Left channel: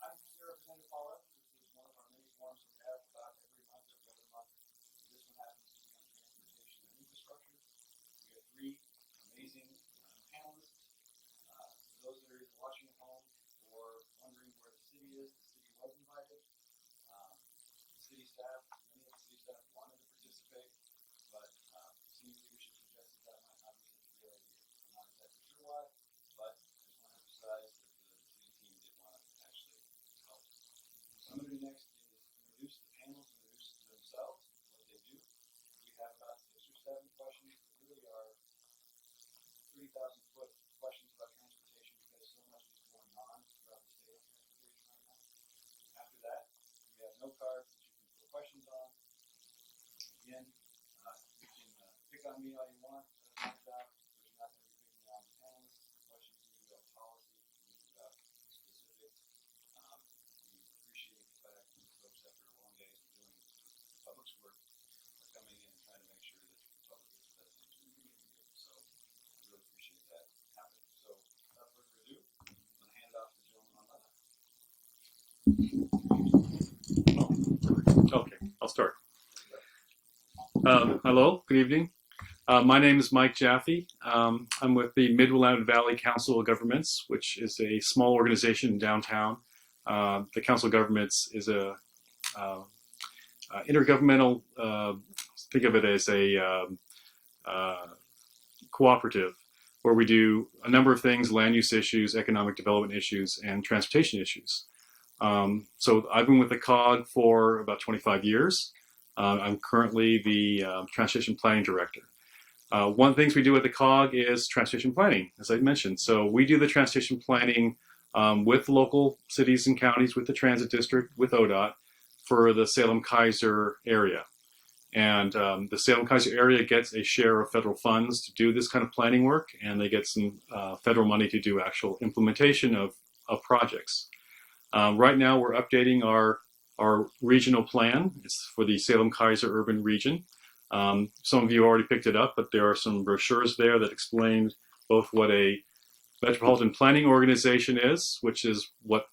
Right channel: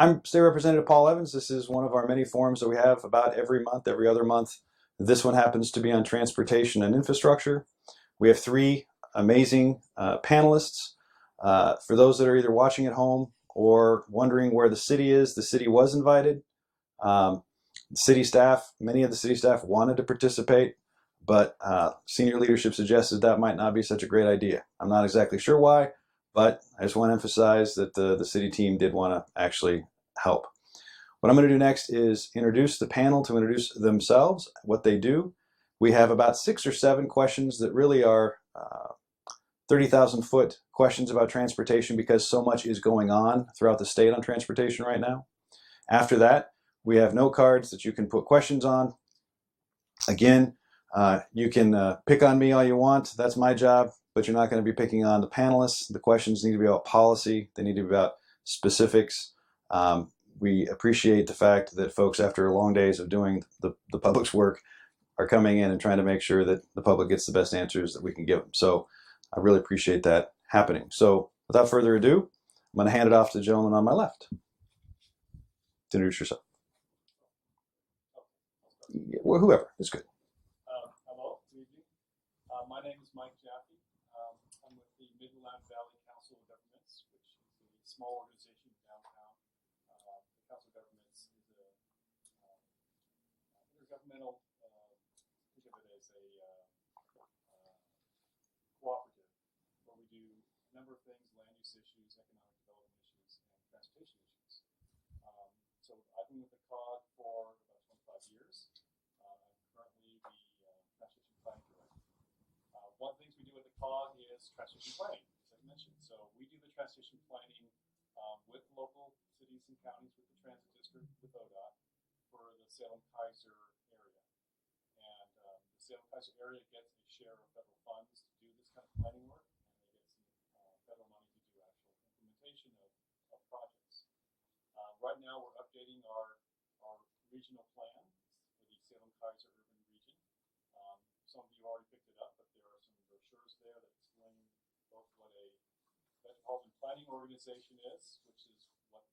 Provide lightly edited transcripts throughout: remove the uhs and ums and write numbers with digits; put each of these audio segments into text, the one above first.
I'm State Representative Paul Evans. This is one of our many forums that we have about every month, every other month. This one happens to be on transportation and infrastructure. We have three amazing panelists. For those that are either watching at home or wondering where the city is, the city was invited. City staff, many of the city staff wanted to participate, but senior leadership suggested that might not be such a great idea. I'm not exactly sure why, but I just want to emphasize that the city team did want to actually help. What I'm going to do next is introduce the panel to introduce themselves, what they do. We have about 6 or 7 questions that really are 30,000 foot questions about transportation because so much is going on throughout the state on transportation right now. After that, we have note cards that you can put questions on. Again, you can pick on me all you want. That's my job, but you're not going to be picking on the panelists. The questions need to be about policy. They need to be about specifics. We appreciate the fact that folks, after long days of doing the public's work, are coming in and trying to make sure that the public gets the best answers that we can give them. So I really appreciate that happening. So without further ado, I'm going to hand it off to the gentleman on my left. Introduce yourself. Okay, I'll start. Well, whoever, it's good. Hello, good evening. My name is Mike Jaffe. I'm with the Mid-Willamette Valley Council of Governments, which is a small organization in downtown. The Council of Governments is a intergovernmental, think of it as a cooperative, where we do a number of things: land use issues, economic development issues, and transportation issues. So I've been with the COG for about 25 years. I'm currently the Transportation Planning Director. One of the things we do at the COG is transportation planning, as I mentioned. So we do the transportation planning with local cities and counties, with the Transit District, with ODOT, for the Salem-Keizer area. And the Salem-Keizer area gets a share of federal funds to do this kind of planning work, and they get some federal money to do actual implementation of projects. Right now, we're updating our regional plan. It's for the Salem-Keizer urban region. Some of you already picked it up, but there are some brochures there that explain both what a metropolitan planning organization is, which is what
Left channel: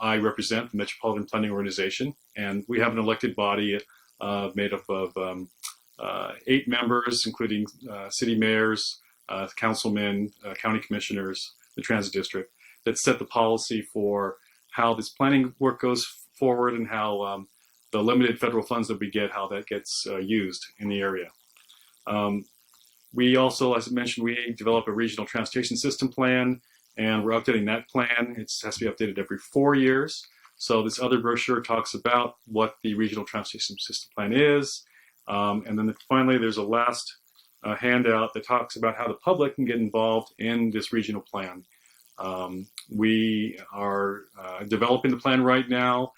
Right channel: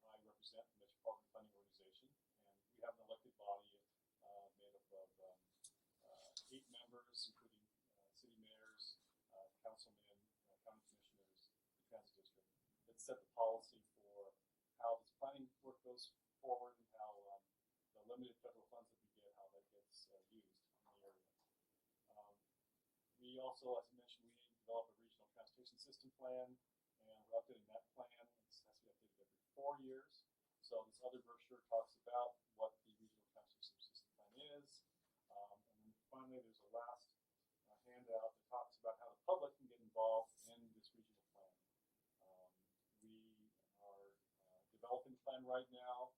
I represent, the Metropolitan Planning Organization. And we have an elected body made up of 8 members, including city mayors, councilmen, county commissioners, the transit district, that set the policy for how this planning work goes forward and how the limited federal funds that we get, how that gets used in the area. We also, as I mentioned, we develop a regional transportation system plan, and we're updating that plan. It has to be updated every 4 years. So this other brochure talks about what the regional transportation system plan is. And then finally, there's a last handout that talks about how the public can get involved in this regional plan. We are developing the plan right now.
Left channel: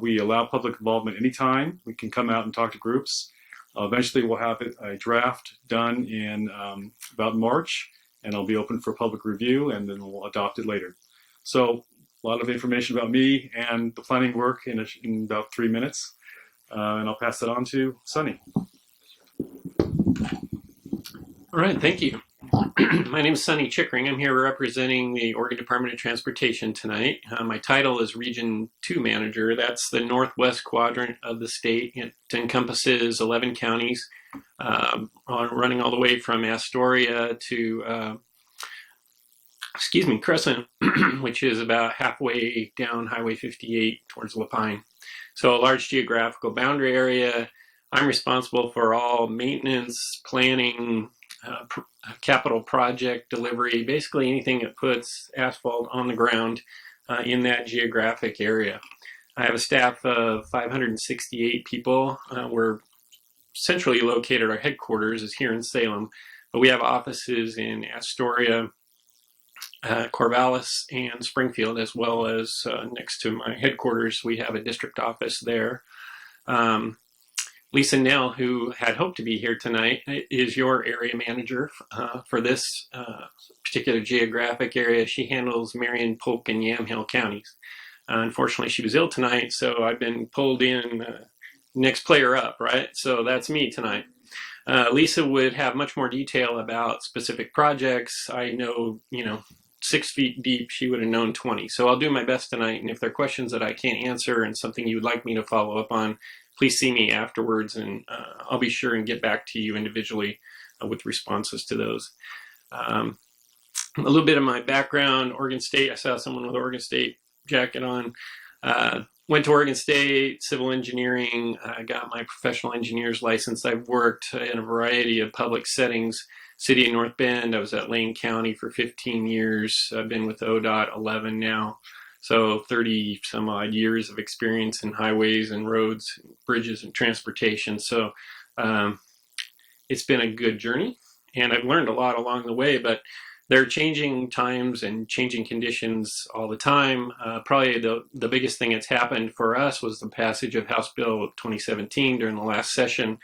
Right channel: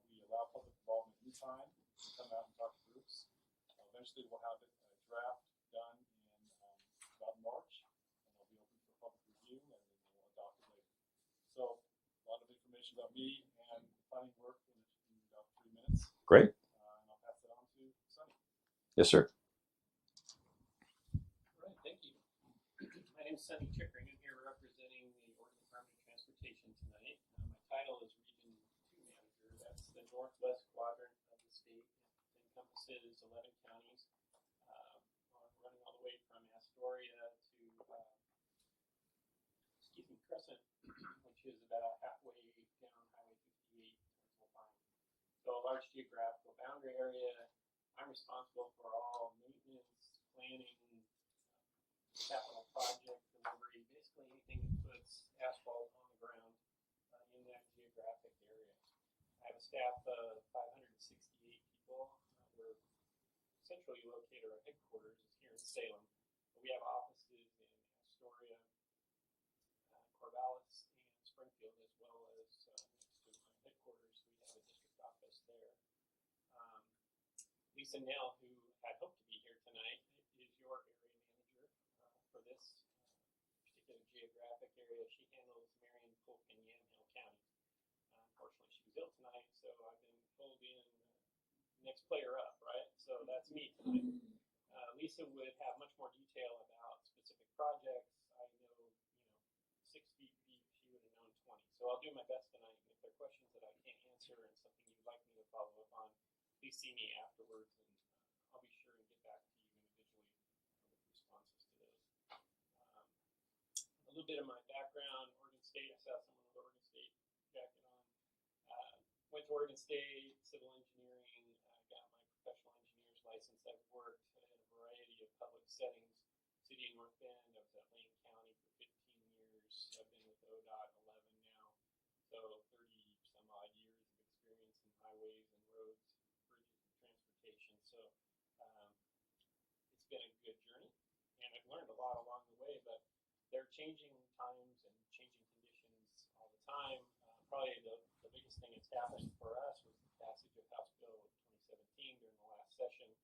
We allow public involvement anytime. We can come out and talk to groups. Eventually, we'll have a draft done in about March, and it'll be open for public review, and then we'll adopt it later. So a lot of information about me and the planning work in about 3 minutes. Great. And I'll pass that on to Sonny. Yes, sir. All right, thank you. My name is Sonny Chickering. I'm here representing the Oregon Department of Transportation tonight. My title is Region 2 Manager. That's the northwest quadrant of the state. It encompasses 11 counties, running all the way from Astoria to, Crescent, which is about halfway down Highway 58 towards Lapine. So a large geographical boundary area. I'm responsible for all maintenance, planning, capital project delivery, basically anything that puts asphalt on the ground in that geographic area. I have a staff of 568 people. We're centrally located. Our headquarters is here in Salem, but we have offices in Astoria, Corvallis, and Springfield, as well as next to my headquarters, we have a district office there. Lisa Nell, who had hoped to be here tonight, is your area manager for this particular geographic area. She handles Marion, Polk, and Yamhill counties. Unfortunately, she was ill tonight, so I've been pulled in next player up, right? So that's me tonight. Lisa would have much more detail about specific projects. I know, 6 feet deep, she would have known 20. So I'll do my best tonight. And if there are questions that I can't answer and something you would like me to follow up on, please see me afterwards, and I'll be sure and get back to you individually with responses to those. A little bit of my background: Oregon State. I saw someone with Oregon State jacket on. Went to Oregon State, civil engineering. I got my professional engineer's license. I've worked in a variety of public settings. City of North Bend, I was at Lane County for 15 years. I've been with ODOT 11 now. So 30 some odd years of experience in highways and roads, bridges and transportation. So it's been a good journey, and I've learned a lot along the way, but there are changing times and changing conditions all the time. Probably the biggest thing that's happened for us was the passage of House Bill 2017 during the last session,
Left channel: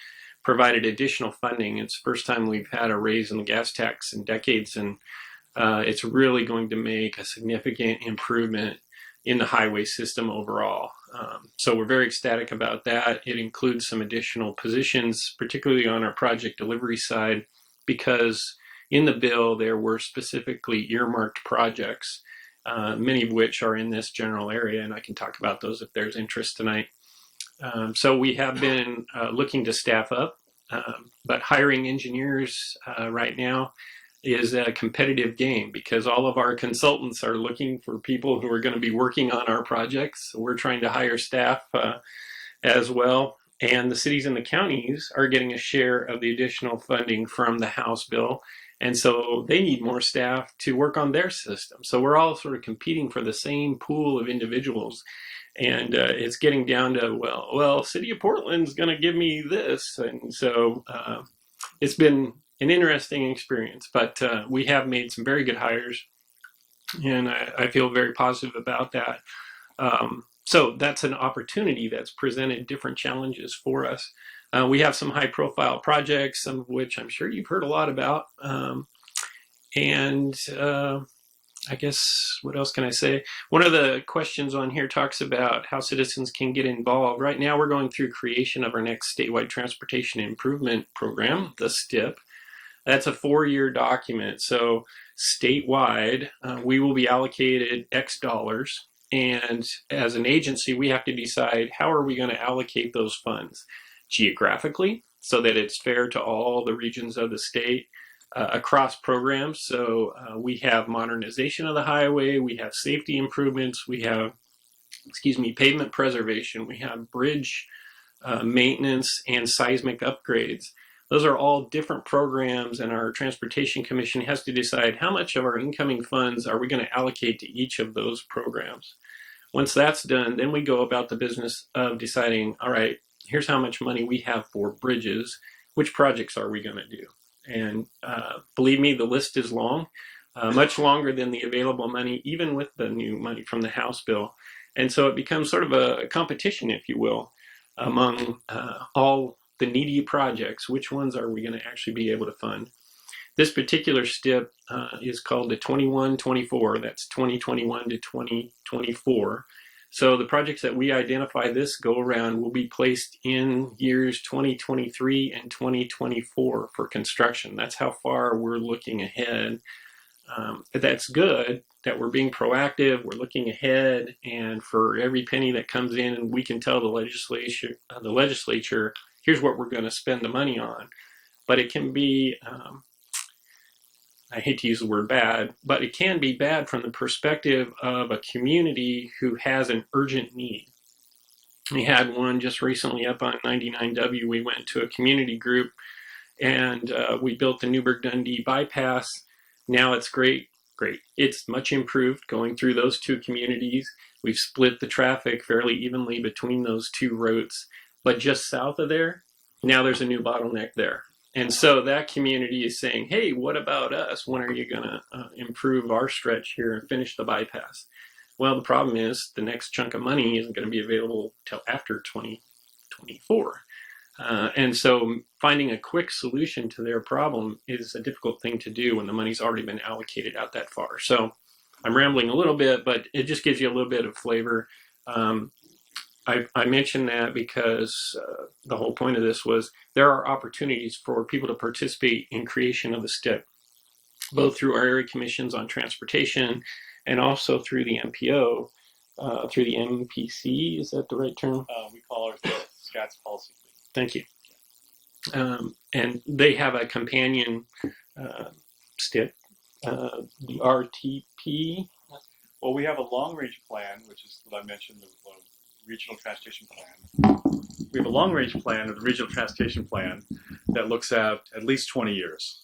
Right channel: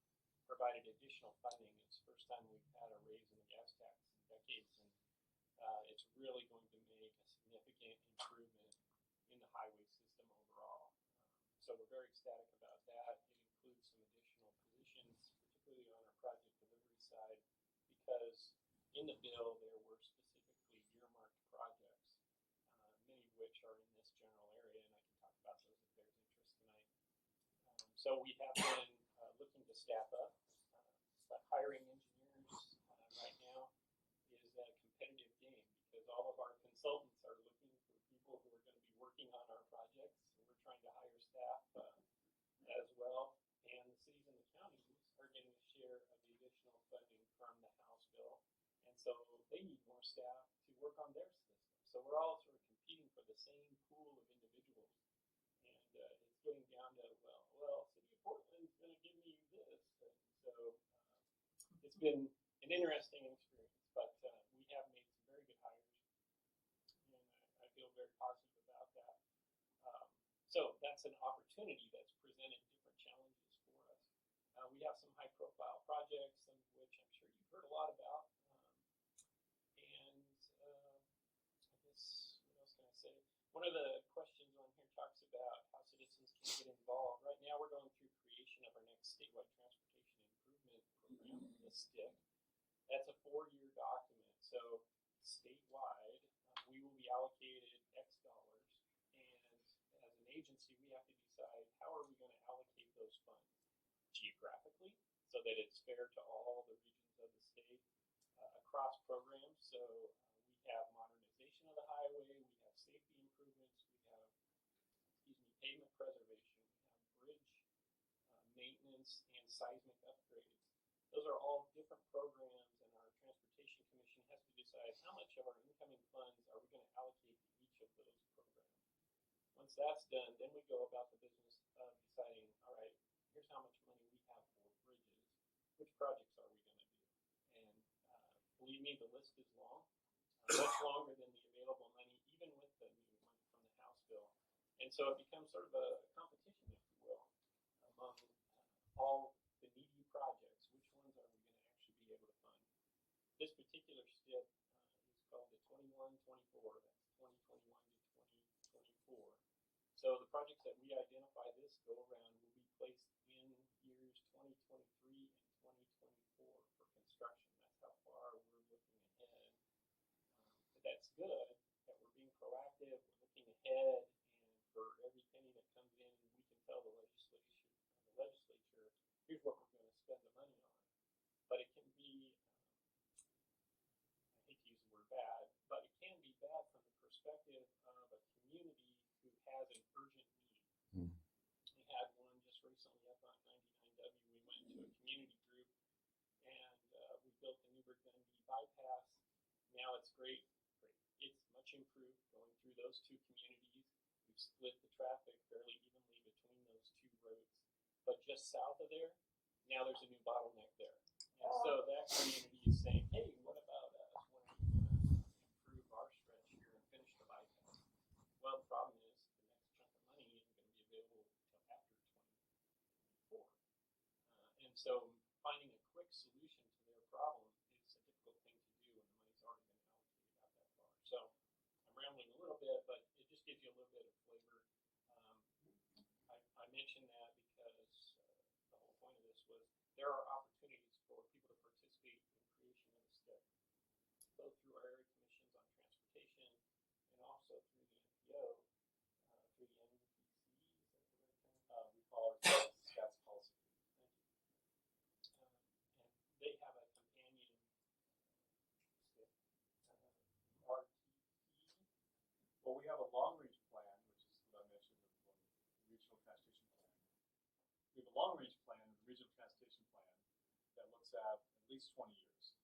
provided additional funding. It's the first time we've had a raise in the gas tax in decades, and it's really going to make a significant improvement in the highway system overall. So we're very ecstatic about that. It includes some additional positions, particularly on our project delivery side, because in the bill there were specifically earmarked projects, many of which are in this general area, and I can talk about those if there's interest tonight. So we have been looking to staff up, but hiring engineers right now is a competitive game because all of our consultants are looking for people who are going to be working on our projects. So we're trying to hire staff as well. And the cities and the counties are getting a share of the additional funding from the House bill. And so they need more staff to work on their system. So we're all sort of competing for the same pool of individuals. And it's getting down to, well, City of Portland's going to give me this. And so it's been an interesting experience, but we have made some very good hires, and I feel very positive about that. So that's an opportunity that's presented different challenges for us. We have some high profile projects, some of which I'm sure you've heard a lot about. I guess, what else can I say? One of the questions on here talks about how citizens can get involved. Right now, we're going through creation of our next statewide transportation improvement program, the STIP. That's a 4-year document. So statewide, we will be allocated X dollars. And as an agency, we have to decide how are we going to allocate those funds geographically so that it's fair to all the regions of the state. Across programs. So we have modernization of the highway, we have safety improvements, we have, pavement preservation, we have bridge maintenance and seismic upgrades. Those are all different programs, and our Transportation Commission has to decide how much of our incoming funds are we going to allocate to each of those programs. Once that's done, then we go about the business of deciding, all right, here's how much money we have for bridges, which projects are we going to do? And believe me, the list is long, much longer than the available money, even with the new money from the House bill. And so it becomes sort of a competition, if you will, among all the needy projects. Which ones are we going to actually be able to fund? This particular STIP is called the 21-24. That's 2021 to 2024. So the projects that we identify this go around will be placed in years 2023 and 2024 for construction. That's how far we're looking ahead. That's good that we're being proactive, we're looking ahead, and for every penny that comes in, we can tell the legislature, here's what we're going to spend the money on. But it can be, I hate to use the word bad, but it can be bad from the perspective of a community who has an urgent need. We had one just recently up on 99W. We went to a community group and we built the Newburgh-Dundee bypass. Now it's great. It's much improved going through those two communities. We've split the traffic fairly evenly between those two routes, but just south of there, now there's a new bottleneck there. And so that community is saying, hey, what about us? When are you going to improve our stretch here and finish the bypass? Well, the problem is the next chunk of money isn't going to be available till after 2024. And so finding a quick solution to their problem is a difficult thing to do when the money's already been allocated out that far. So I'm rambling a little bit, but it just gives you a little bit of flavor. I mentioned that because the whole point of this was there are opportunities for people to participate in creation of the STIP. both through our area commissions on transportation and also through the MPO, through the MPC. Is that the right term? We call our SCATS policy. Thank you. And they have a companion STIP, the RTP. Well, we have a long-range plan, which is what I mentioned, the regional transportation plan. We have a long-range plan, the regional transportation plan, that looks at least 20 years.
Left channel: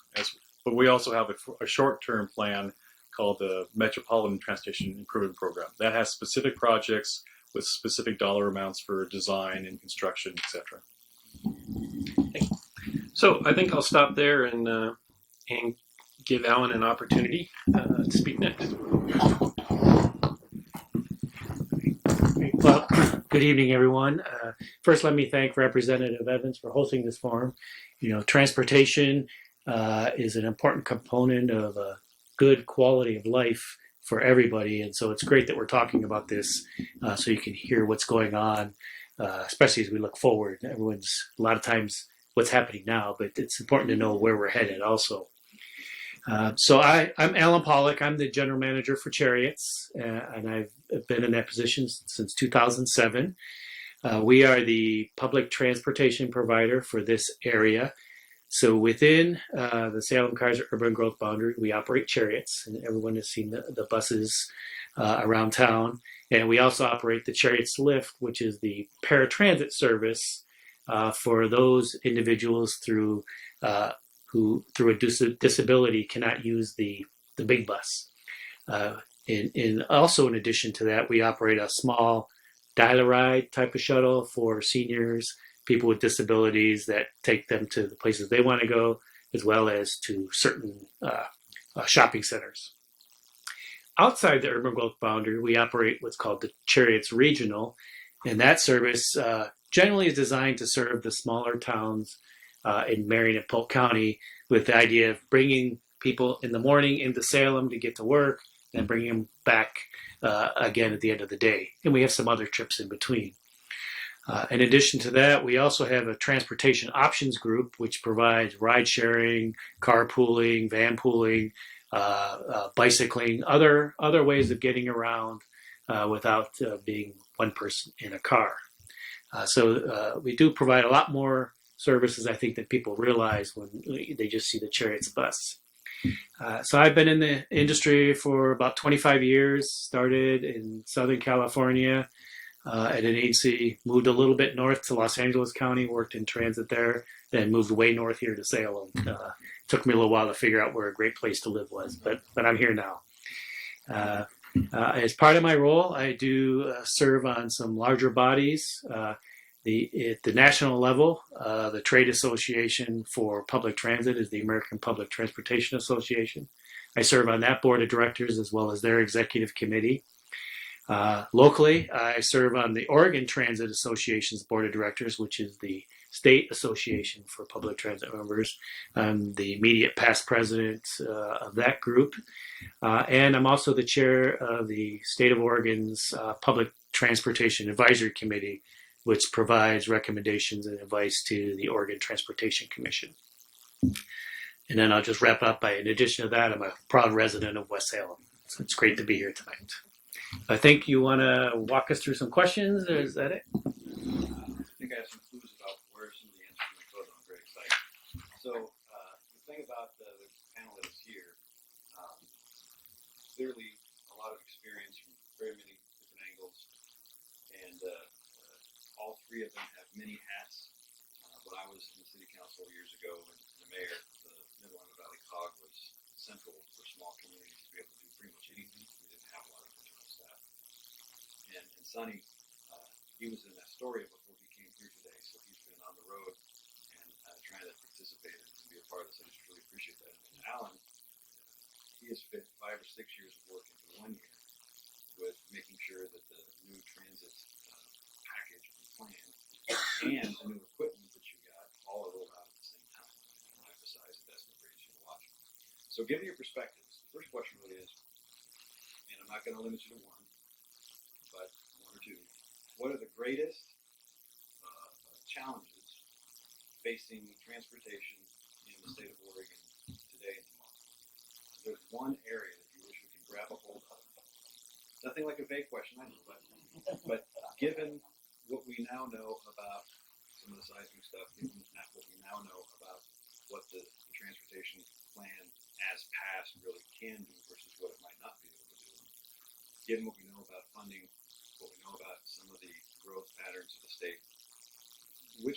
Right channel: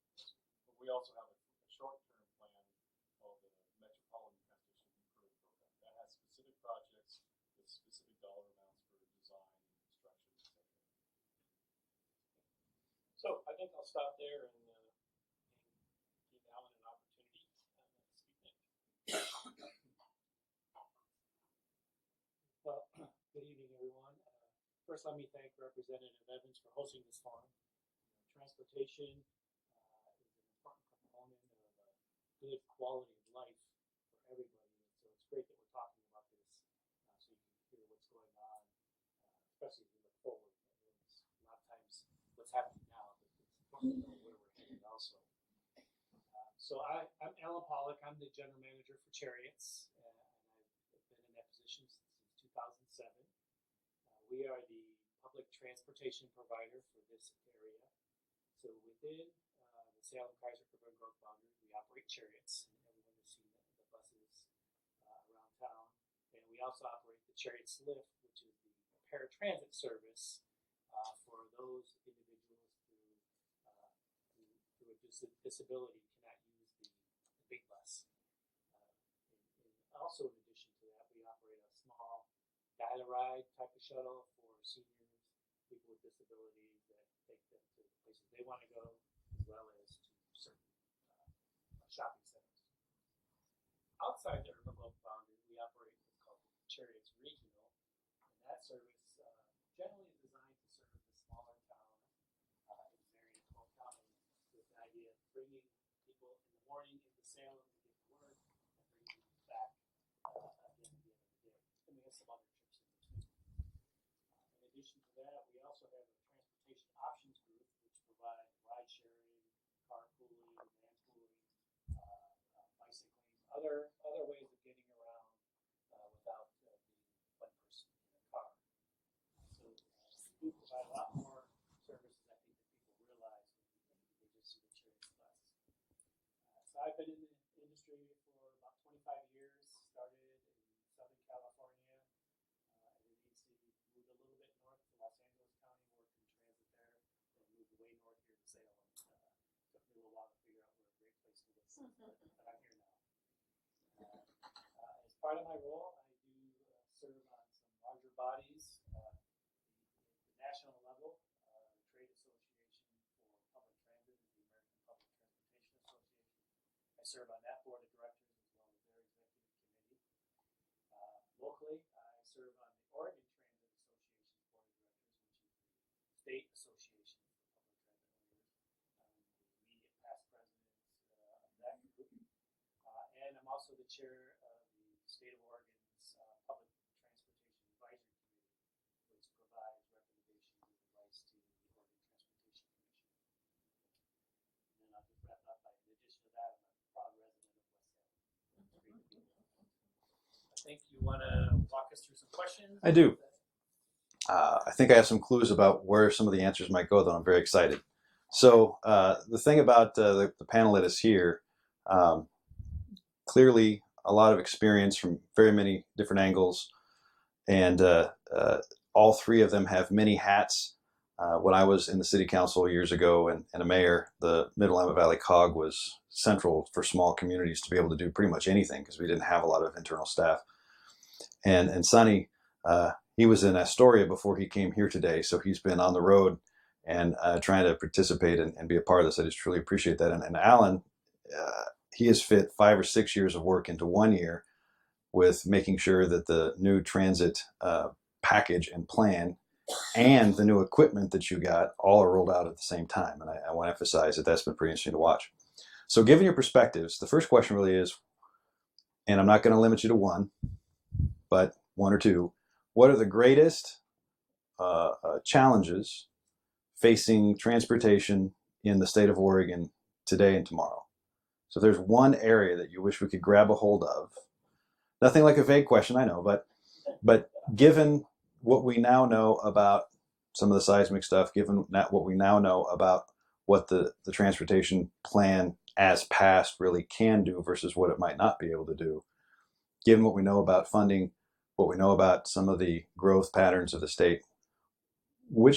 But we also have a short-term plan called the Metropolitan Transportation Improvement Program. That has specific projects with specific dollar amounts for design and construction, etc. So I think I'll stop there and give Allan an opportunity to speak next. Well, good evening, everyone. First, let me thank Representative Evans for hosting this forum. You know, transportation is an important component of a good quality of life for everybody, and so it's great that we're talking about this so you can hear what's going on, especially as we look forward. Everyone's, a lot of times, what's happening now, but it's important to know where we're headed also. So I'm Allan Pollock. I'm the general manager for Cherriots, and I've been in that position since 2007. We are the public transportation provider for this area. So within the Salem-Kaiser urban growth boundary, we operate Cherriots, and everyone has seen the buses around town. And we also operate the Cherriots Lift, which is the paratransit service for those individuals who through a disability cannot use the big bus. Also in addition to that, we operate a small dial-a-ride type of shuttle for seniors, people with disabilities that take them to the places they want to go, as well as to certain shopping centers. Outside the urban growth boundary, we operate what's called the Cherriots Regional, and that service generally is designed to serve the smaller towns in Marion and Polk County, with the idea of bringing people in the morning into Salem to get to work and bringing them back again at the end of the day. And we have some other trips in between. In addition to that, we also have a transportation options group, which provides ride sharing, carpooling, van pooling, bicycling, other ways of getting around without being one person in a car. So we do provide a lot more services, I think, that people realize when they just see the Cherriots bus. So I've been in the industry for about 25 years, started in Southern California at an agency, moved a little bit north to Los Angeles County, worked in transit there, then moved way north here to Salem. Took me a little while to figure out where a great place to live was, but I'm here now. As part of my role, I do serve on some larger bodies. At the national level, the trade association for public transit is the American Public Transportation Association. I serve on that board of directors as well as their executive committee. Locally, I serve on the Oregon Transit Association's board of directors, which is the state association for public transit members. I'm the immediate past president of that group. And I'm also the chair of the state of Oregon's Public Transportation Advisory Committee, which provides recommendations and advice to the Oregon Transportation Commission. And then I'll just wrap up by, in addition to that, I'm a proud resident of West Salem. So it's great to be here tonight. I think you want to walk us through some questions? I do. Is that it? I think I have some clues about where some of the answers might go, though. I'm very excited. So the thing about the panelists here, clearly a lot of experience from very many different angles, and all three of them have many hats. When I was in the city council years ago and a mayor, the Mid-Willamette Valley COG was central for small communities to be able to do pretty much anything because we didn't have a lot of internal staff. And Sonny, he was in Astoria before he came here today, so he's been on the road and trying to participate and be a part of this. I just truly appreciate that. And Allan, he has fit 5 or 6 years of work into 1 year with making sure that the new transit package and plan and the new equipment that you got all are rolled out at the same time. And I want to emphasize that that's been pretty interesting to watch. So given your perspectives, the first question really is, and I'm not going to limit you to one, but one or two, what are the greatest challenges facing transportation in the state of Oregon today and tomorrow? So there's one area that you wish we could grab a hold of. Nothing like a vague question, I know, but given what we now know about some of the seismic stuff, given what we now know about what the transportation plan as passed really can do versus what it might not be able to do, given what we know about funding, what we know about some of the growth patterns of the state, what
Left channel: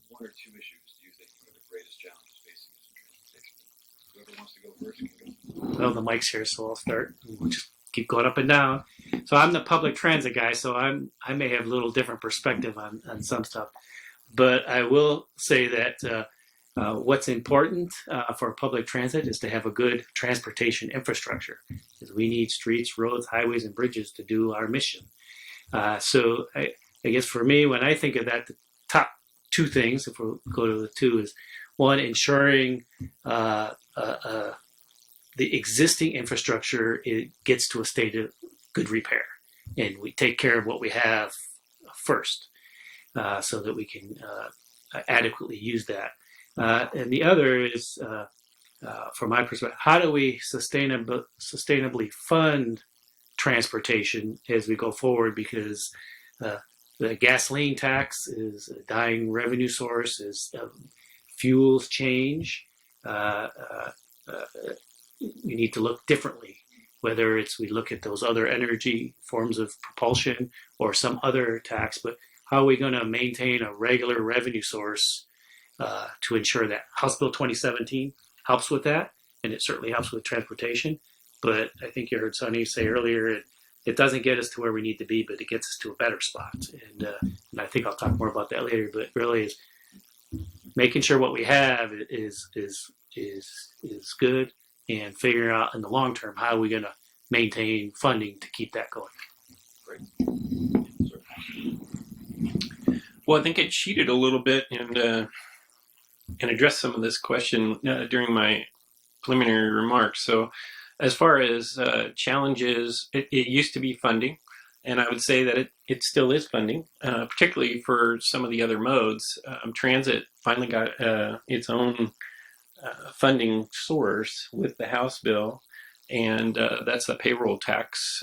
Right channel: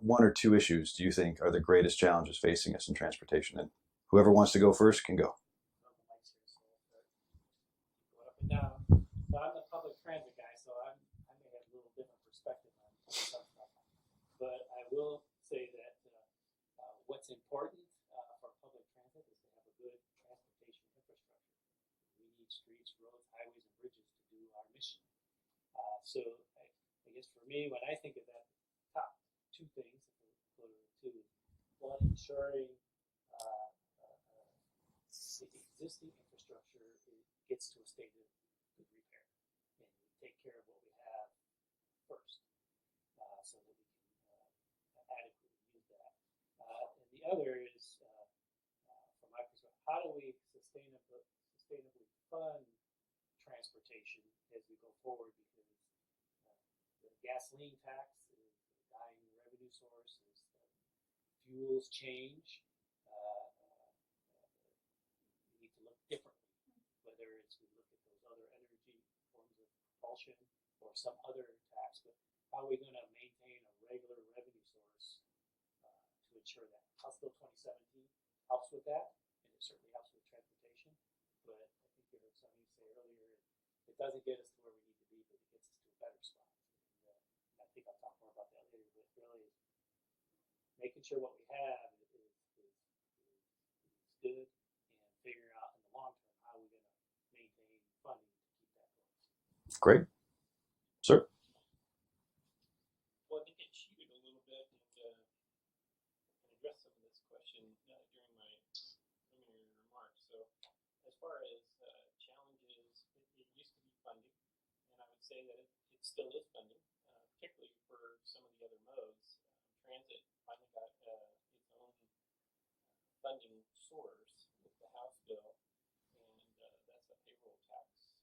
one or two issues do you think are the greatest challenges facing us in transportation? And whoever wants to go first can go. Well, the mic's here, so I'll start. We'll just keep going up and down. So I'm the public transit guy, so I may have a little different perspective on some stuff. But I will say that what's important for public transit is to have a good transportation infrastructure. Because we need streets, roads, highways, and bridges to do our mission. So I guess for me, when I think of that, the top two things, if we go to the two, is one, ensuring the existing infrastructure gets to a state of good repair, and we take care of what we have first, so that we can adequately use that. And the other is, from my perspective, how do we sustainably fund transportation as we go forward? Because the gasoline tax is a dying revenue source. As fuels change, we need to look differently, whether it's we look at those other energy forms of propulsion or some other tax. But how are we going to maintain a regular revenue source to ensure that? House Bill 2017 helps with that, and it certainly helps with transportation. But I think you heard Sonny say earlier, it doesn't get us to where we need to be, but it gets us to a better spot. And I think I'll talk more about that later. But really, is making sure what we have is good, and figuring out in the long term how are we going to maintain funding to keep that going. Great, sir. Well, I think I cheated a little bit and addressed some of this question during my preliminary remarks. So as far as challenges, it used to be funding, and I would say that it still is funding, particularly for some of the other modes. Transit finally got its own funding source with the House bill, and that's the payroll tax,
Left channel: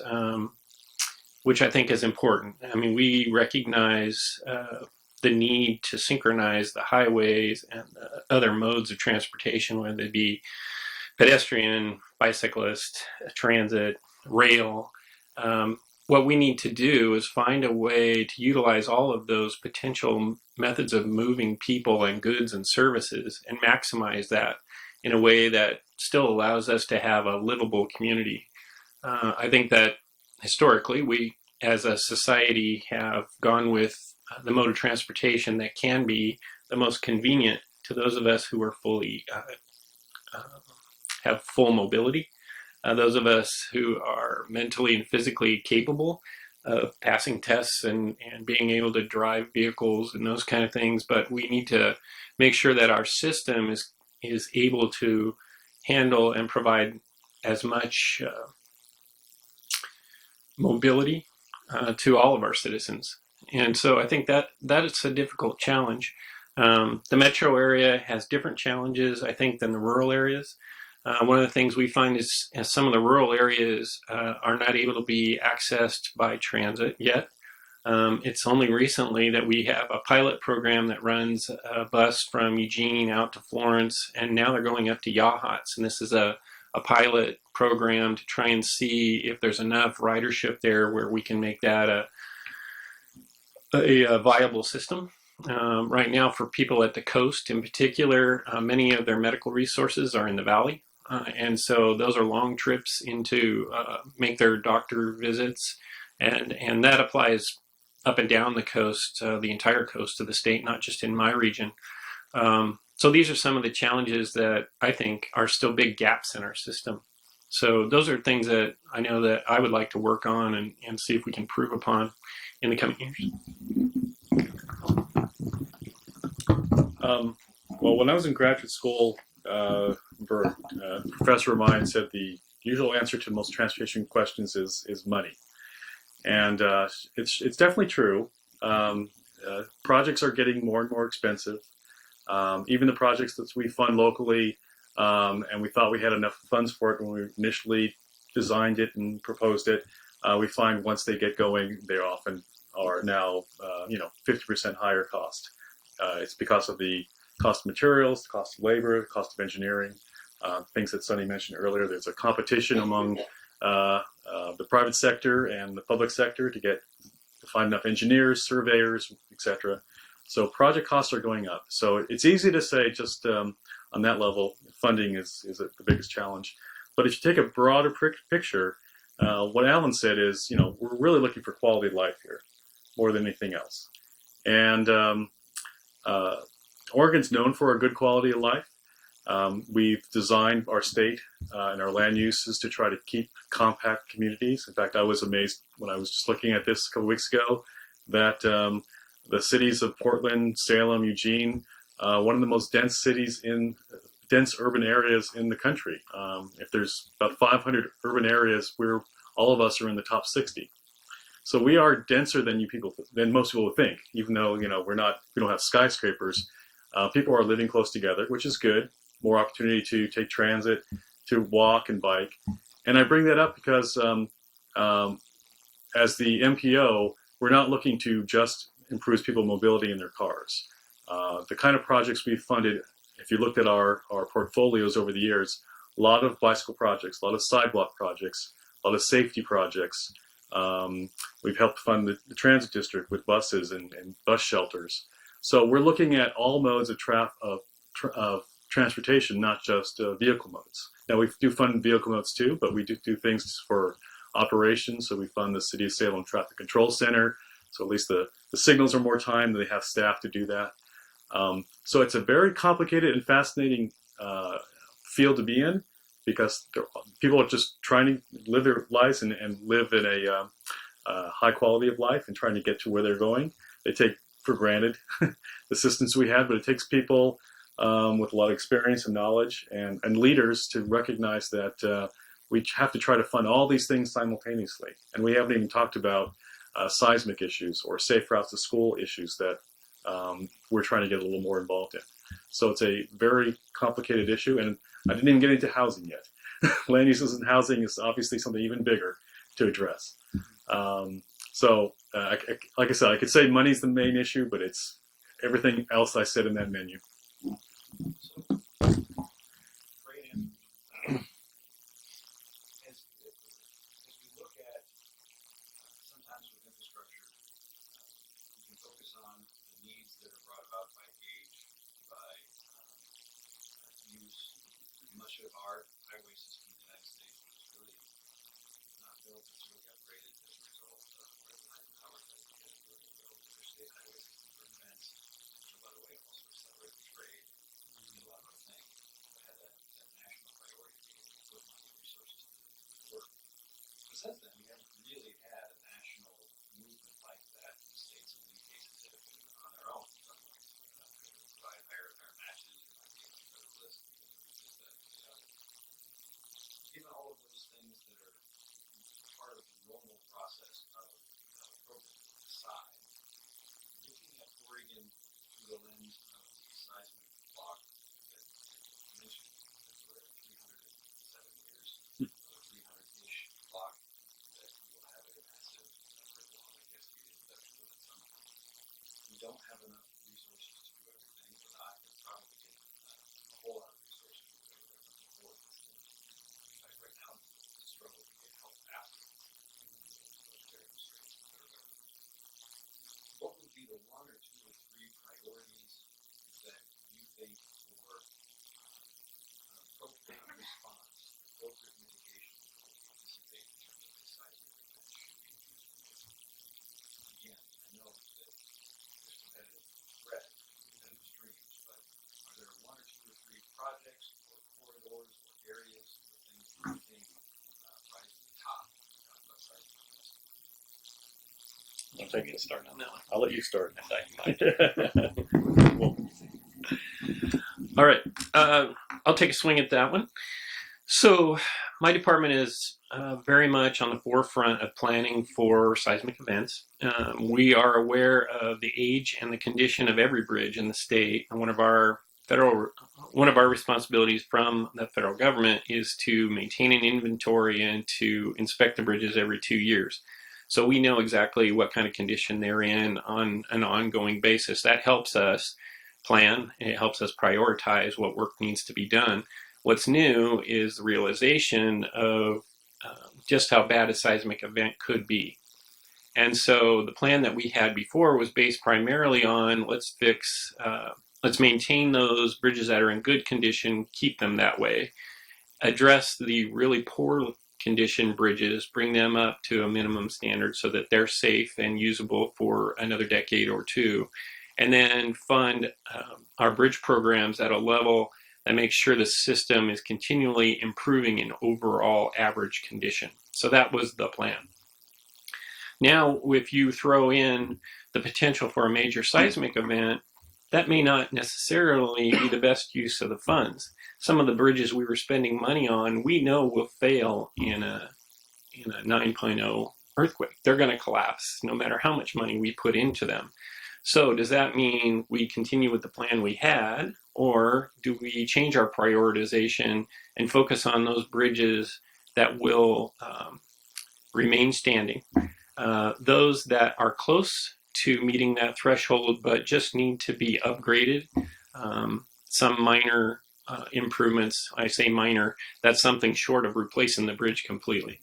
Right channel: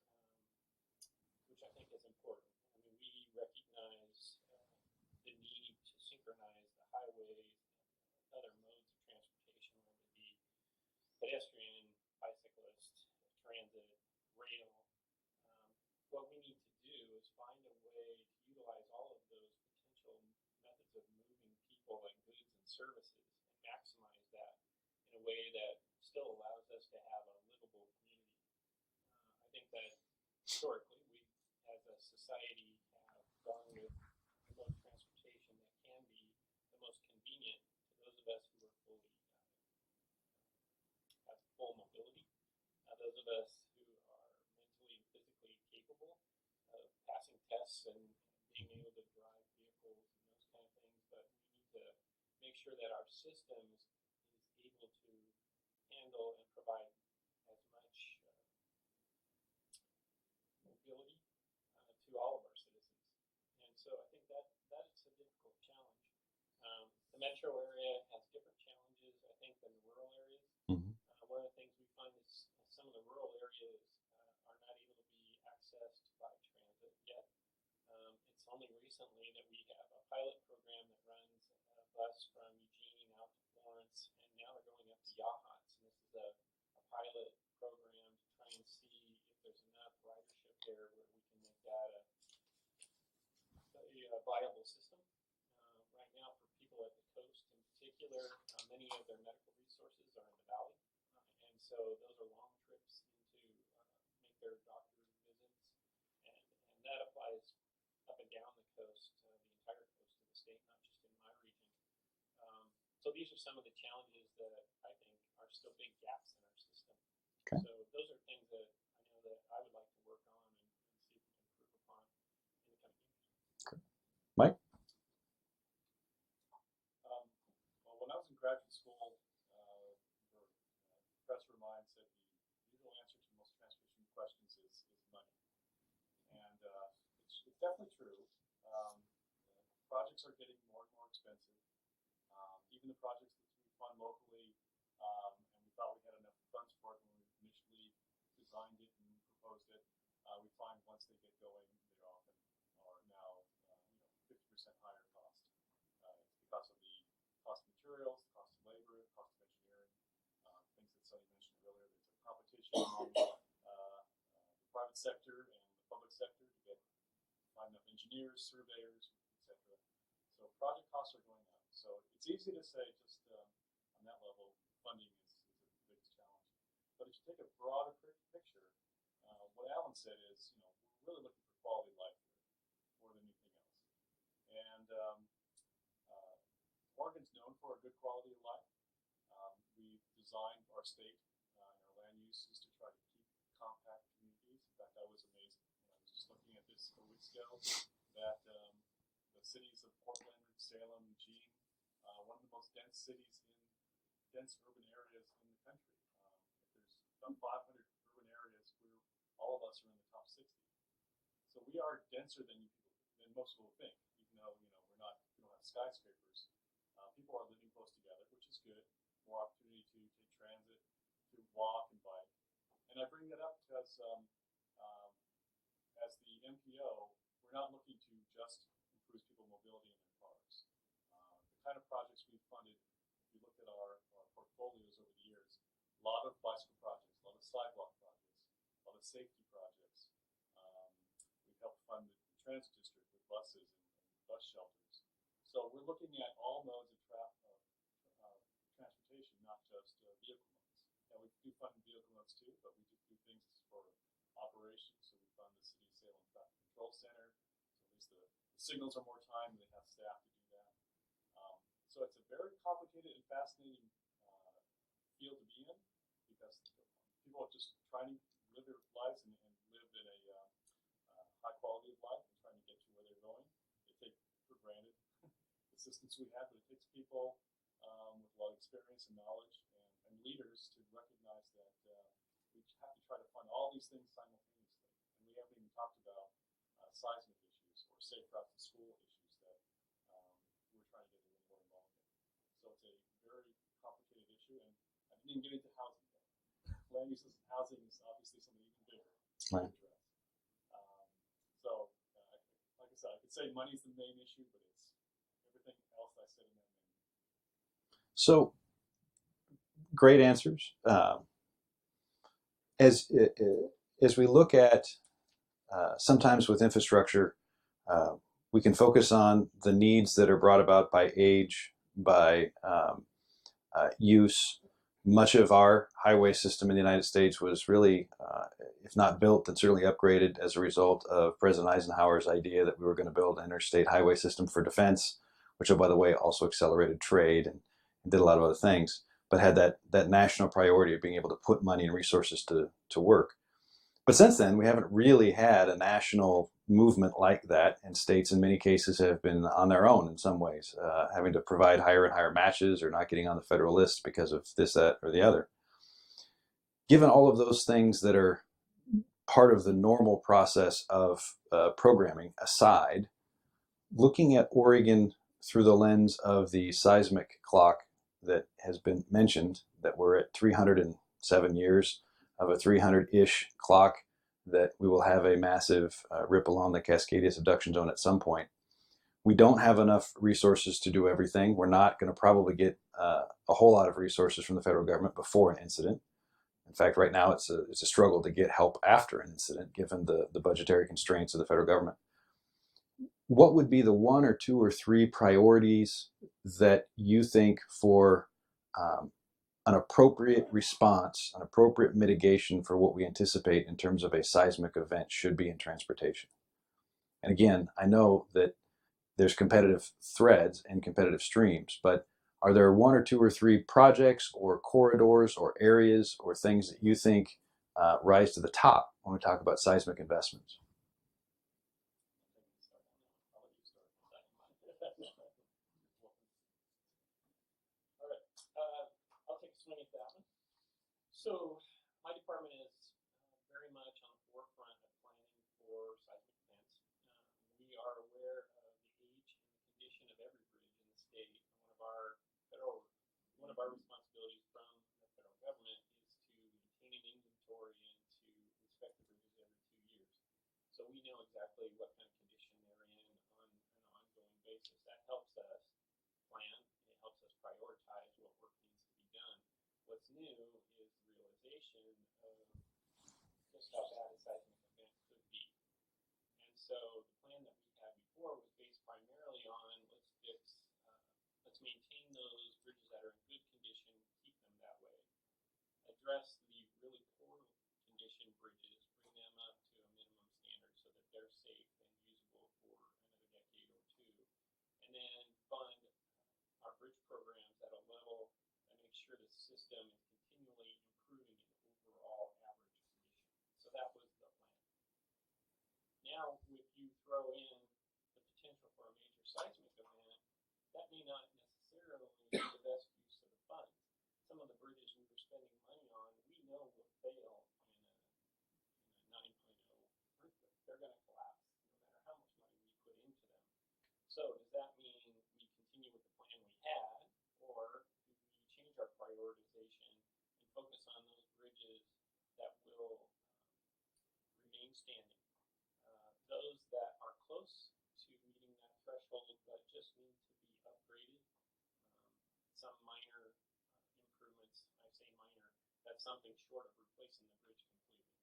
which I think is important. I mean, we recognize the need to synchronize the highways and other modes of transportation, whether they be pedestrian, bicyclist, transit, rail. What we need to do is find a way to utilize all of those potential methods of moving people and goods and services and maximize that in a way that still allows us to have a livable community. I think that historically we as a society have gone with the mode of transportation that can be the most convenient to those of us who are fully have full mobility. Those of us who are mentally and physically capable of passing tests and being able to drive vehicles and those kind of things, but we need to make sure that our system is able to handle and provide as much mobility to all of our citizens. And so I think that is a difficult challenge. The metro area has different challenges, I think, than the rural areas. One of the things we find is some of the rural areas are not able to be accessed by transit yet. It's only recently that we have a pilot program that runs a bus from Eugene out to Florence, and now they're going up to Yachats. And this is a pilot program to try and see if there's enough ridership there where we can make that a viable system. Right now, for people at the coast in particular, many of their medical resources are in the valley. And so those are long trips into make their doctor visits. And that applies up and down the coast, the entire coast of the state, not just in my region. So these are some of the challenges that I think are still big gaps in our system. Okay. So those are things that I know that I would like to work on and see if we can improve upon in the coming years. Mike? Well, when I was in graduate school, a professor of mine said the usual answer to most transportation questions is money. And it's definitely true. Projects are getting more and more expensive. Even the projects that we fund locally and we thought we had enough funds for it when we initially designed it and proposed it. We find once they get going, they often are now 50% higher cost. It's because of the cost of materials, the cost of labor, the cost of engineering, things that Sonny mentioned earlier. There's a competition among the private sector and the public sector to find enough engineers, surveyors, etc. So project costs are going up. So it's easy to say just on that level, funding is the biggest challenge. But if you take a broader picture, what Allan said is, we're really looking for quality of life here more than anything else. And Oregon's known for a good quality of life. We've designed our state and our land uses to try to keep compact communities. In fact, I was amazed when I was just looking at this a couple weeks ago that the cities of Portland, Salem, Eugene, one of the most dense urban areas in the country. If there's about 500 urban areas, all of us are in the top 60. So we are denser than most people would think, even though we don't have skyscrapers. People are living close together, which is good. More opportunity to take transit, to walk and bike. And I bring that up because as the MPO, we're not looking to just improve people's mobility in their cars. The kind of projects we've funded, if you looked at our portfolios over the years, a lot of bicycle projects, a lot of sidewalk projects, a lot of safety projects. We've helped fund the transit district with buses and bus shelters. So we're looking at all modes of transportation, not just vehicle modes. Now we do fund vehicle modes too, but we do things for operations. So we fund the City of Salem Traffic Control Center. So at least the signals are more time, they have staff to do that. So it's a very complicated and fascinating field to be in, because people are just trying to live their lives and live in a high quality of life and trying to get to where they're going. They take for granted the systems we have, but it takes people with a lot of experience and knowledge and leaders to recognize that we have to try to fund all these things simultaneously. And we haven't even talked about seismic issues or safe routes to school issues that we're trying to get a little more involved in. So it's a very complicated issue, and I didn't even get into housing yet. Land uses and housing is obviously something even bigger to address. Like I said, I could say money's the main issue, but it's everything else I said in that menu. So, great answers. As we look at, sometimes with infrastructure, we can focus on the needs that are brought about by age, by use. Much of our highway system in the United States was really, if not built, then certainly upgraded as a result of President Eisenhower's idea that we were going to build an interstate highway system for defense, which, oh, by the way, also accelerated trade and did a lot of other things, but had that national priority of being able to put money and resources to work. But since then, we haven't really had a national movement like that, and states in many cases have been on their own in some ways, having to provide higher and higher matches or not getting on the federal list because of this, that, or the other. Given all of those things that are part of the normal process of programming aside, looking at Oregon through the lens of the seismic clock that has been mentioned, that we're at 307 years of a 300-ish clock, that we will have a massive rip along the Cascadia subduction zone at some point. We don't have enough resources to do everything. We're not going to probably get a whole lot of resources from the federal government before an incident. In fact, right now it's a struggle to get help after an incident, given the budgetary constraints of the federal government. What would be the one or two or three priorities that you think for an appropriate response, an appropriate mitigation for what we anticipate in terms of a seismic event should be in transportation? And again, I know that there's competitive threads and competitive streams, but are there one or two or three projects or corridors or areas or things that you think rise to the top when we talk about seismic investments? I'll take a start on that one. I'll let you start. All right. I'll take a swing at that one. So my department is very much on the forefront of planning for seismic events. We are aware of the age and the condition of every bridge in the state. And one of our federal one of our responsibilities from the federal government is to maintain an inventory and to inspect the bridges every 2 years. So we know exactly what kind of condition they're in on an ongoing basis. That helps us plan, it helps us prioritize what work needs to be done. What's new is the realization of just how bad a seismic event could be. And so the plan that we had before was based primarily on let's maintain those bridges that are in good condition, keep them that way, address the really poor condition bridges, bring them up to a minimum standard so that they're safe and usable for another decade or two, and then fund our bridge programs at a level that makes sure the system is continually improving in overall average condition. So that was the plan. Now, if you throw in the potential for a major seismic event, that may not necessarily be the best use of the funds. Some of the bridges we were spending money on, we know will fail in a 9.0 earthquake. They're going to collapse no matter how much money we put into them. So does that mean we continue with the plan we had, or do we change our prioritization and focus on those bridges that will remain standing? Those that are close to meeting that threshold but just need to be upgraded. Some minor improvements, I say minor, that's something short of replacing the bridge completely.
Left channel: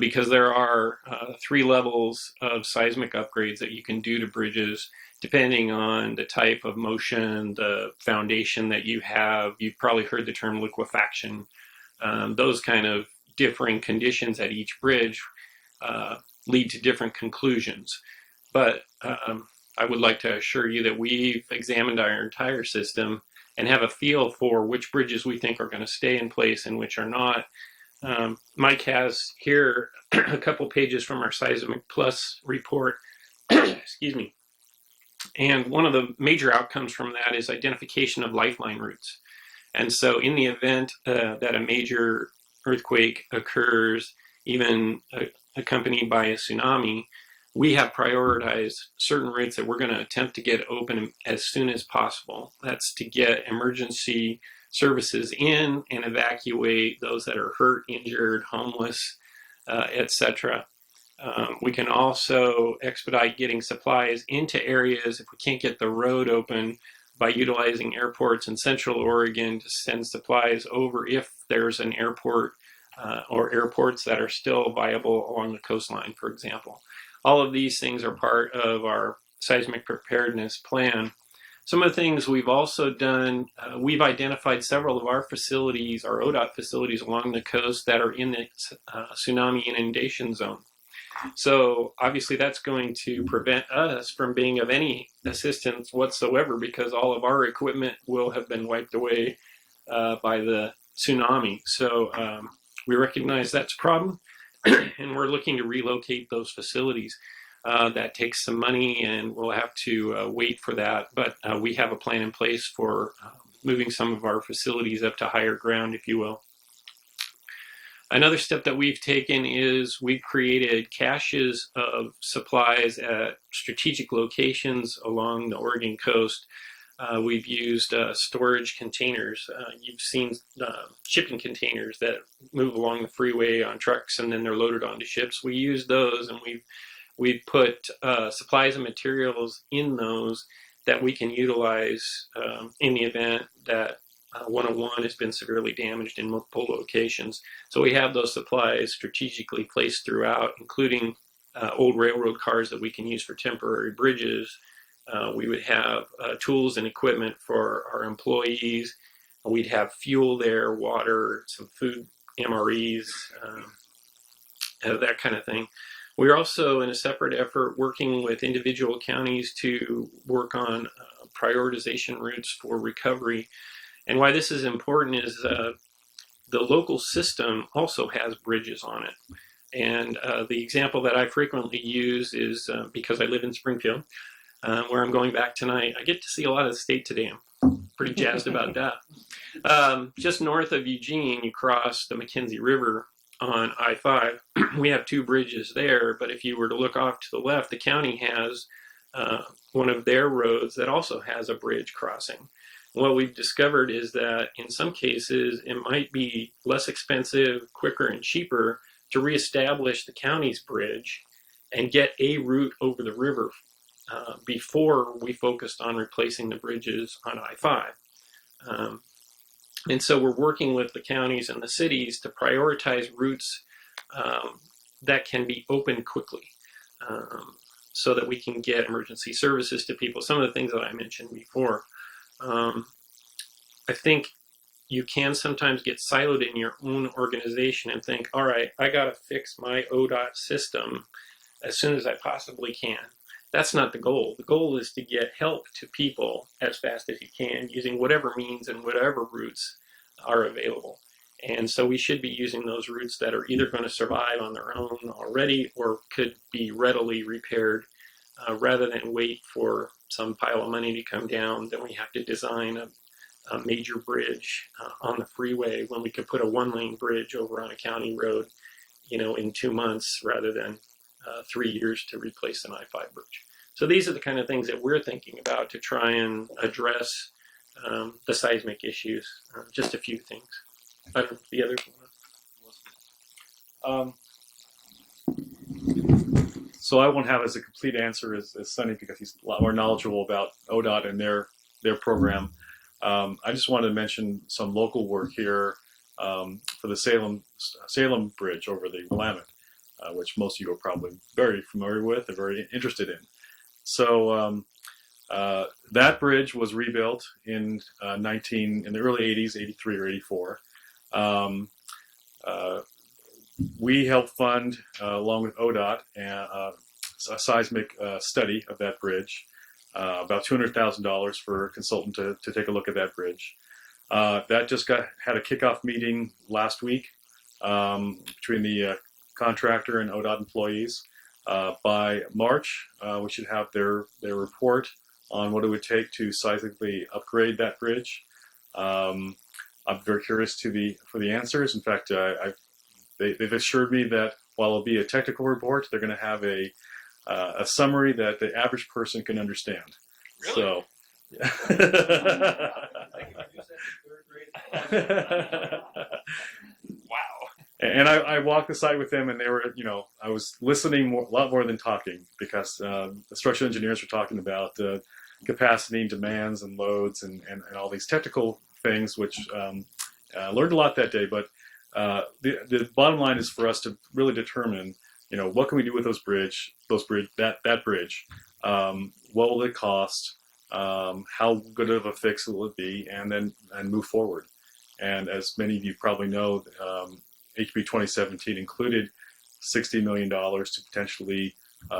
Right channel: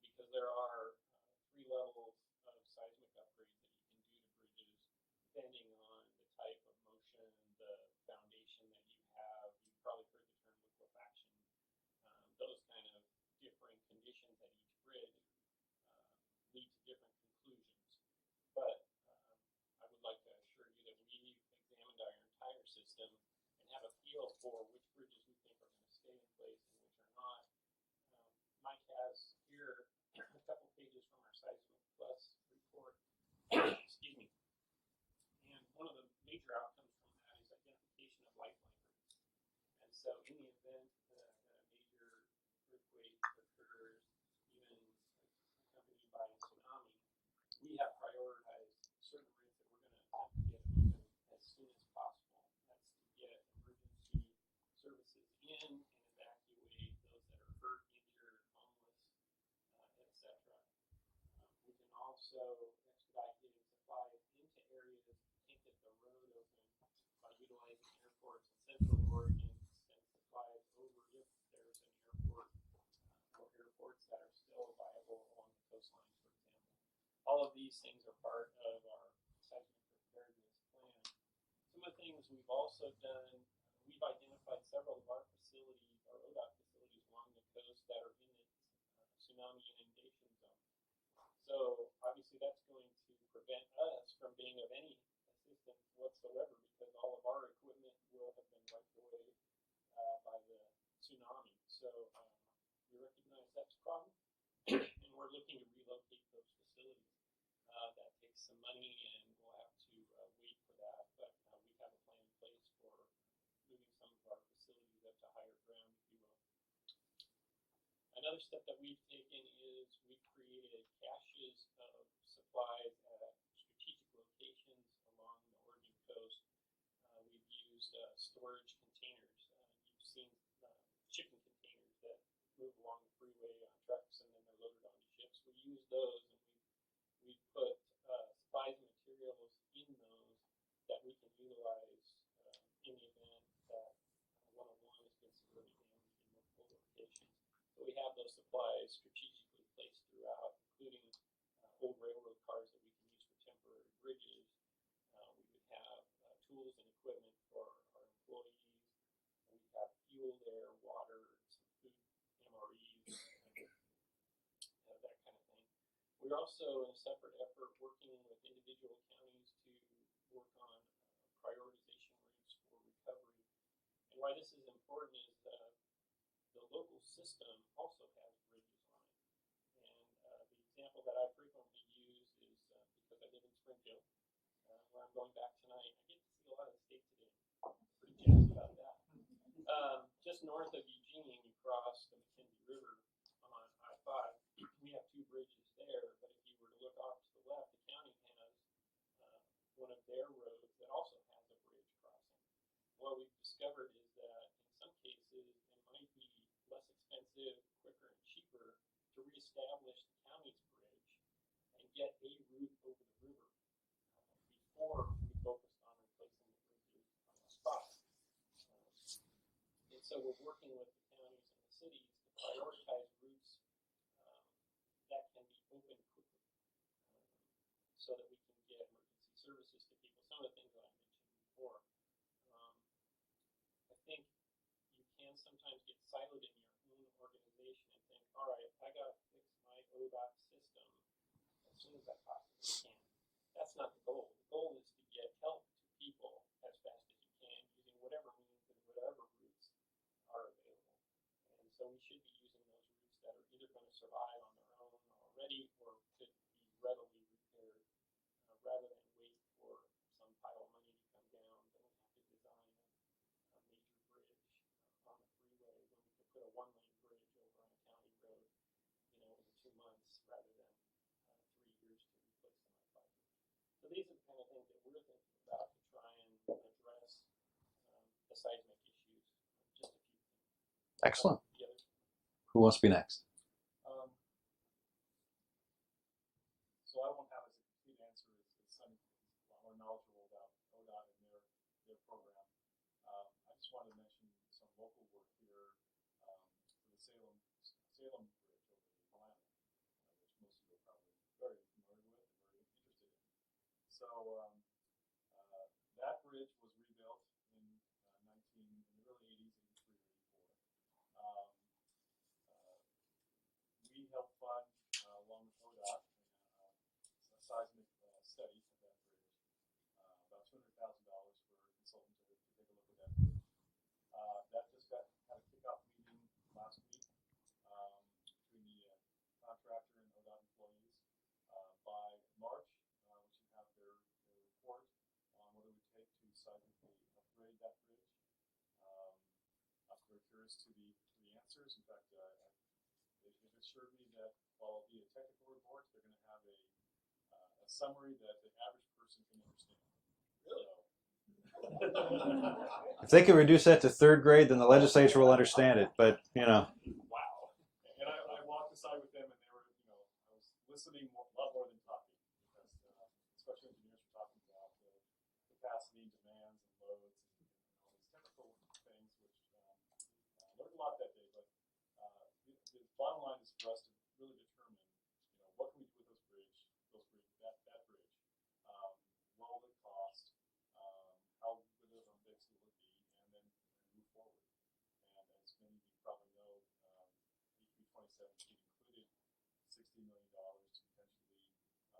Because there are 3 levels of seismic upgrades that you can do to bridges depending on the type of motion, the foundation that you have. You've probably heard the term liquefaction. Those kind of differing conditions at each bridge lead to different conclusions. But I would like to assure you that we've examined our entire system and have a feel for which bridges we think are going to stay in place and which are not. Mike has here a couple pages from our Seismic Plus report. Excuse me. And one of the major outcomes from that is identification of lifeline routes. And so in the event that a major earthquake occurs, even accompanied by a tsunami, we have prioritized certain routes that we're going to attempt to get open as soon as possible. That's to get emergency services in and evacuate those that are hurt, injured, homeless, etc. We can also expedite getting supplies into areas if we can't get the road open by utilizing airports in Central Oregon to send supplies over if there's an airport or airports that are still viable along the coastline, for example. All of these things are part of our seismic preparedness plan. Some of the things we've also done, we've identified several of our facilities, our ODOT facilities along the coast that are in the tsunami inundation zone. So obviously that's going to prevent us from being of any assistance whatsoever because all of our equipment will have been wiped away by the tsunami. So we recognize that's a problem and we're looking to relocate those facilities. That takes some money and we'll have to wait for that, but we have a plan in place for moving some of our facilities up to higher ground, if you will. Another step that we've taken is we've created caches of supplies at strategic locations along the Oregon coast. We've used storage containers. You've seen shipping containers that move along the freeway on trucks and then they're loaded onto ships. We use those and we've put supplies and materials in those that we can utilize in the event that 101 has been severely damaged in multiple locations. So we have those supplies strategically placed throughout, including old railroad cars that we can use for temporary bridges. We would have tools and equipment for our employees. We'd have fuel there, water, some food, MREs, that kind of thing. We're also, in a separate effort, working with individual counties to work on prioritization routes for recovery. And why this is important is the local system also has bridges on it. And the example that I frequently use is because I live in Springfield, where I'm going back tonight. I get to see a lot of the state today. I'm pretty jazzed about that. Just north of Eugene, you cross the McKenzie River on I-5. We have 2 bridges there, but if you were to look off to the left, the county has one of their roads that also has a bridge crossing. what we've discovered is that in some cases it might be less expensive, quicker, and cheaper to reestablish the county's bridge and get a route over the river before we focused on replacing the bridges on I-5. And so we're working with the counties and the cities to prioritize routes that can be opened quickly, so that we can get emergency services to people. Some of the things that I mentioned before. I think you can sometimes get siloed in your own organization and think, all right, I got to fix my ODOT system as soon as I possibly can. That's not the goal. The goal is to get help to people as fast as you can using whatever means and whatever routes are available. And so we should be using those routes that are either going to survive on their own already or could be readily repaired, rather than wait for some pile of money to come down. Then we have to design a major bridge on the freeway when we could put a one-lane bridge over on a county road, in 2 months rather than 3 years to replace an I-5 bridge. So these are the kind of things that we're thinking about to try and address the seismic issues. Just a few things. Excellent. The other. Who wants to be next? So I won't have as a complete answer as Sonny, because he's a lot more knowledgeable about ODOT and their program. I just wanted to mention some local work here for the Salem Bridge over the Willamette, which most of you are probably very familiar with and very interested in. So that bridge was rebuilt in the early 80s, 83 or 84. We helped fund, along with ODOT, a seismic study of that bridge, about $200,000 for a consultant to take a look at that bridge. That just had a kickoff meeting last week between the contractor and ODOT employees. By March, we should have their report on what it would take to seismically upgrade that bridge. I'm very curious for the answers. In fact, they've assured me that while it'll be a technical report, they're going to have a summary that the average person can understand. Really? So, If they can reduce that to third grade, then the legislature will understand it. But Wow. and I walked the site with them, and they were, I was listening a lot more than talking, because the structural engineers were talking about capacity, demands, and loads, and all these technical things, which learned a lot that day. But the bottom line is for us to really determine, what can we do with that bridge? What will it cost? How good of a fix will it be? And move forward. And as many of you probably know, HB 2017 included $60 million to potentially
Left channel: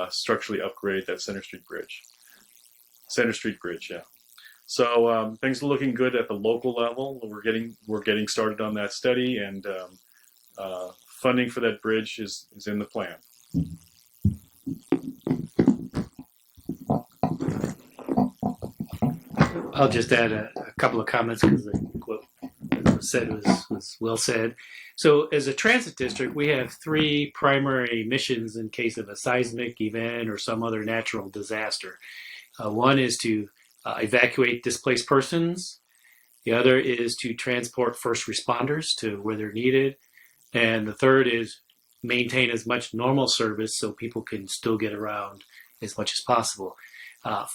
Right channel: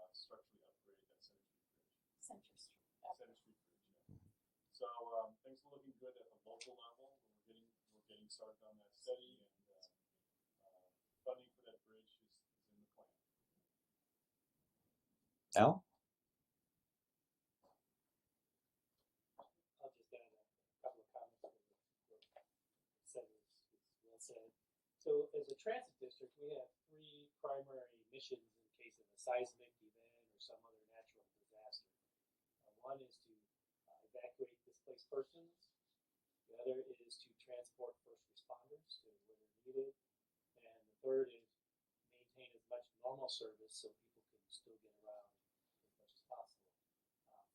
structurally upgrade that Center Street Bridge. Yeah. So things are looking good at the local level. We're getting started on that study, and funding for that bridge is in the plan. Allan? I'll just add a couple of comments, because what was said was well said. So as a transit district, we have 3 primary missions in case of a seismic event or some other natural disaster. One is to evacuate displaced persons. The other is to transport first responders to where they're needed. And the third is maintain as much normal service so people can still get around as much as possible.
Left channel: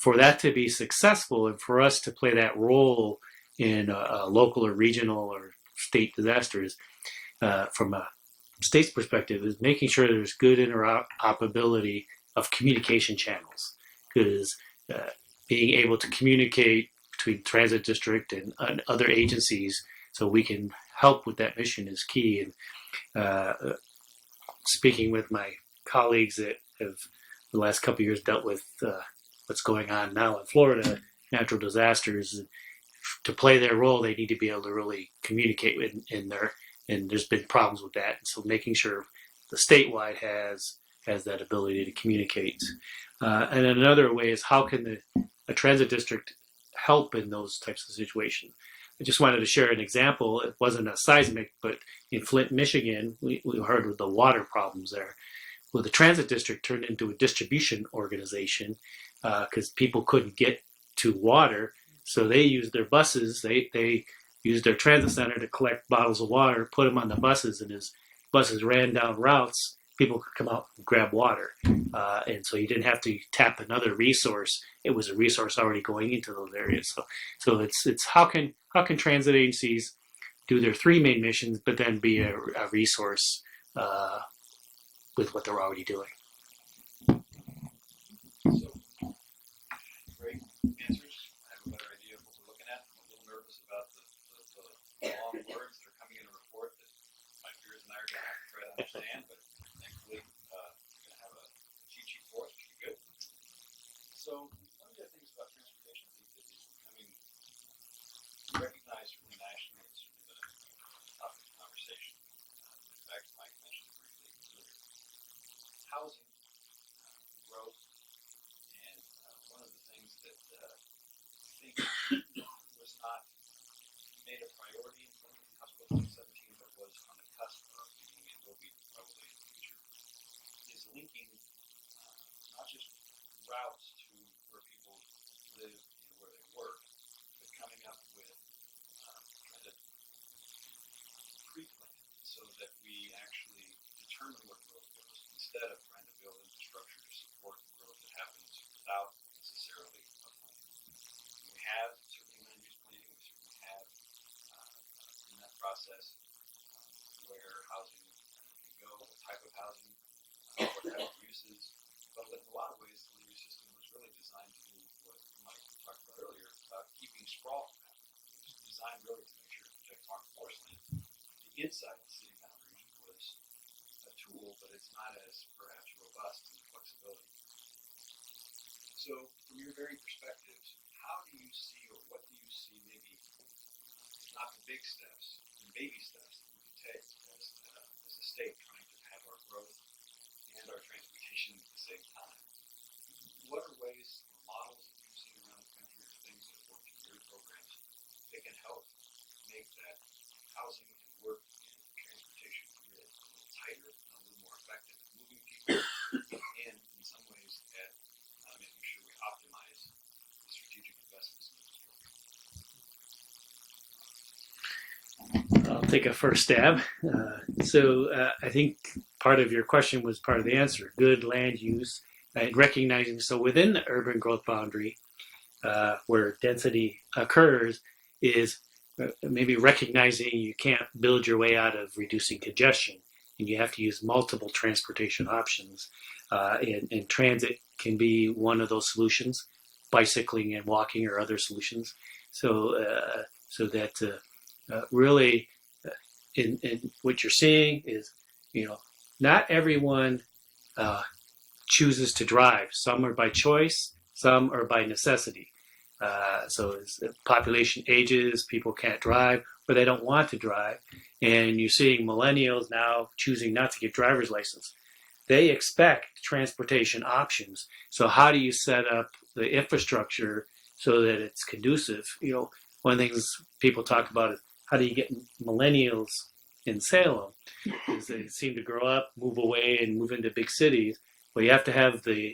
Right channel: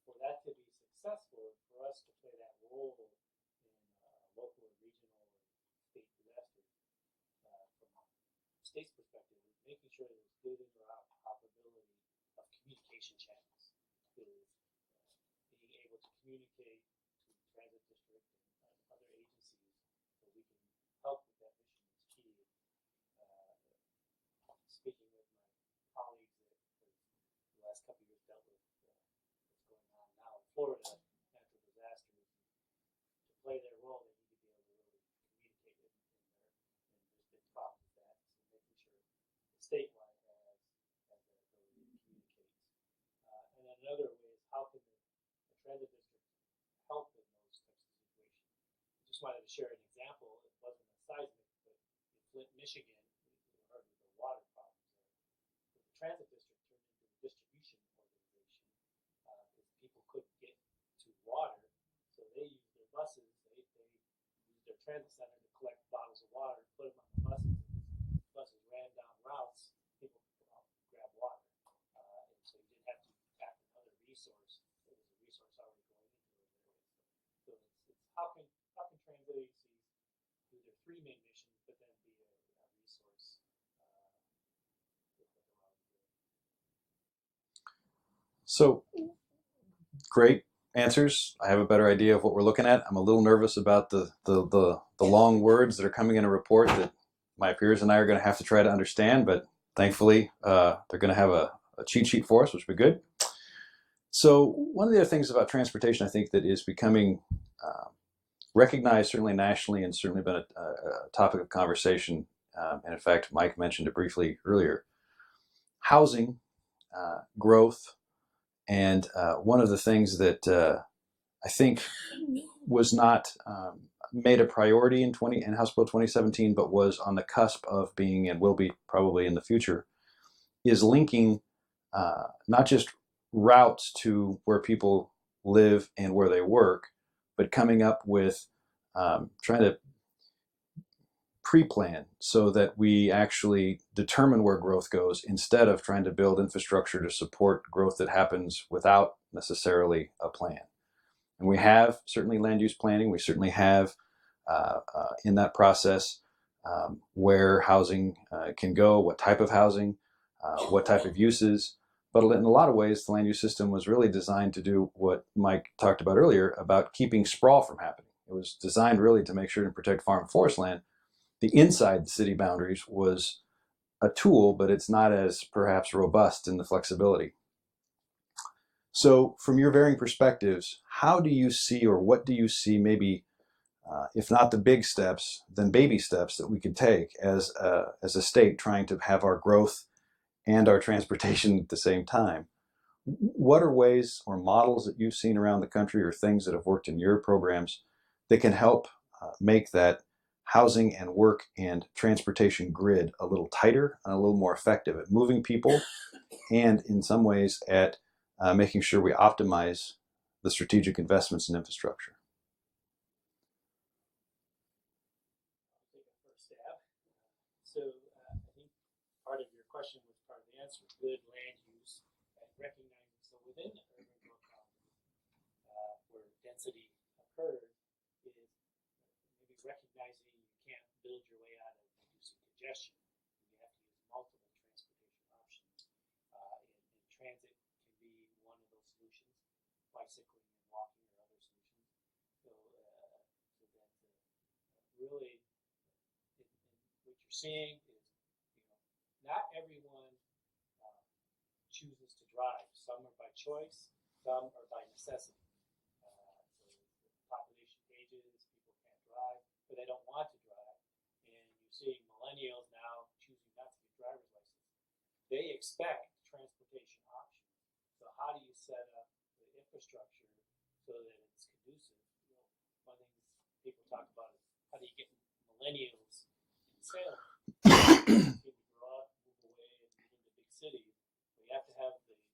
For that to be successful, and for us to play that role in a local or regional or state disasters, from a state's perspective, is making sure there's good interoperability of communication channels. Because being able to communicate between transit district and other agencies so we can help with that mission is key. And speaking with my colleagues that have the last couple of years dealt with what's going on now in Florida, natural disasters, to play their role, they need to be able to really communicate in there. And there's been problems with that. So making sure the statewide has that ability to communicate. And another way is, how can a transit district help in those types of situations? I just wanted to share an example. It wasn't a seismic, but in Flint, Michigan, we heard of the water problems there. Well, the transit district turned into a distribution organization because people couldn't get to water. So they used their buses. They used their transit center to collect bottles of water, put them on the buses, and as buses ran down routes, people could come out and grab water. And so you didn't have to tap another resource. It was a resource already going into those areas. So it's how can transit agencies do their three main missions, but then be a resource with what they're already doing. So, great answers. I have a better idea of what we're looking at. I'm a little nervous about the long words that are coming in a report that my peers and I are going to have to try to understand, but thankfully they're going to have a cheat sheet for us, which will be good. So one of the other things about transportation, I think, that is becoming recognized certainly nationally and certainly been a topic of conversation, and in fact, Mike mentioned it briefly earlier, housing, growth, and one of the things that I think was not made a priority in House Bill 2017, but was on the cusp of being and will be probably in the future, is linking not just routes to where people live and where they work, but coming up with trying to pre-plan so that we actually determine where growth goes instead of trying to build infrastructure to support growth that happens without necessarily a plan. And we have certainly land use planning. We certainly have in that process where housing can go, what type of housing, what type of uses. But in a lot of ways, the land use system was really designed to do what Mike talked about earlier about keeping sprawl from happening. It was designed really to make sure to protect farm and forest land. The inside the city boundaries was a tool, but it's not as perhaps robust in the flexibility. So from your varying perspectives, how do you see, or what do you see maybe, if not the big steps, then baby steps that we could take as a state trying to have our growth and our transportation at the same time? What are ways or models that you've seen around the country or things that have worked in your programs that can help make that housing and work and transportation grid a little tighter and a little more effective at moving people and in some ways at making sure we optimize the strategic investments in infrastructure? I'll take a first stab. I think part of your question was part of the answer. Good land use and recognizing, so within the urban growth boundary where density occurs is maybe recognizing you can't build your way out of reducing congestion and you have to use multiple transportation options. And transit can be one of those solutions, bicycling and walking are other solutions. So that really in what you're seeing is, not everyone chooses to drive. Some are by choice, some are by necessity. So as the population ages, people can't drive or they don't want to drive. And you're seeing millennials now choosing not to get driver's license. They expect transportation options. So how do you set up the infrastructure so that it's conducive? One of the things people talk about is how do you get millennials in Salem? They seem to grow up, move away, and move into big cities. Well, you have to have the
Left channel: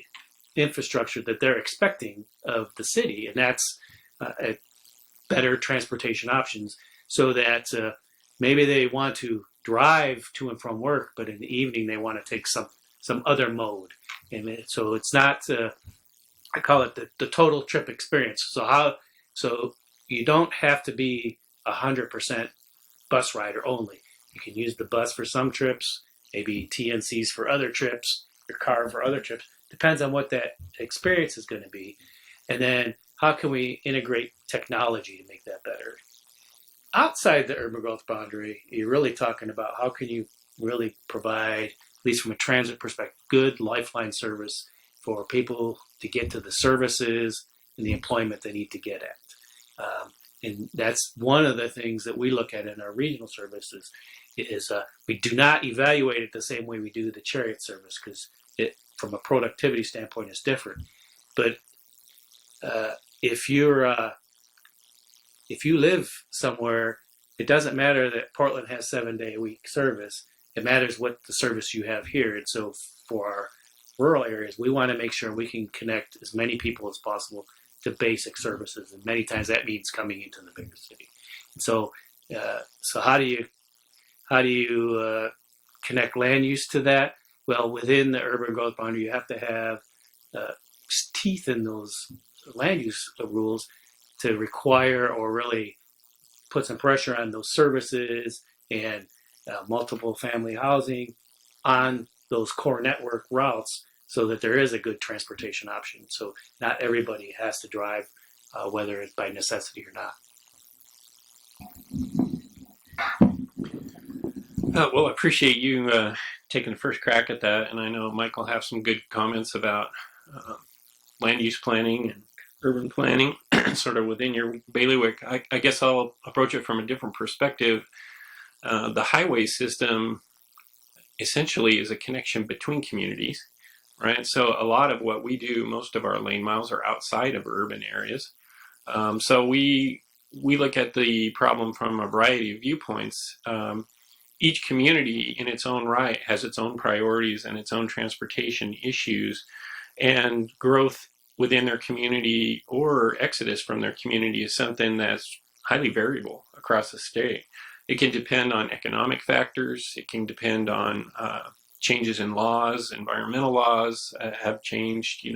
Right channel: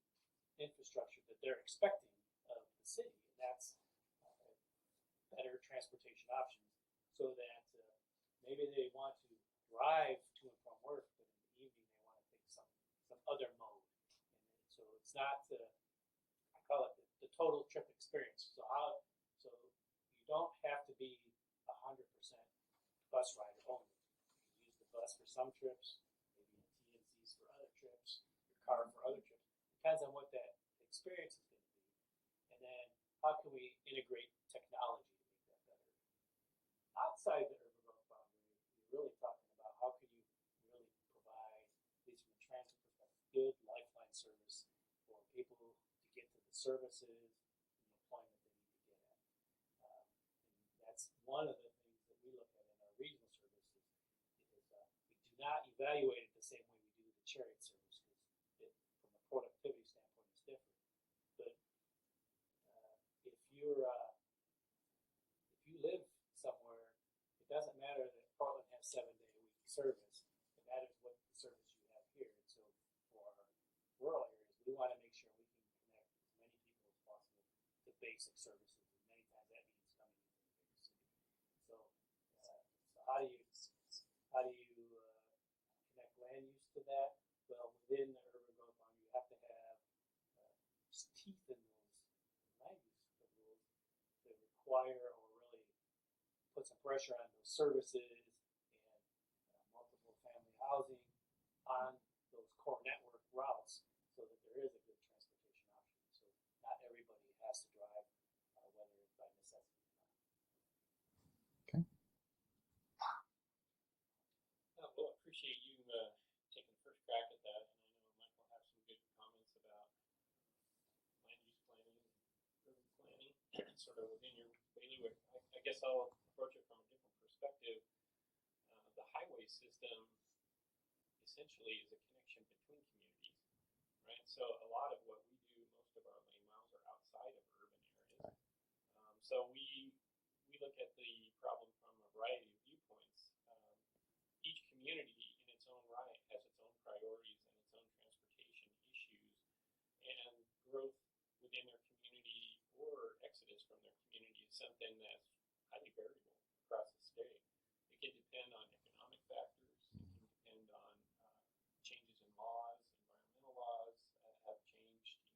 infrastructure that they're expecting of the city, and that's better transportation options so that maybe they want to drive to and from work, but in the evening they want to take some other mode. And so it's not, I call it the total trip experience. So you don't have to be 100% bus rider only. You can use the bus for some trips, maybe TNCs for other trips, your car for other trips. Depends on what that experience is going to be. And then how can we integrate technology to make that better? Outside the urban growth boundary, you're really talking about how can you really provide, at least from a transit perspective, good lifeline service for people to get to the services and the employment they need to get at. And that's one of the things that we look at in our regional services is we do not evaluate it the same way we do the chariot service because it, from a productivity standpoint, is different. But if you live somewhere, it doesn't matter that Portland has 7-day-a-week service. It matters what the service you have here. And so for our rural areas, we want to make sure we can connect as many people as possible the basic services, and many times that means coming into the bigger city. And so how do you connect land use to that? Well, within the urban growth boundary, you have to have teeth in those land use rules to require or really put some pressure on those services and multiple family housing on those core network routes, so that there is a good transportation option. So not everybody has to drive, whether it's by necessity or not. Well, I appreciate you taking the first crack at that, and I know Mike will have some good comments about land use planning and urban planning, sort of within your bailiwick. I guess I'll approach it from a different perspective. The highway system essentially is a connection between communities, right? So a lot of what we do, most of our lane miles are outside of urban areas. So we look at the problem from a variety of viewpoints. Each community in its own right has its own priorities and its own transportation issues, and growth within their community or exodus from their community is something that's highly variable across the state. It can depend on economic factors. It can depend on changes in laws. Environmental laws have changed.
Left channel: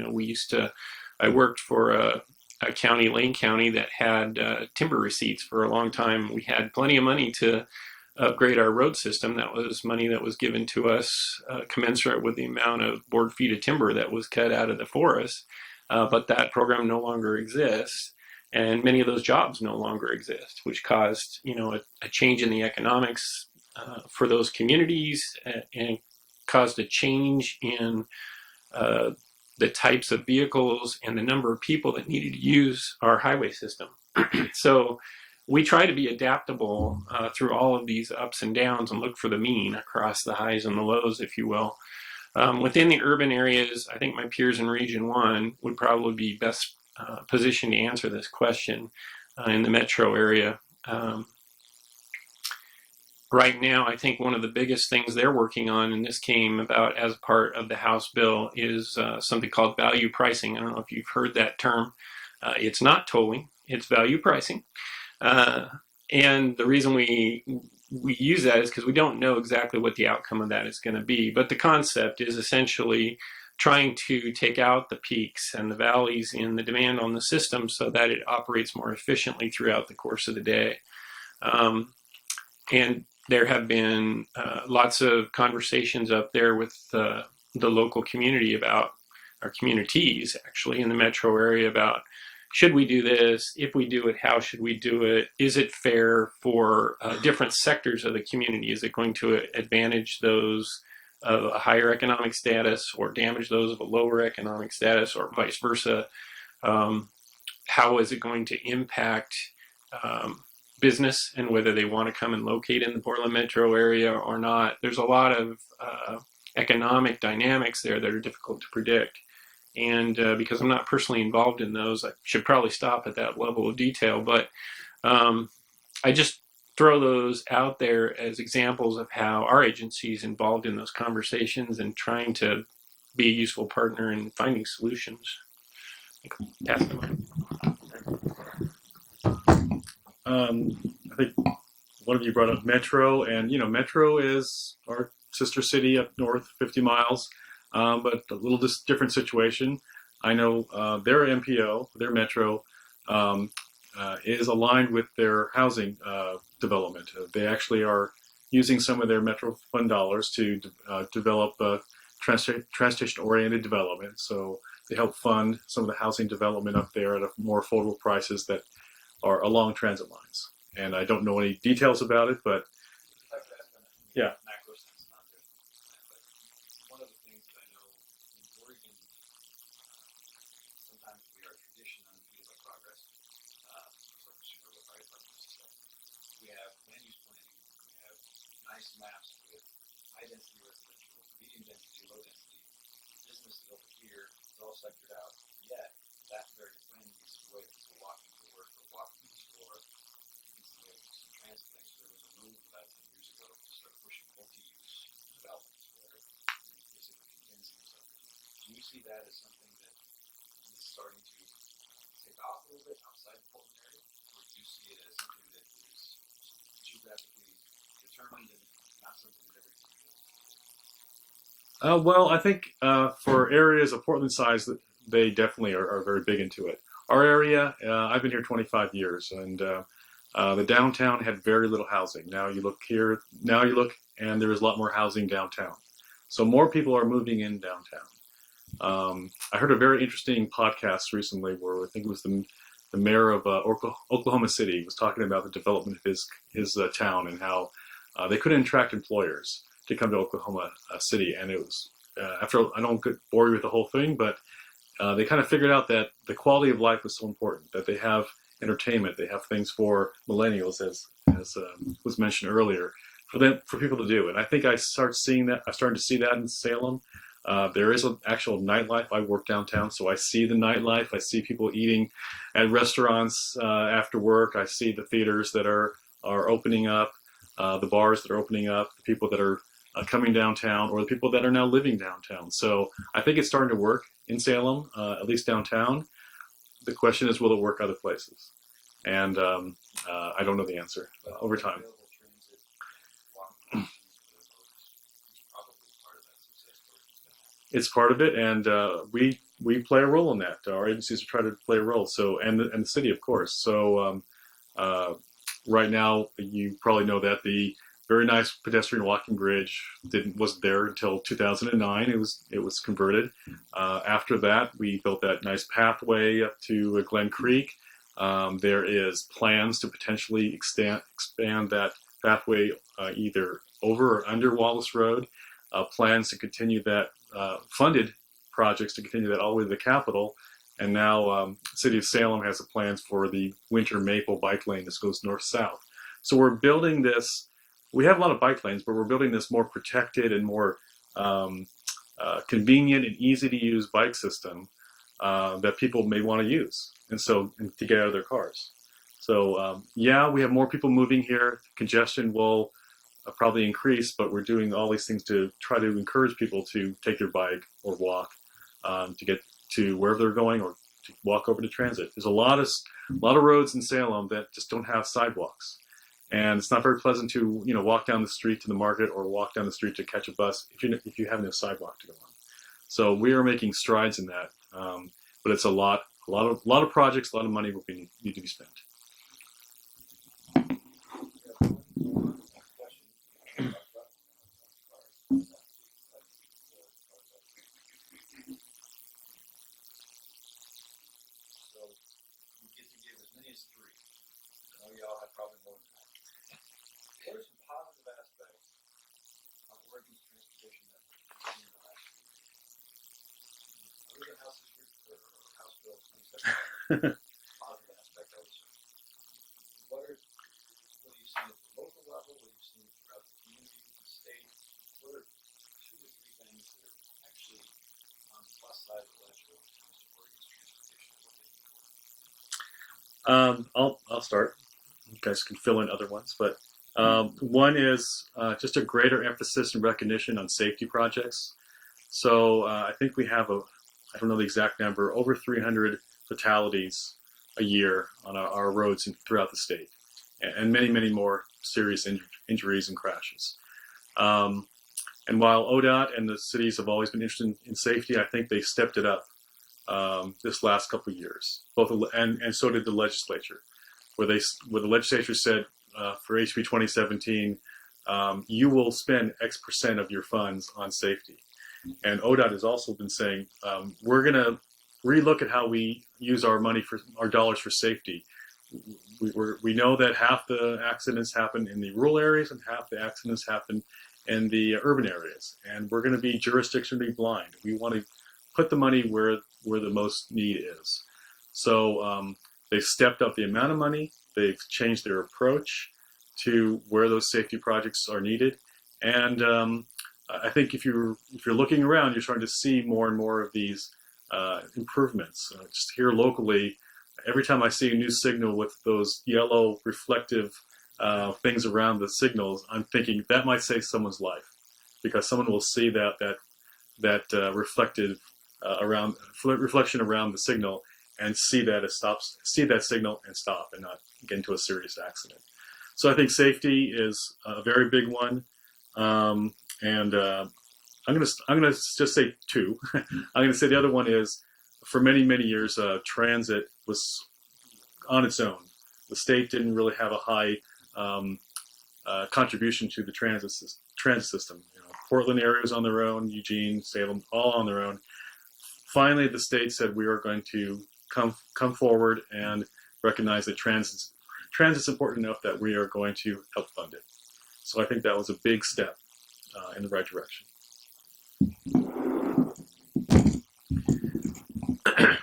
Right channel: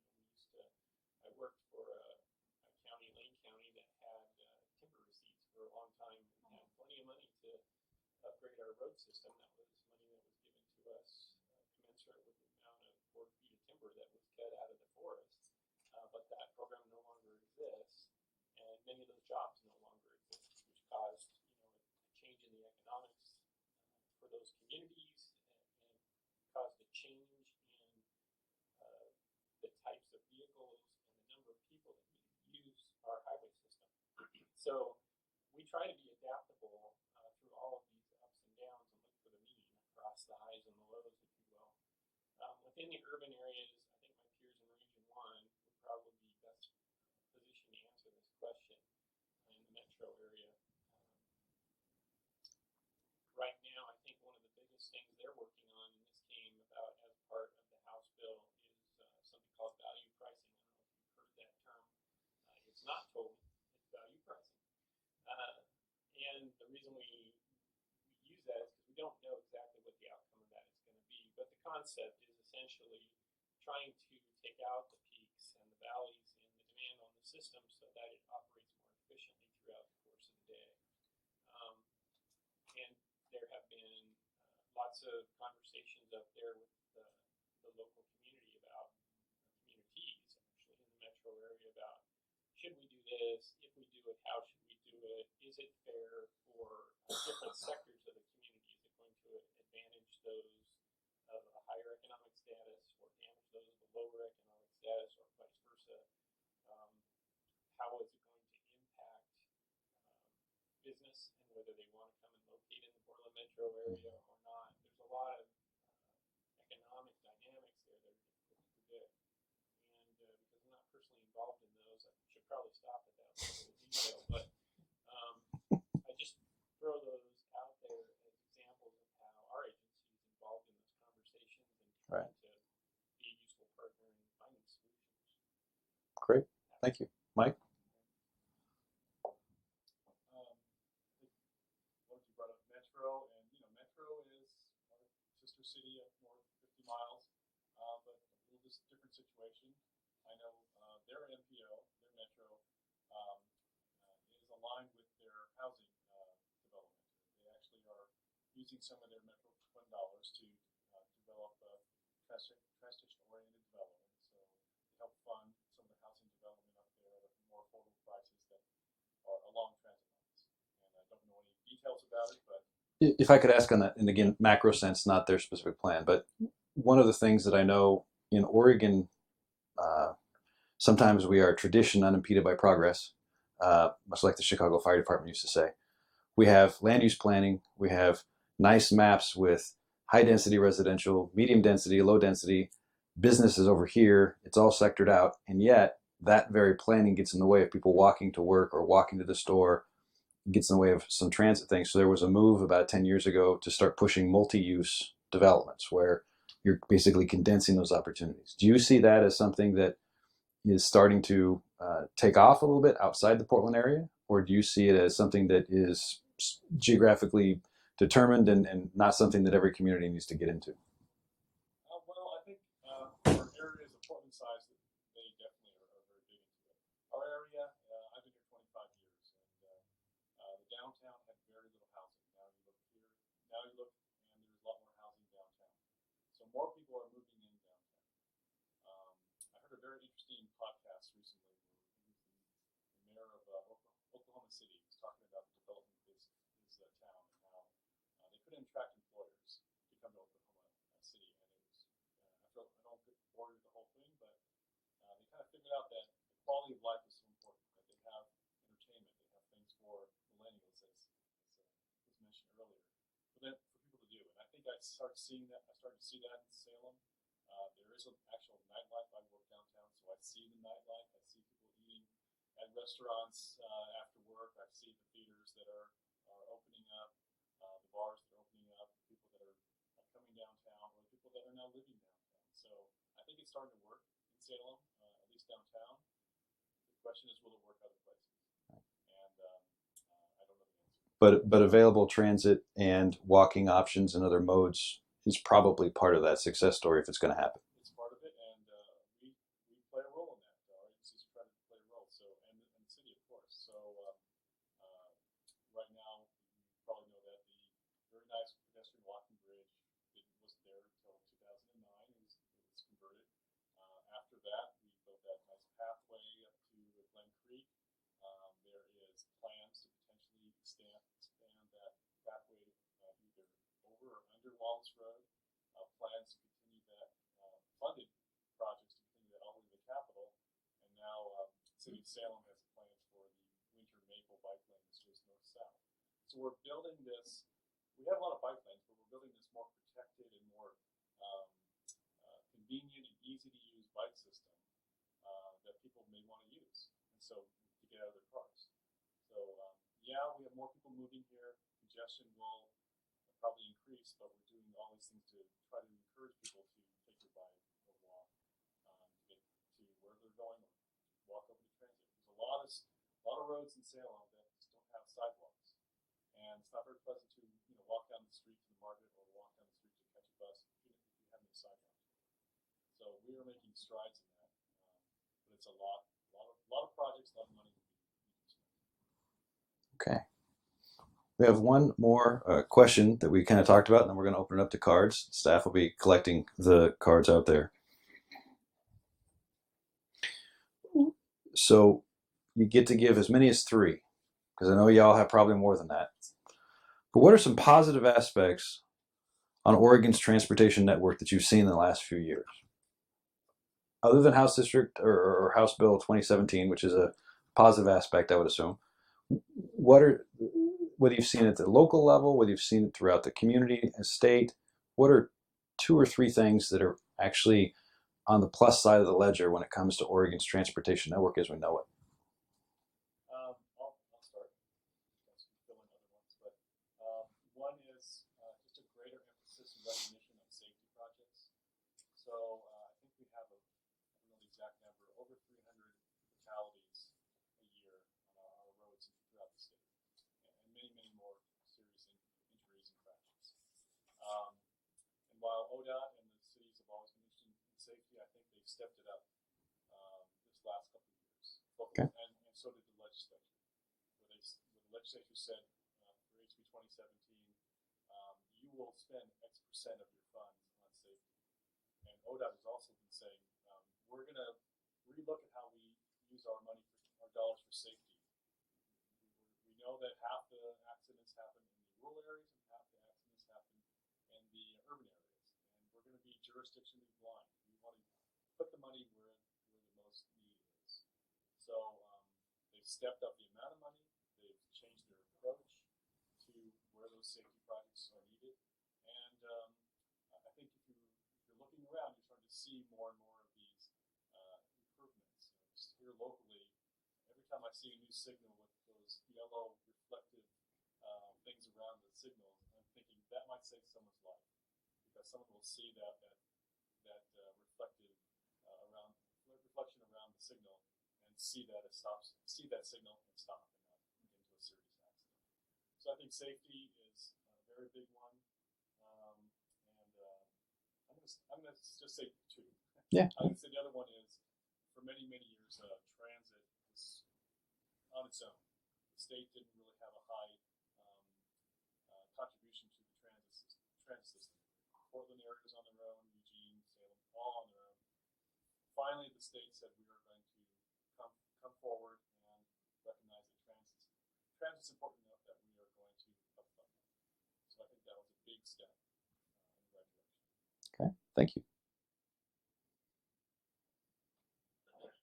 I worked for a county, Lane County, that had timber receipts for a long time. We had plenty of money to upgrade our road system. That was money that was given to us commensurate with the amount of board feet of timber that was cut out of the forest. But that program no longer exists. And many of those jobs no longer exist, which caused, a change in the economics for those communities, and caused a change in the types of vehicles and the number of people that needed to use our highway system. So we try to be adaptable through all of these ups and downs and look for the mean across the highs and the lows, if you will. Within the urban areas, I think my peers in Region 1 would probably be best position to answer this question in the metro area. Right now, I think one of the biggest things they're working on, and this came about as part of the House bill, is something called value pricing. I don't know if you've heard that term. It's not tolling, it's value pricing. And the reason we use that is because we don't know exactly what the outcome of that is going to be. But the concept is essentially trying to take out the peaks and the valleys in the demand on the system so that it operates more efficiently throughout the course of the day. And there have been lots of conversations up there with the local community about, our communities actually in the metro area, about, should we do this? If we do it, how should we do it? Is it fair for different sectors of the community? Is it going to advantage those of a higher economic status or damage those of a lower economic status, or vice versa? How is it going to impact business and whether they want to come and locate in the Portland metro area or not? There's a lot of economic dynamics there that are difficult to predict. And because I'm not personally involved in those, I should probably stop at that level of detail. But I just throw those out there as examples of how our agency is involved in those conversations and trying to be a useful partner in finding solutions. Great. Mike? I think one of you brought up Metro, and Metro is our sister city up north, 50 miles, but a little different situation. I know their MPO, their Metro, is aligned with their housing development. They actually are using some of their Metro Fund dollars to develop transportation-oriented development. So they help fund some of the housing development up there at more affordable prices that are along transit lines. And I don't know any details about it, but if I could ask on that, in the macro sense, not their specific plan, but one of the things that I know in Oregon, sometimes we are tradition unimpeded by progress, much like the Chicago Fire Department used to say. We have land use planning, we have nice maps with high density residential, medium density, low density, businesses over here, it's all sectored out, and yet that very planning gets in the way of people walking to work or walking to the store. It gets in the way of some transit things. So there was a move about 10 years ago to start pushing multi-use developments where you're basically condensing those opportunities. Do you see that as something that is starting to take off a little bit outside the Portland area, or do you see it as something that is geographically determined and not something that every community needs to get into? Well, I think for areas of Portland size, they definitely are very big into it. Our area, I've been here 25 years, and the downtown had very little housing. Now you look here, and there is a lot more housing downtown. So more people are moving in downtown. I heard a very interesting podcast recently where I think it was the mayor of Oklahoma City was talking about the development of his town and how they couldn't attract employers to come to Oklahoma City. And it was, I don't bore you with the whole thing, but they kind of figured out that the quality of life was so important, that they have entertainment, they have things for millennials, as was mentioned earlier, for people to do. And I think I'm starting to see that in Salem. There is an actual nightlife. I work downtown, so I see the nightlife. I see people eating at restaurants after work. I see the theaters that are opening up, the bars that are opening up, the people that are coming downtown, or the people that are now living downtown. So I think it's starting to work in Salem, at least downtown. The question is, will it work other places? And I don't know the answer. But available transit and walking Mm-hmm. options and other modes is probably part of that success story if it's going to happen. It's part of it, and we play a role in that. Our agencies try to play a role. So and the city, of course. So right now, you probably know that the very nice pedestrian walking bridge wasn't there until 2009. It was converted. After that, we built that nice pathway up to Glen Creek. There is plans to potentially expand that pathway either over or under Wallace Road. Plans to continue that, funded projects to continue that all the way to the Capitol. And now City of Salem has the plans for the Winter Maple bike lane that goes north-south. So we're building this. We have a lot of bike lanes, but we're building this more protected and more convenient and easy to use bike system that people may want to use, and to get out of their cars. So yeah, we have more people moving here. Congestion will probably increase, but we're doing all these things to try to encourage people to take their bike or walk to get to wherever they're going, or to walk over to transit. There's a lot of roads in Salem that just don't have sidewalks. And it's not very pleasant to walk down the street to the market or walk down the street to catch a bus if you have no sidewalk to go on. So we are making strides in that, but it's a lot of projects, a lot of money will need to be spent. Okay. We have one more question that we kind of talked about, and then we're going to open it up to cards. Staff will be collecting the cards out there. So you get to give as many as 3, because I know y'all have probably more than that. But what are some positive aspects on Oregon's transportation network that you've seen in the last few years? Other than House District or House Bill 2017, which is a positive aspect, I would assume. Whether you've seen it at the local level, whether you've seen it throughout the community and state, what are 2 or 3 things that are actually on the plus side of the ledger when it comes to Oregon's transportation network as we know it? I'll start. You guys can fill in other ones, but one is just a greater emphasis and recognition on safety projects. So I think we have I don't know the exact number, over 300 fatalities a year on our roads throughout the state, and many, many more serious injuries and crashes. And while ODOT and the cities have always been interested in safety, I think they stepped it up this last couple of years. And so did the legislature, where the legislature said for HB 2017, you will spend X percent of your funds on safety. And ODOT has also been saying, we're going to relook at how we use our money for our dollars for safety. We know that half the accidents happen in the rural areas and half the accidents happen in the urban areas. And we're going to be jurisdictionally blind. We want to put the money where the most need is. So they've stepped up the amount of money. They've changed their approach to where those safety projects are needed. And I think if you're looking around, you're starting to see more and more of these improvements. Just here locally, every time I see a new signal with those yellow reflective things around the signals, I'm thinking that might save someone's life, because someone will see that reflective reflection around the signal, and see that signal and stop, and not get into a serious accident. So I think safety is a very big one, and I'm gonna just say two. Yeah. I'm gonna say the other one is, for many years, transit was on its own. The state didn't really have a high contribution to the transit system. You know, Portland area was on their own, Eugene, Salem, all on their own. Finally, the state said we are going to come forward and recognize that transit's important enough that we are going to help fund it. So I think that was a big step in the right direction. Okay, thank you.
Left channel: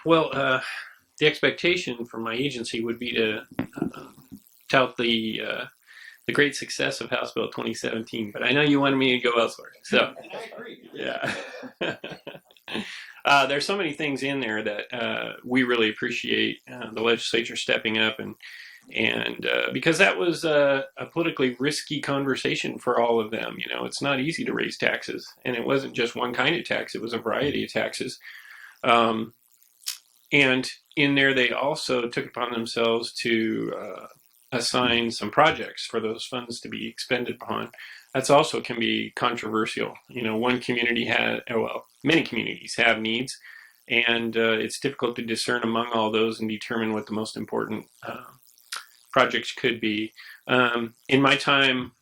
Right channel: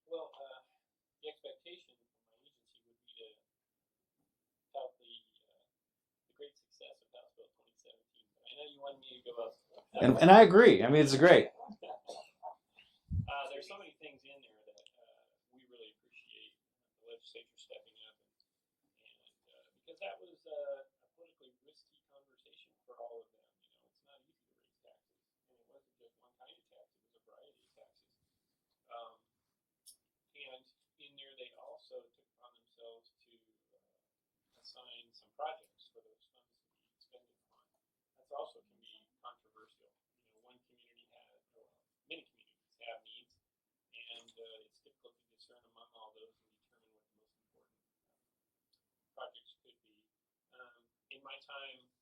Well, the expectation from my agency would be to tout the great success of House Bill 2017, but I know you wanted me to go elsewhere. So, and I agree. I mean, it's great. There's so many things in there that we really appreciate the legislature stepping up, and because that was a politically risky conversation for all of them. You know, it's not easy to raise taxes, and it wasn't just one kind of tax; it was a variety of taxes. And in there, they also took upon themselves to assign some projects for those funds to be expended upon. That's also can be controversial. You know, one community many communities have needs, and it's difficult to discern among all those and determine what the most important projects could be. In my time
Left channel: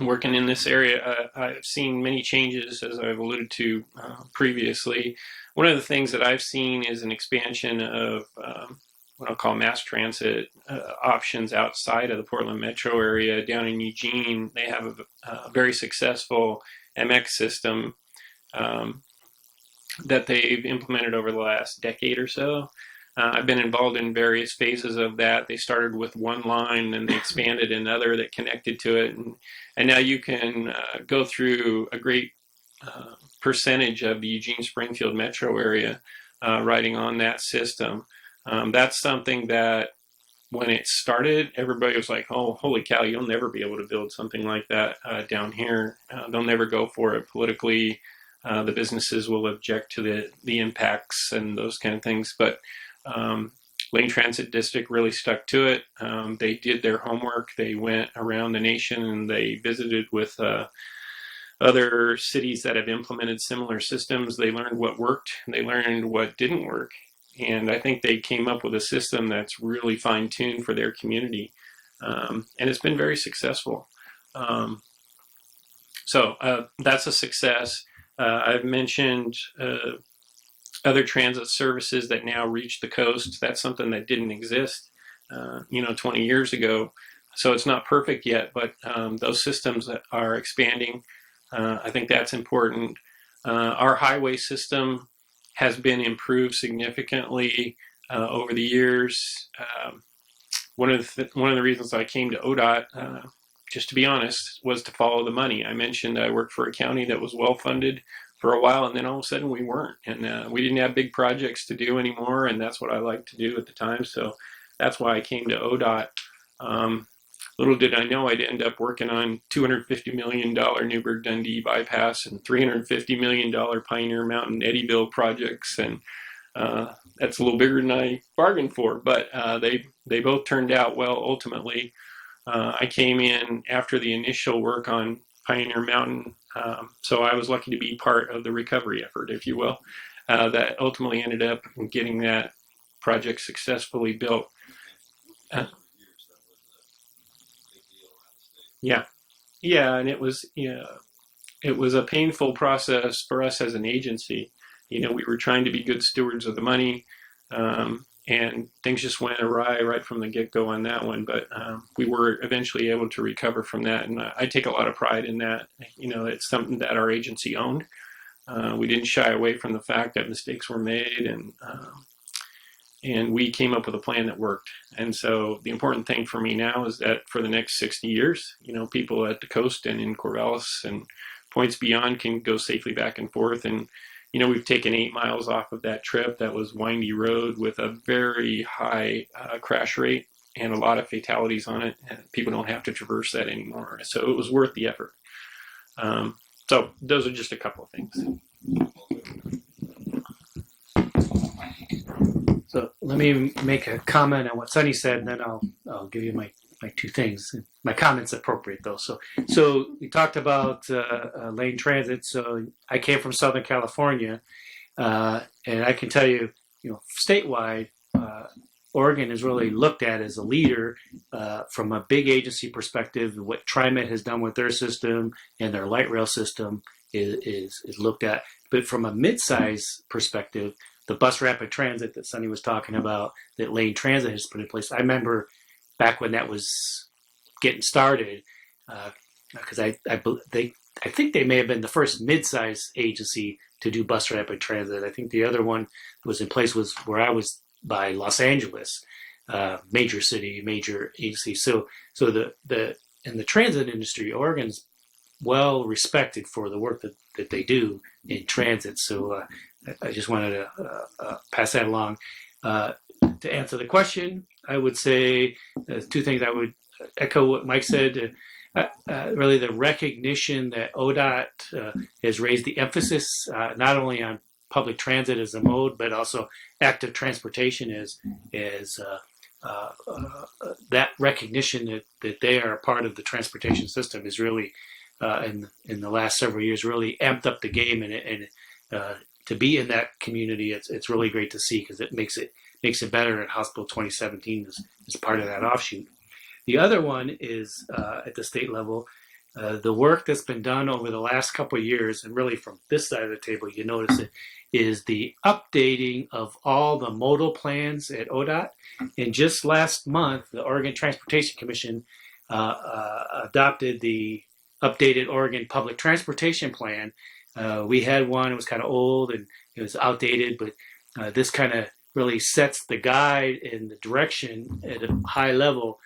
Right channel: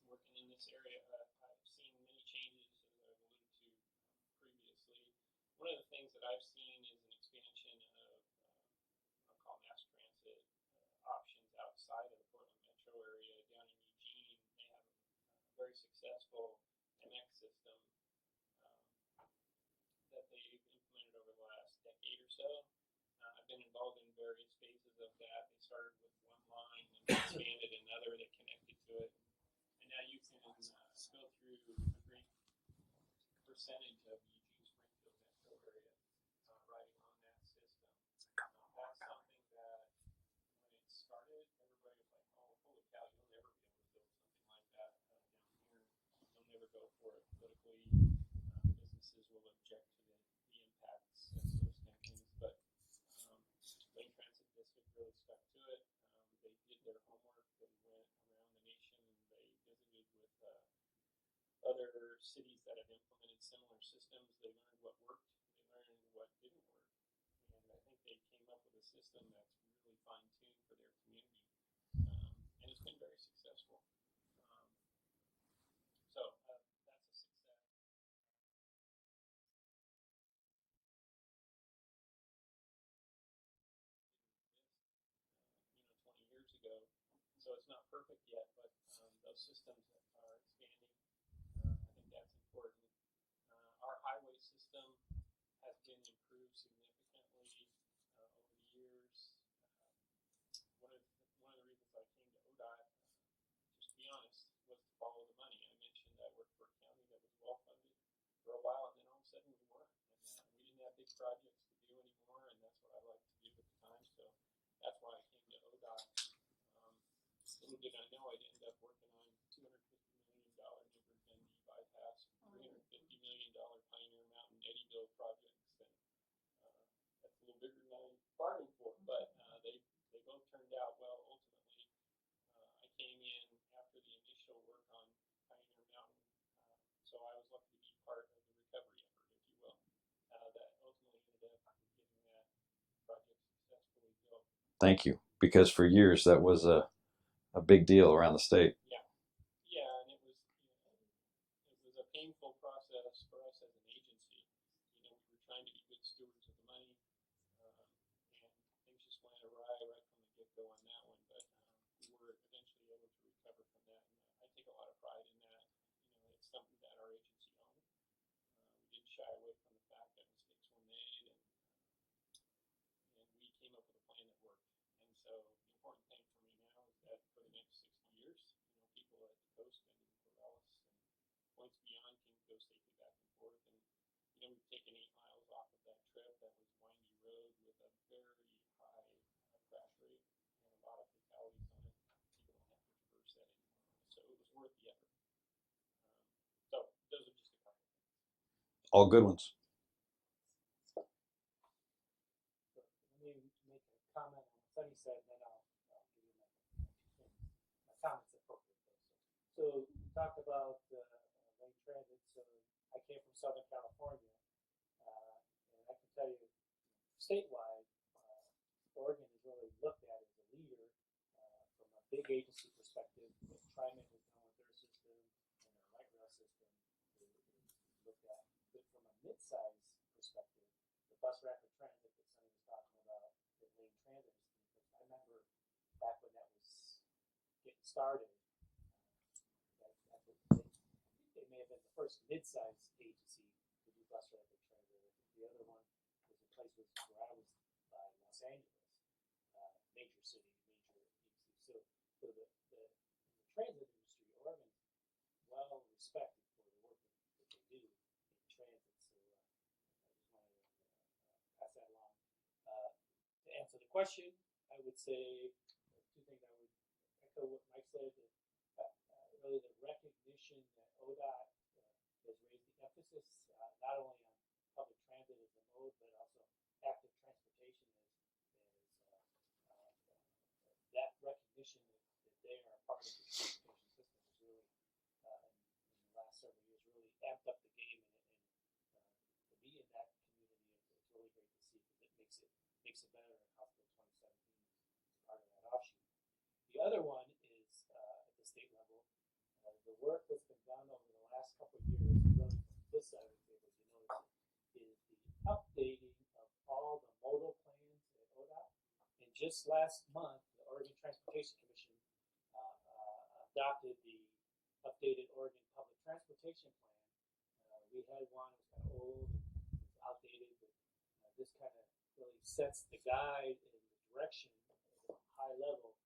working in this area, I've seen many changes, as I've alluded to previously. One of the things that I've seen is an expansion of what I'll call mass transit options outside of the Portland metro area. Down in Eugene, they have a very successful MX system that they've implemented over the last decade or so. I've been involved in various phases of that. They started with one line, and they expanded another that connected to it. And now you can go through a great percentage of the Eugene-Springfield metro area riding on that system. That's something that when it started, everybody was like, oh, holy cow, you'll never be able to build something like that down here. They'll never go for it politically. The businesses will object to the impacts and those kind of things. But Lane Transit District really stuck to it. They did their homework. They went around the nation and they visited with other cities that have implemented similar systems. They learned what worked. They learned what didn't work. And I think they came up with a system that's really fine-tuned for their community. And it's been very successful. So that's a success. I've mentioned other transit services that now reach the coast. That's something that didn't exist, 20 years ago. So it's not perfect yet, but those systems that are expanding. I think that's important. Our highway system has been improved significantly over the years. One of the reasons I came to ODOT, just to be honest, was to follow the money. I mentioned I worked for a county that was well funded for a while, and then all of a sudden we weren't, and we didn't have big projects to do anymore, and that's what I liked to do at the time. So that's why I came to ODOT. Little did I know I'd end up working on $250 million Newburgh-Dundee bypass and $350 million Pioneer Mountain Eddyville projects, and that's a little bigger than I bargained for, but they both turned out well ultimately. I came in after the initial work on Pioneer Mountain, so I was lucky to be part of the recovery effort, if you will, that ultimately ended up getting that project successfully built. Thank you, because for years that was a big deal around the state. Yeah, and it was a painful process for us as an agency. We were trying to be good stewards of the money, and things just went awry right from the get-go on that one. But we were eventually able to recover from that, and I take a lot of pride in that. It's something that our agency owned. We didn't shy away from the fact that mistakes were made, and we came up with a plan that worked. And so the important thing for me now is that for the next 60 years, people at the coast and in Corvallis and points beyond can go safely back and forth. And, we've taken 8 miles off of that trip. That was windy road with a very high crash rate and a lot of fatalities on it. And people don't have to traverse that anymore. So it was worth the effort. So those are just a couple of things. All good ones. So let me make a comment on what Sonny said, and then I'll give you my two things. My comment's appropriate though. So we talked about lane transit. So I came from Southern California, and I can tell you, statewide, Oregon is really looked at as a leader from a big agency perspective. What TriMet has done with their system and their light rail system is looked at. But from a mid-size perspective, the bus rapid transit that Sonny was talking about, that lane transit has put in place. I remember back when that was getting started, because I think they may have been the first mid-size agency to do bus rapid transit. I think the other one that was in place was where I was by Los Angeles, major city, major agency. So in the transit industry, Oregon's well respected for the work that they do in transit. So I just wanted to pass that along. To answer the question, I would say two things. I would echo what Mike said. Really, the recognition that ODOT has raised the emphasis not only on public transit as a mode, but also active transportation as that recognition that they are a part of the transportation system is really in the last several years really amped up the game, and to be in that community, it's really great to see, because it makes it better. And House Bill 2017 is part of that offshoot. The other one is at the state level, the work that's been done over the last couple of years, and really from this side of the table, you notice it, is the updating of all the modal plans at ODOT. And just last month, the Oregon Transportation Commission adopted the updated Oregon Public Transportation Plan. We had one, it was kind of old and it was outdated, but this kind of really sets the guide and the direction at a high level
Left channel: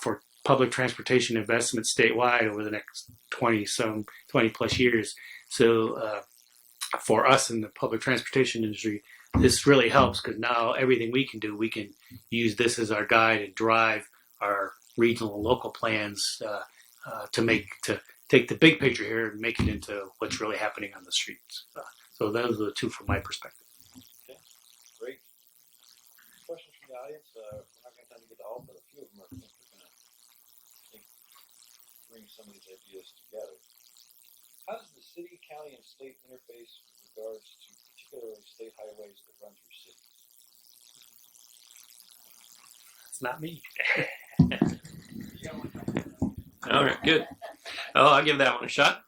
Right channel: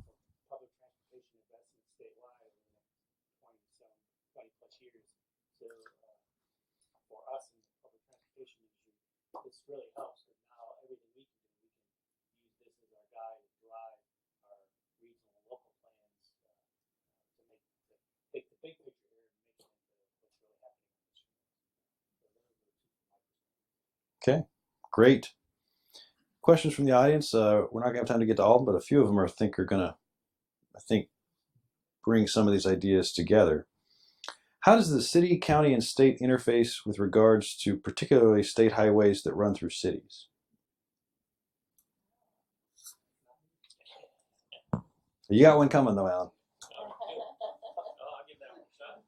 for public transportation investment statewide over the next 20 plus years. So for us in the public transportation industry, this really helps, because now everything we can do, we can use this as our guide and drive our regional and local plans to take the big picture here and make it into what's really happening on the streets. So those are the two from my perspective. Okay, great. Questions from the audience. We're not going to have time to get to all of them, but a few of them are going to bring some of these ideas together. How does the city, county, and state interface with regards to particularly state highways that run through cities? It's not me. You got one coming though, Allan. All right, good. Oh, I'll give that one a shot.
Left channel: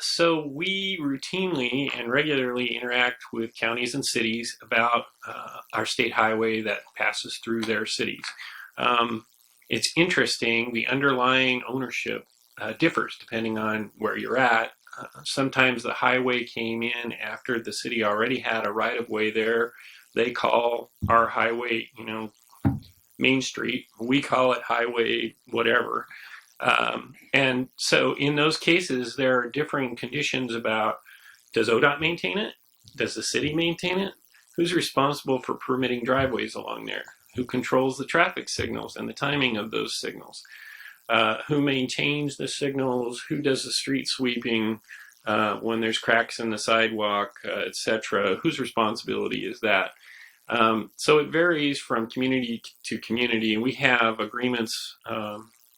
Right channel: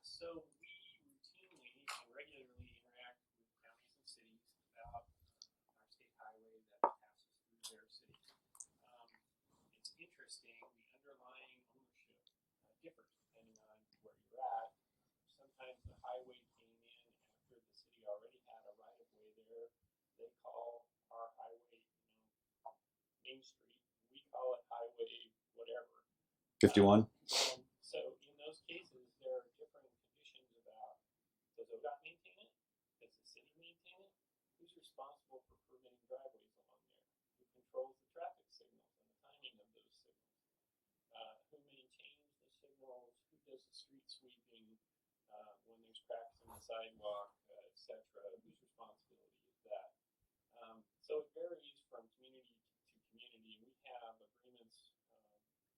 So we routinely and regularly interact with counties and cities about our state highway that passes through their cities. It's interesting, the underlying ownership differs depending on where you're at. Sometimes the highway came in after the city already had a right-of-way there. They call our highway, Main Street. We call it Highway whatever. And so in those cases, there are differing conditions about, does ODOT maintain it? Does the city maintain it? Who's responsible for permitting driveways along there? Who controls the traffic signals and the timing of those signals? Who maintains the signals? Who does the street sweeping when there's cracks in the sidewalk, etc.? Whose responsibility is that? So it varies from community to community, and we have agreements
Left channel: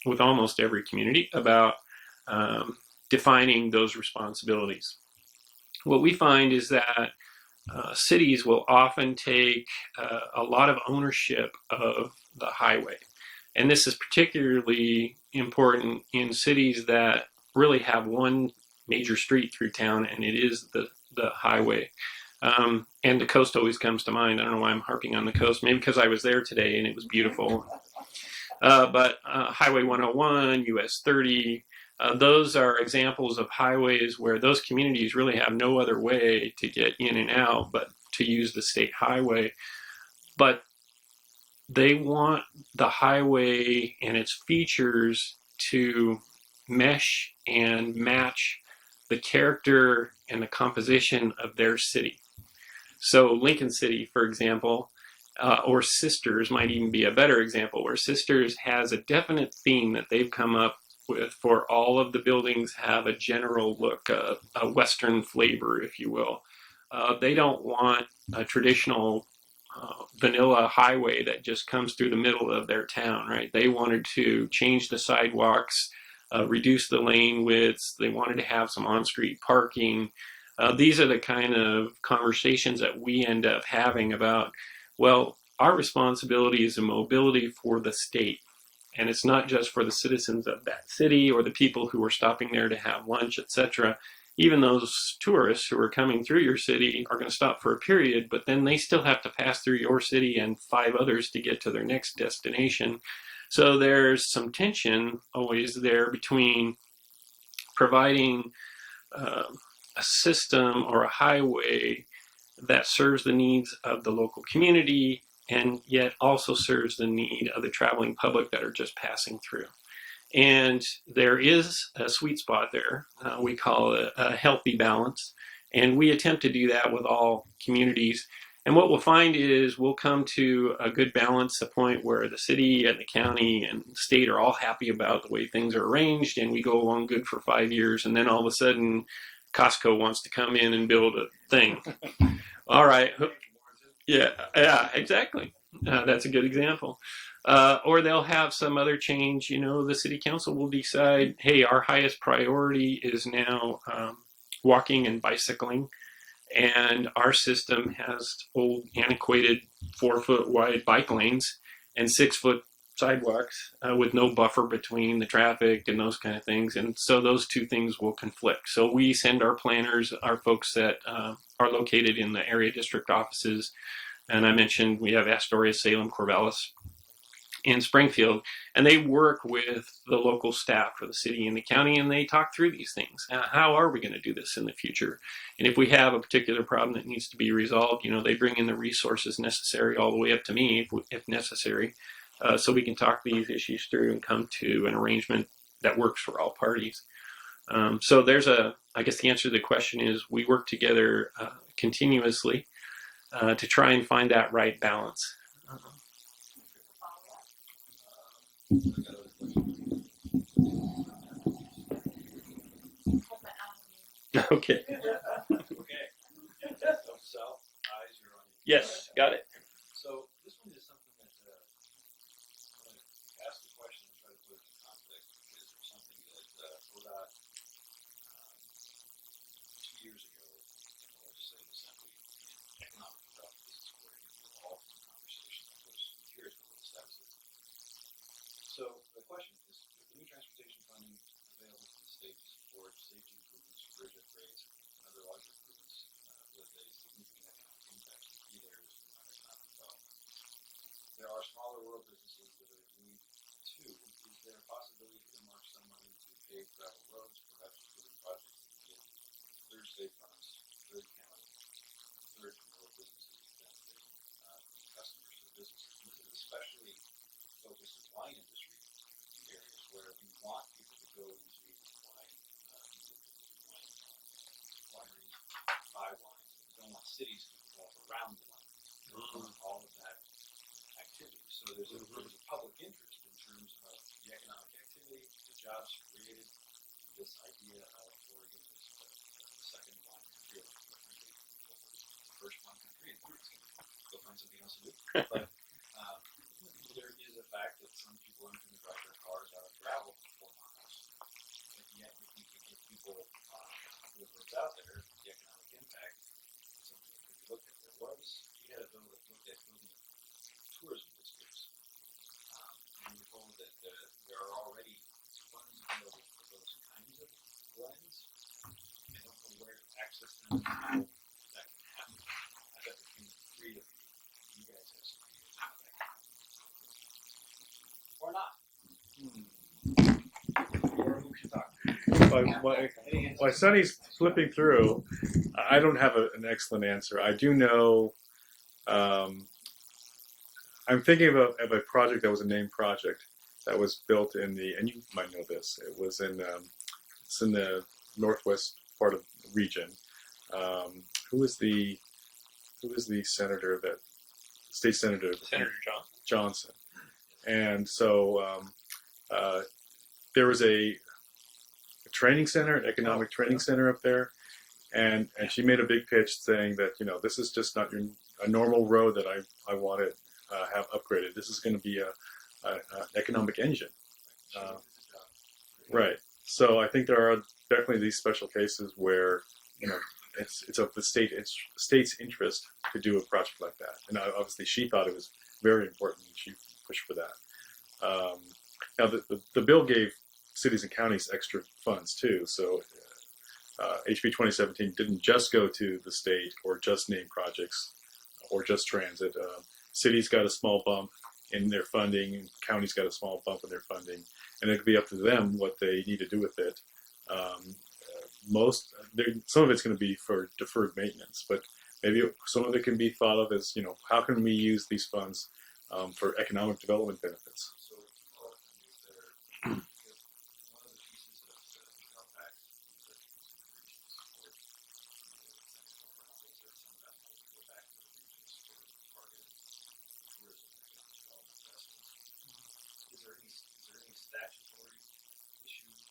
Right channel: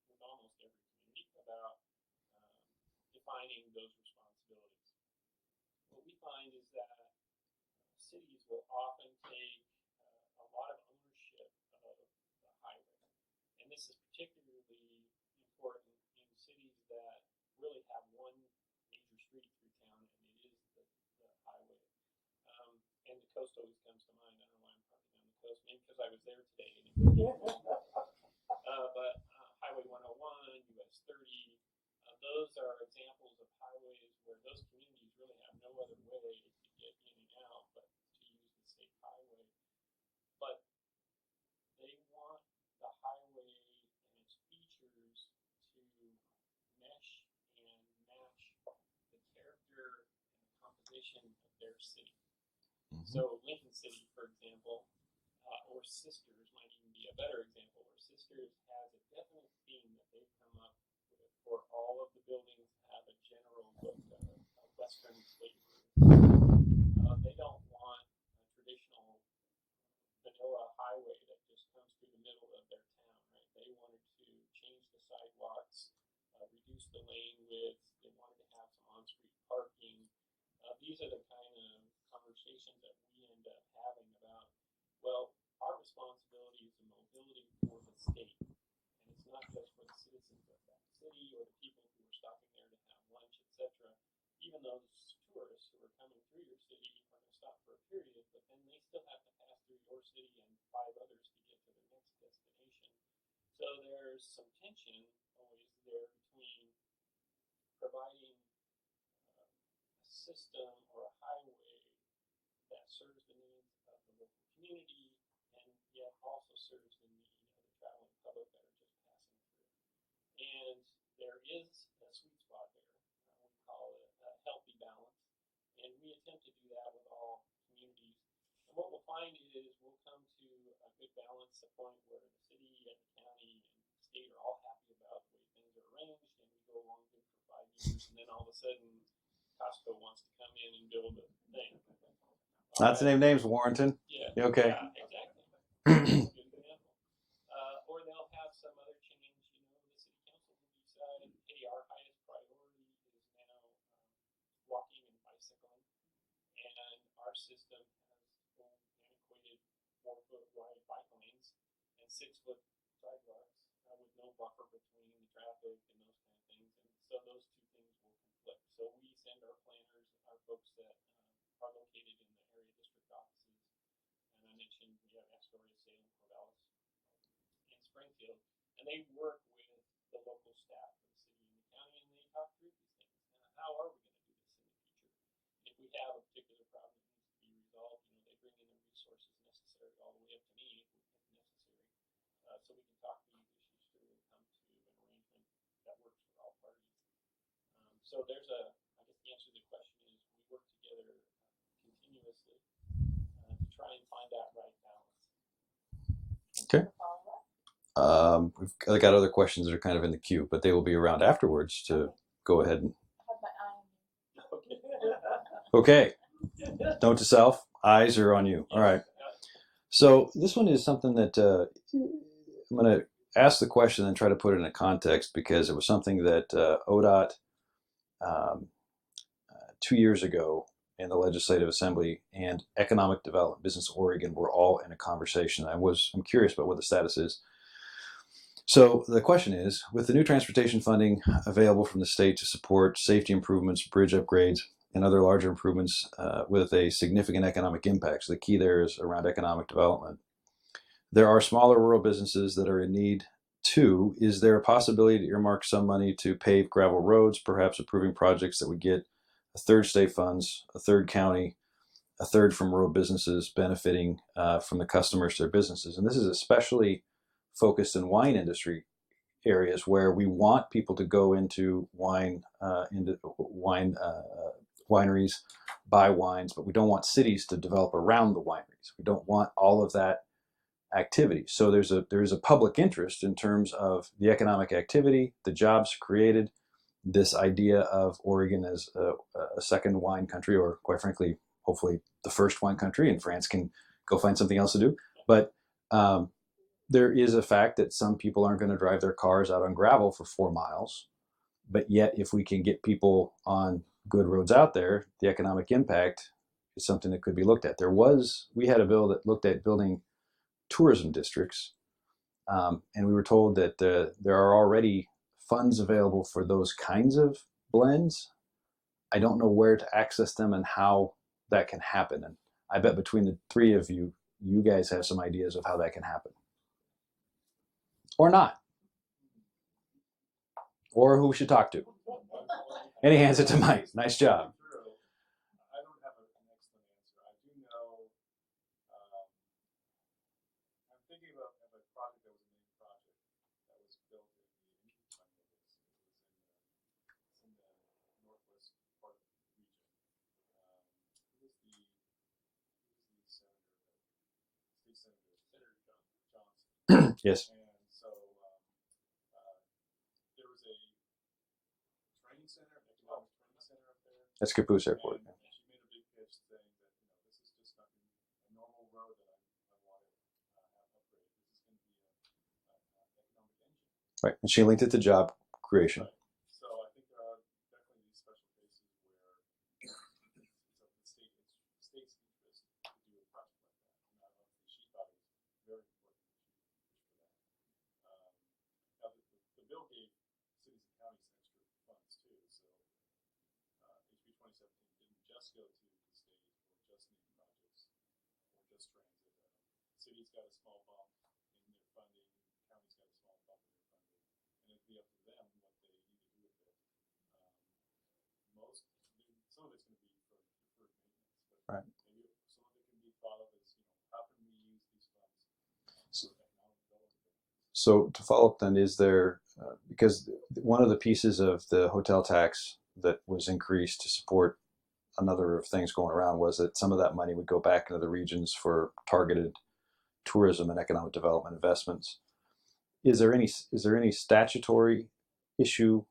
with almost every community about defining those responsibilities. What we find is that cities will often take a lot of ownership of the highway. And this is particularly important in cities that really have one major street through town, and it is the highway. And the coast always comes to mind. I don't know why I'm harping on the coast, maybe because I was there today and it was beautiful. But Highway 101, US 30, those are examples of highways where those communities really have no other way to get in and out but to use the state highway. But they want the highway and its features to mesh and match the character and the composition of their city. So Lincoln City, for example, or Sisters might even be a better example, where Sisters has a definite theme that they've come up with for all of the buildings have a general look, a Western flavor, if you will. They don't want a traditional vanilla highway that just comes through the middle of their town, right? They wanted to change the sidewalks, reduce the lane widths. They wanted to have some on-street parking. These are the kind of conversations that we end up having about, well, our responsibility is a mobility for the state. And it's not just for the citizens of that city or the people who are stopping there to have lunch, etc. Even those tourists who are coming through your city are going to stop for a period, but then they still have to pass through your city and 5 others to get to their next destination. So there's some tension always there between providing a system or a highway that serves the needs of the local community and yet also serves the need of the traveling public that are just passing through. And there is a sweet spot there. We call it a healthy balance. And we attempt to do that with all communities. And what we'll find is we'll come to a good balance, a point where the city and the county and the state are all happy about the way things are arranged, and we go along good for 5 years. And then all of a sudden, Costco wants to come in and build a thing. All right. Same name's Warrenton. Yeah, Okay. yeah, exactly. That's a good example. Or they'll have some other change. You know, the city council will decide, hey, our highest priority is now walking and bicycling, and our system has old, antiquated 4-foot wide bike lanes and 6-foot sidewalks with no buffer between the traffic and those kind of things. And so those two things will conflict. So we send our planners, our folks that are located in the area district offices. And I mentioned we have Astoria, Salem, Corvallis, and Springfield, and they work with the local staff for the city and the county, and they talk through these things. How are we going to do this in the future? And if we have a particular problem that needs to be resolved, you know, they bring in the resources necessary all the way up to me if necessary, so we can talk these issues through and come to an arrangement that works for all parties. So there's I guess the answer to the question is we work together continuously to try and find that right balance. Okay. We've got other questions that are kind of in the queue, but they will be around afterwards to go ahead and. Okay. Okay. Note to self: eyes are on you. Yes, All right. got it. So this one is something that I'm going to ask the question and try to put it in a context, because it was something that ODOT 2 years ago in the Legislative Assembly and Economic Development, Business Oregon were all in a conversation. I'm curious about what the status is. So the question is, with the new transportation funding available from the state to support safety improvements, bridge upgrades, and other larger improvements with a significant economic impact, so the key there is around economic development. There are smaller rural businesses that are in need too. Is there a possibility to earmark some money to pave gravel roads, perhaps approving projects that would get a third state funds, a third county, a third from rural businesses benefiting from the customers to their businesses? And this is especially focused in wine industry areas where we want people to go into wineries, buy wines, but we don't want cities to develop around the wineries. We don't want all of that activity. So there is a public interest in terms of the economic activity, the jobs created, this idea of Oregon as a second wine country, or quite frankly, hopefully the first wine country, and France can go find something else to do. But there is a fact that some people aren't going to drive their cars out on gravel for 4 miles. But yet, if we can get people on good roads out there, the economic impact is something that could be looked at. We had a bill that looked at building tourism districts, and we were told that there are already funds available for those kinds of blends. I don't know where to access them and how that can happen. And I bet between the three of you, you guys have some ideas of how that can happen. Or not. Or who we should talk to. Any hands at Sonny's nice job. flipping through. I don't have an excellent answer. I do know. I'm thinking of a project that was a named project that was built in and you might know this. It was it's in the northwest part of the region. Who is the senator state senator? Senator Johnson. Yes. And so there was a training center, an economic training center up there. That's Caboose Airport. And she made a big pitch saying that, this is just not a normal road that I want to have upgraded. This is going to be an economic engine. Right, and she linked it to job creation. Right. So I think there are definitely these special cases where it's of the state's interest to do a project like that. And obviously she thought it was very important, and she pushed for that. Now the bill gave cities and counties extra funds too. So HB 2017 didn't just go to the state or just name projects or just transit. Cities got a small bump in their funding, and counties got a small bump in their funding, and it could be up to them what they need to do with it. Some of it's going to be for deferred maintenance, but maybe some of it can be thought of as, how can we use these funds for economic development benefits? So to follow up then, is there, because one of the pieces of the hotel tax that was increased to support another of things going around was that some of that money would go back into the regions for targeted tourism and economic development investments. Is there any statutory issue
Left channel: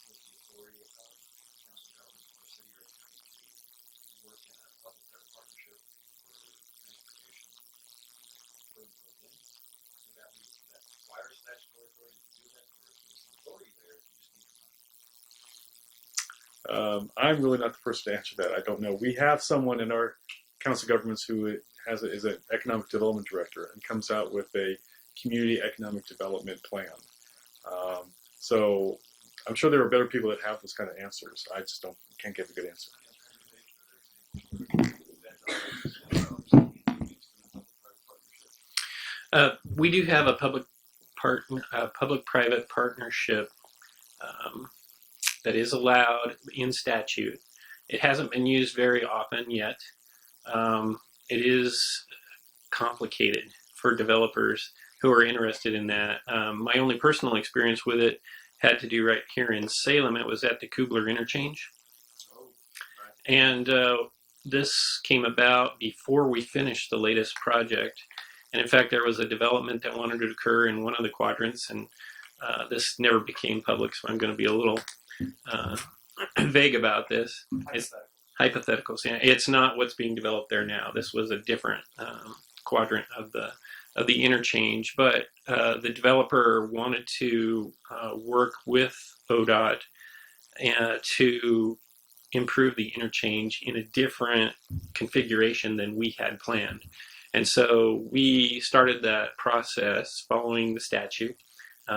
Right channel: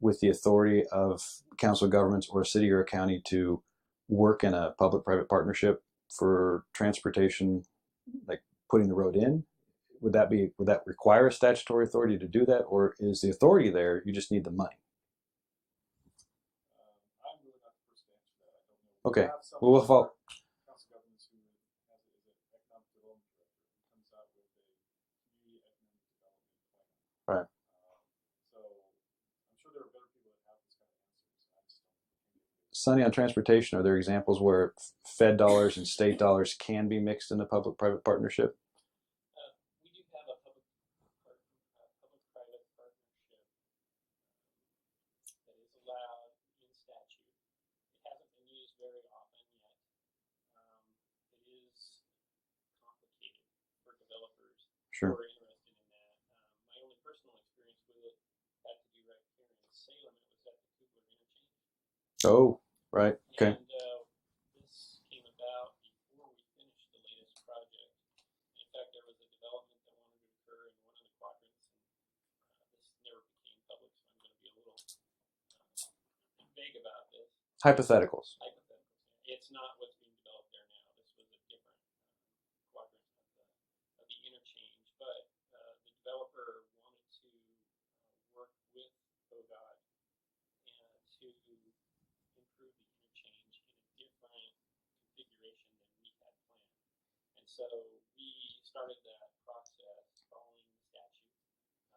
with the authority of council of governments or a city or a county to work in a public-private partnership for transportation, like putting the road in? Would that require a statutory authority to do that, or is the authority there, you just need the money? I'm really not the person to answer that. I don't know. We Okay. have someone in our council of governments who is an economic development director and comes out with a community economic development plan. Right. So I'm sure there are better people that have those kind of answers. I just can't give a good answer. Sonny, on transportation, are there examples where Fed dollars and state dollars can be mixed in a public-private partnership? We do have a public-private partnership that is allowed in statute. It hasn't been used very often yet. It is complicated for developers who are interested in that. My only personal experience with it had to do right here in Salem. It was at the Kubler interchange. Oh, right. And this came about before we finished the latest project. And in fact, there was a development that wanted to occur in one of the quadrants, and this never became public, so I'm going to be a little vague about this. Hypotheticals. Hypotheticals, yeah. It's not what's being developed there now. This was a different quadrant of the interchange, but the developer wanted to work with ODOT to improve the interchange in a different configuration than we had planned. And so we started that process following the statute.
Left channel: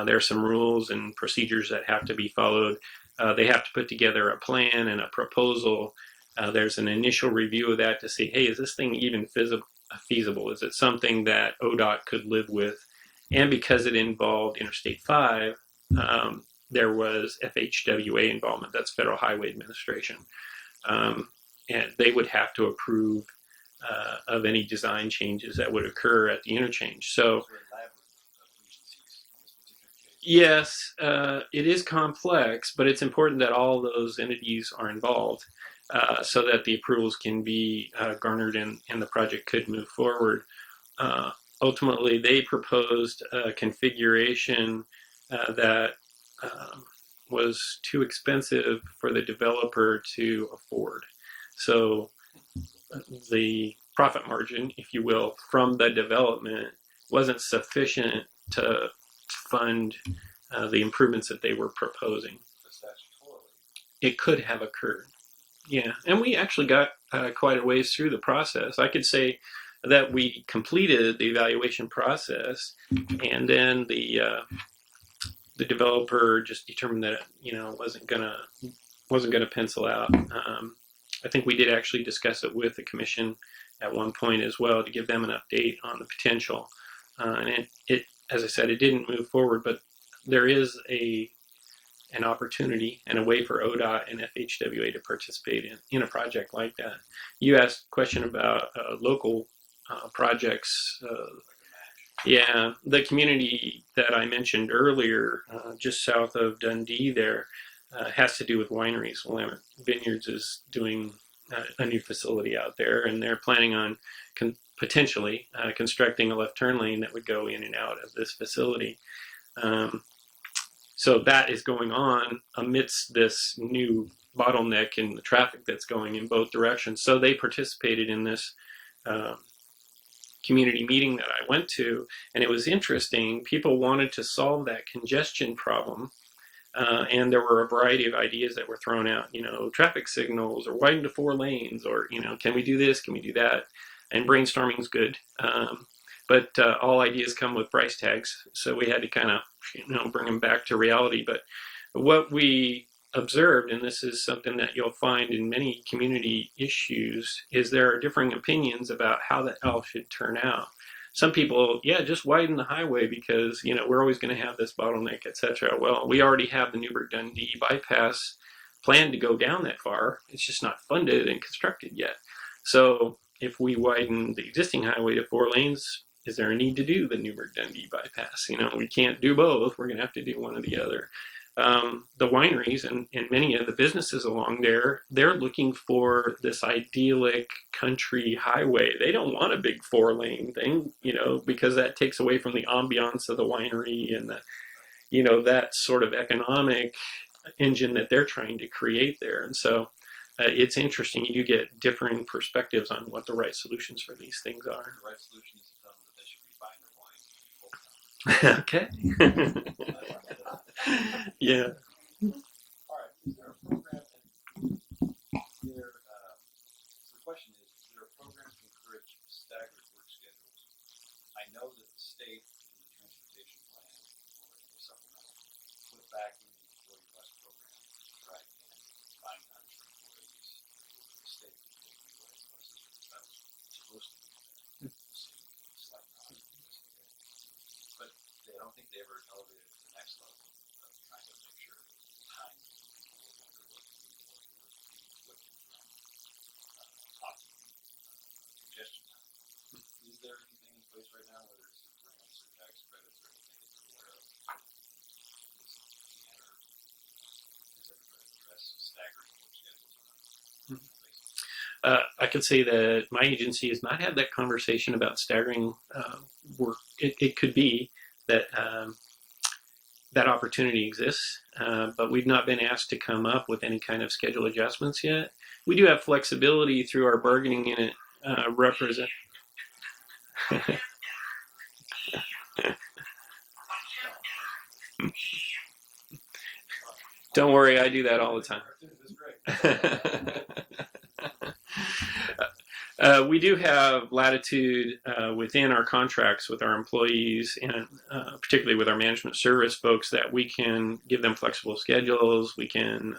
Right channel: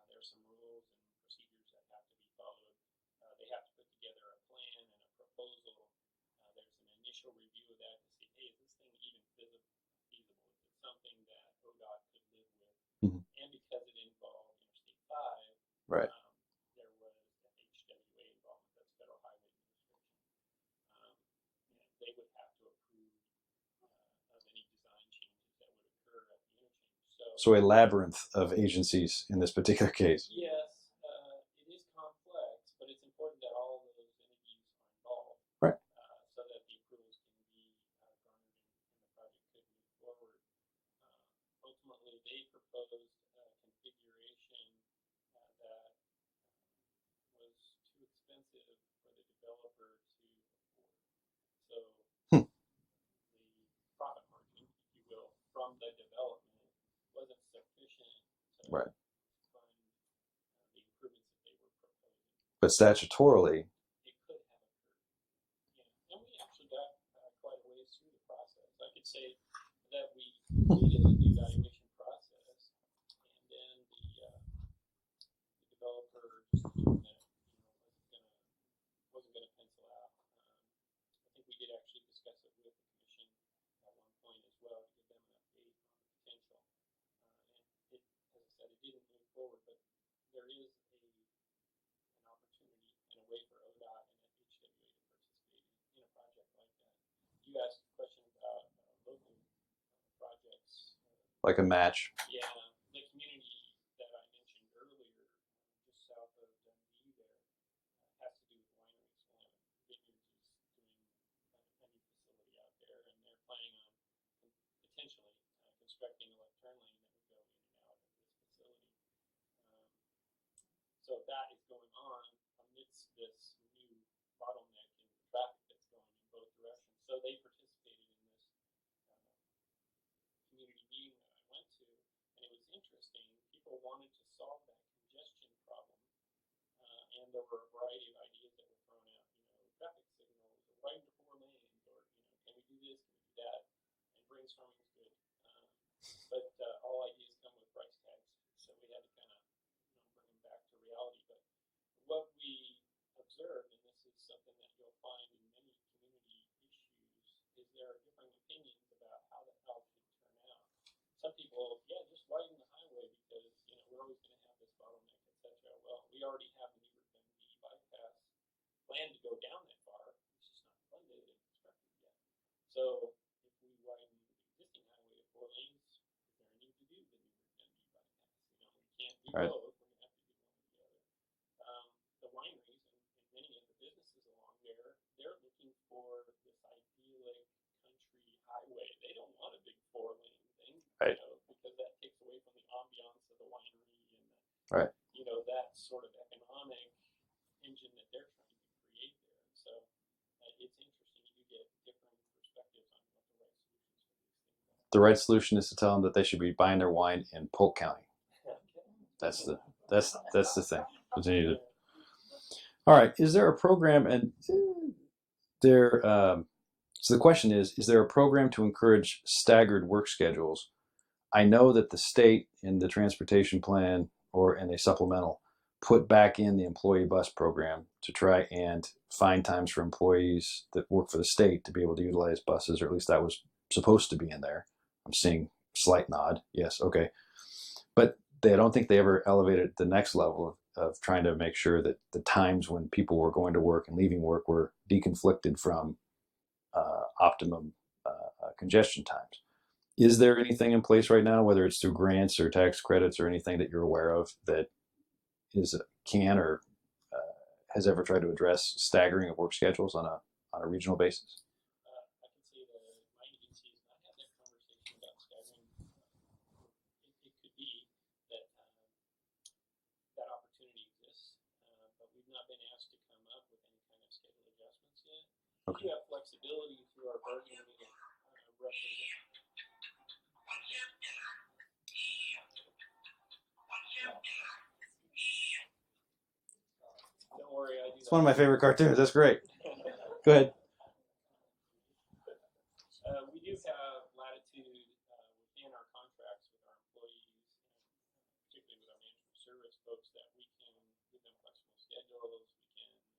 There are some rules and procedures that have to be followed. They have to put together a plan and a proposal. There's an initial review of that to see, hey, is this thing even feasible? Is it something that ODOT could live with? Mm-hmm. And because it involved Interstate 5, right. There was FHWA involvement. That's Federal Highway Administration. And they would have to approve of any design changes that would occur at the interchange. So a labyrinth of agencies in this particular case. Yes, it is complex, but it's important that all those entities are involved, right. So that the approvals can be garnered and the project could move forward. Ultimately, they proposed a configuration that was too expensive for the developer to afford. So the profit margin, if you will, from the development wasn't sufficient to fund the improvements that they were proposing. But statutorily, it could have occurred. Yeah, and we actually got quite a ways through the process. I could say that we completed the evaluation process, and then the developer just determined that wasn't gonna pencil out. I think we did actually discuss it with the commission at one point as well to give them an update on the potential. And it, as I said, it didn't move forward, but there is an opportunity and a way for ODOT and FHWA to participate in a project like that. You asked a question about local projects. like a match. Yeah, the community that I mentioned earlier, just south of Dundee there, has to do with wineries. Willamette Vineyards is doing a new facility out there, and they're planning on potentially constructing a left turn lane that would go in and out of this facility. So that is going on amidst this new bottleneck in the traffic that's going in both directions. So they participated in this community meeting that I went to, and it was interesting. People wanted to solve that congestion problem, and there were a variety of ideas that were thrown out. Traffic signals, or widen to 4 lanes, or can we do this? Can we do that? And brainstorming is good, but all ideas come with price tags. So we had to kind of bring them back to reality. But what we observed, and this is something that you'll find in many community issues, is there are differing opinions about how the L should turn out. Some people, just widen the highway because we're always going to have this bottleneck, etc. Well, we already have the Newburgh-Dundee bypass planned to go down that far. It's just not funded and constructed yet. So if we widen the existing highway to 4 lanes, is there a need to do the Newburgh-Dundee bypass? We can't do both. We're going to have to do one or the other. The wineries and many of the businesses along there, they're looking for this idyllic country highway. They don't want a big 4-lane thing, because that takes away from the ambiance of the winery and that sort of economic engine that they're trying to create there. And so it's interesting. You get differing perspectives on what the right solutions for these things are. The right solution is to tell them that they should be buying their wine in Polk County. Okay. That's the thing. Continue. Yeah. All right. Is there a program, and there? So the question is there a program to encourage staggered work schedules? I know that the state in the transportation plan or in a supplemental put back in the employee bus program to try and find times for employees that work for the state to be able to utilize buses, or at least that was supposed to be in there. I'm seeing slight nod. Yes. Okay. But I don't think they ever elevated it to the next level of trying to make sure that the times when people were going to work and leaving work were deconflicted from optimum congestion times. Is there anything in place right now, whether it's through grants or tax credits or anything that you're aware of, that can or has ever tried to address staggering of work schedules on a regional basis? I could say that my agency has not had that conversation about staggering work. It could be that that opportunity exists, but we've not been asked to come up with any kind of schedule adjustments yet. We do have flexibility through our bargaining unit represent. Don't worry, I do that One all of my favorite cartoons. That's great. Go ahead. We do have latitude within our contracts with our employees, and particularly with our management service folks, that we can give them flexible schedules. We can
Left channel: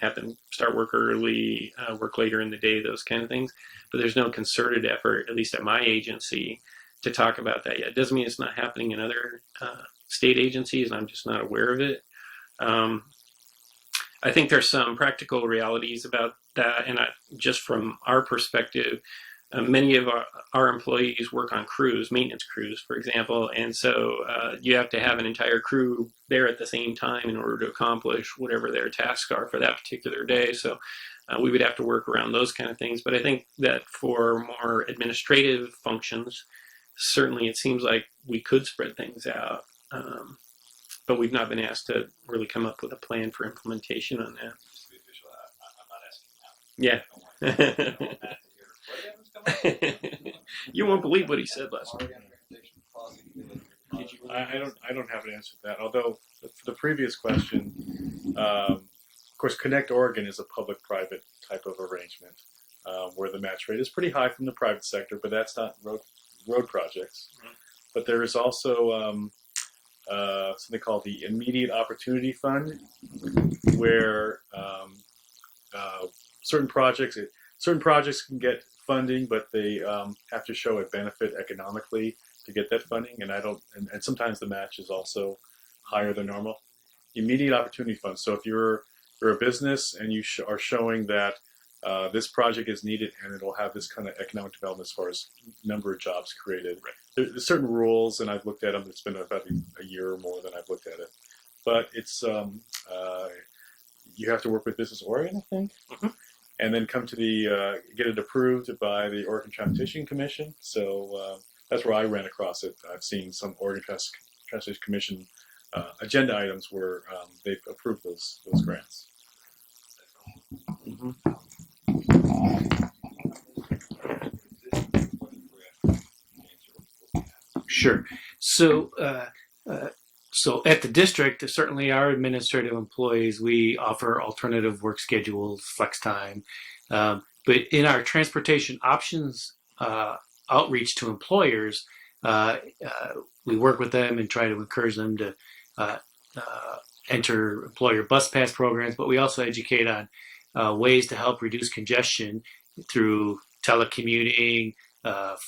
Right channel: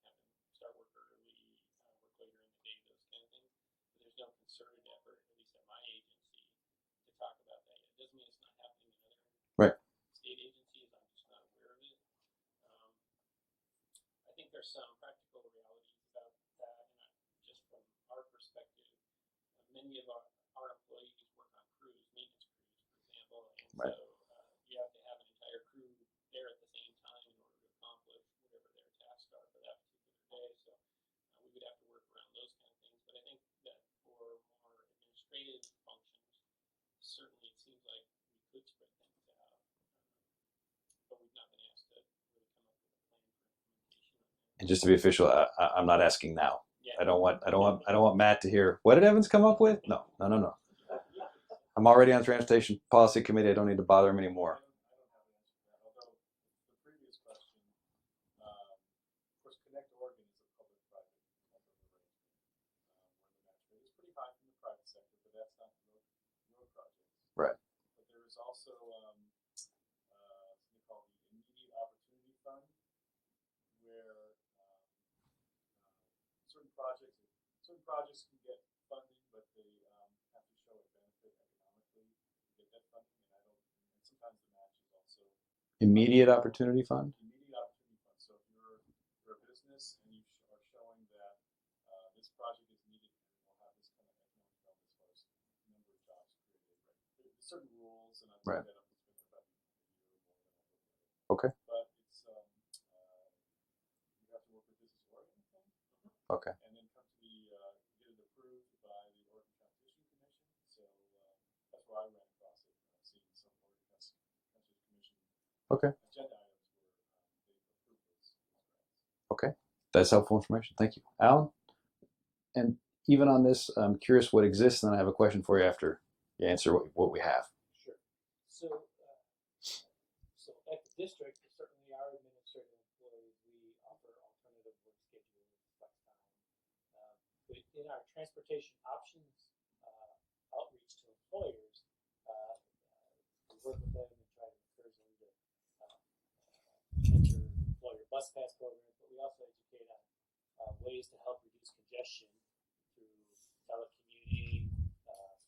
have them start work early, work later in the day, those kind of things. But there's no concerted effort, at least at my agency, to talk about that yet. It doesn't mean it's not happening in other state agencies, and I'm just not aware of it. I think there's some practical realities about that, and just from our perspective, many of our employees work on crews, maintenance crews, for example, and so you have to have an entire crew there at the same time in order to accomplish whatever their tasks are for that particular day. So we would have to work around those kind of things. But I think that for more administrative functions, certainly it seems like we could spread things out. But we've not been asked to really come up with a plan for implementation on that. And just to be official, I'm not asking now. Yeah. I don't want Matt to hear, what did Evans come up with? No. You won't believe what he said last I'm already on Transportation Policy Committee. I don't need to bother him anymore. I don't have an answer to that. Although for the previous question, of course, Connect Oregon is a public-private type of arrangement where the match rate is pretty high from the private sector, but that's not road projects. Right. But there is also something called the Immediate Opportunity Fund, where certain projects can get funding, but they have to show a benefit economically to get that funding. And sometimes the match is also Immediate Opportunity Fund? Immediate Opportunity Fund. So if you're a business and you are showing that this project is needed and it'll have this kind of economic development as far as number of jobs created. Right. There's certain rules, and I've looked at them. It's been about a year or more that I've looked at it. Okay. But it's you have to work with Business Oregon, I think. Mm-hmm. Okay. And then come to get it approved by the Oregon Transportation Commission. So that's where I ran across it. I've seen some Oregon Transportation Commission Okay. agenda items were they've approved those grants. Okay, that's helpful information. Thank you, Mhm. Alan. And even on this, I'm curious what exists, and then I have a question for you after you answer what we have. Sure. So, so at the district, certainly our administrative employees, we offer alternative work schedules, flex time. But in our transportation options outreach to employers, we work with them and try to encourage them to uh, enter employer bus pass programs. But we also educate on ways to help reduce congestion through telecommuting,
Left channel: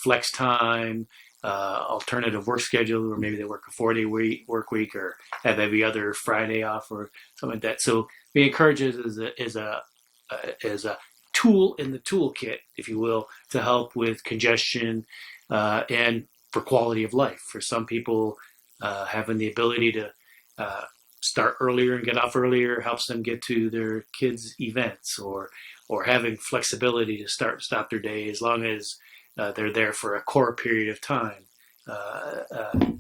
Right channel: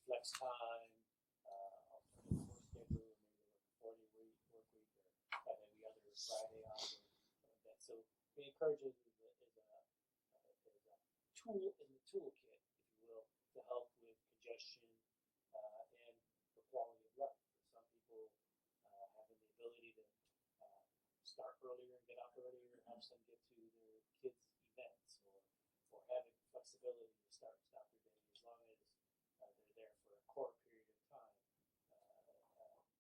flex time, alternative work schedule, or maybe they work a 4-day work week or have every other Friday off or something like that. So we encourage it as a tool in the toolkit, if you will, to help with congestion and for quality of life. For some people, having the ability to start earlier and get off earlier helps them get to their kids' events, or having flexibility to start and stop their day as long as they're there for a core period of time.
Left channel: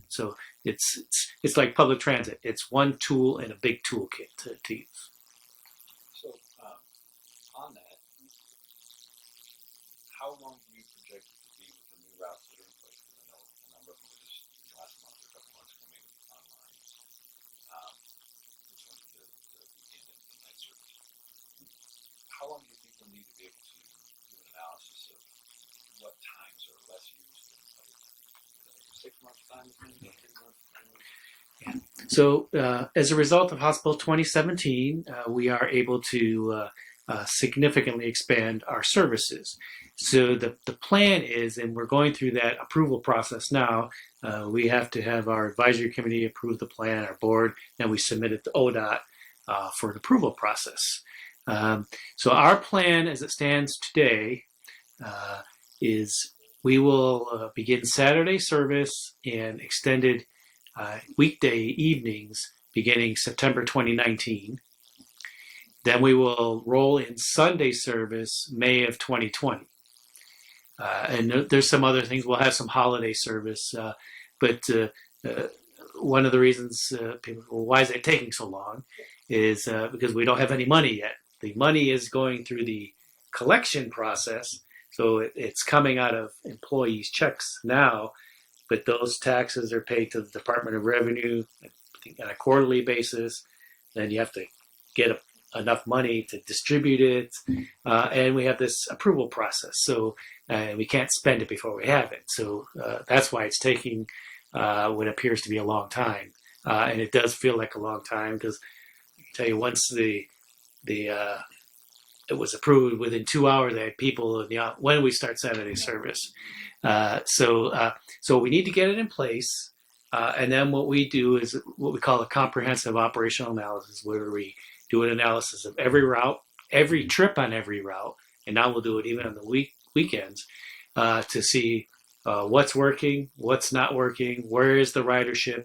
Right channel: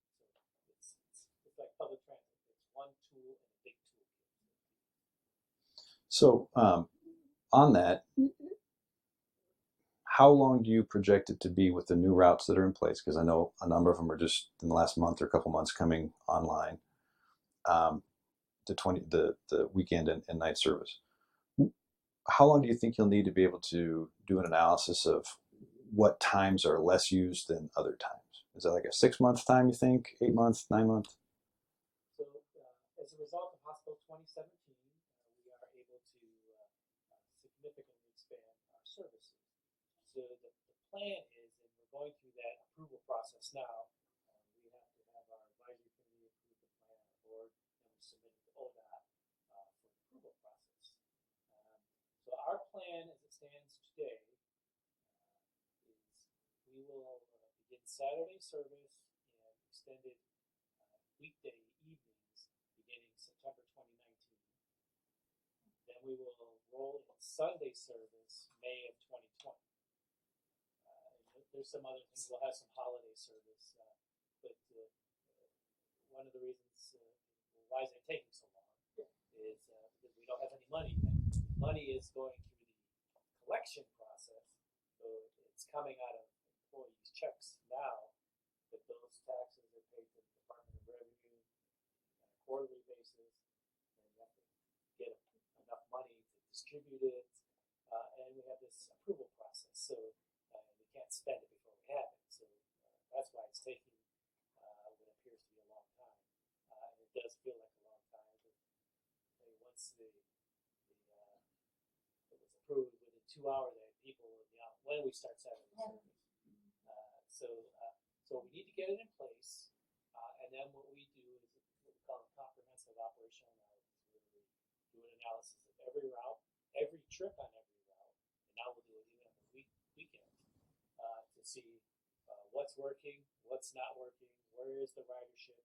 So it's like public transit. It's one tool in a big toolkit to use. So on that, how long do you project it to be with the new routes that are in place? Because I know a number of them are just in the last month or a couple months coming online. The weekend and night service. How long do you think you'll need to be able to do an analysis of what times are less used than other times? Is that like a 6-month time, you think? 8 months, 9 months? Yeah. So as a result of Hospital 2017, we are able to significantly expand our services. So the plan is, and we're going through that approval process now, we have to have our advisory committee approve the plan, our board, and we submit it to ODOT for an approval process. So our plan as it stands today is we will begin Saturday service and extended weekday evenings beginning September 2019. Then we will roll in Sunday service May of 2020. And there's some other things. We'll have some holiday service. But one of the reasons people, well, why is it taking so long, is because we don't have any money yet. The money is going through the collection process. So it's coming out of employees' checks now, but those taxes are paid to the Department of Revenue on a quarterly basis. Then you have to get enough money to distribute it, and we have this approval process. So we can't spend it before we have it. So that's why it's taking what appears to be a long time, and it does feel like a long time because I can tell you once it was approved within 2 hours. They had people in when we start Saturday service. So we need to get it in place, and then what we do is what we call a comprehensive operational analysis, where we do an analysis of every route, every trip on every route, and now we'll do it even on the weekends to see what's working, what's not working, where is the ridership,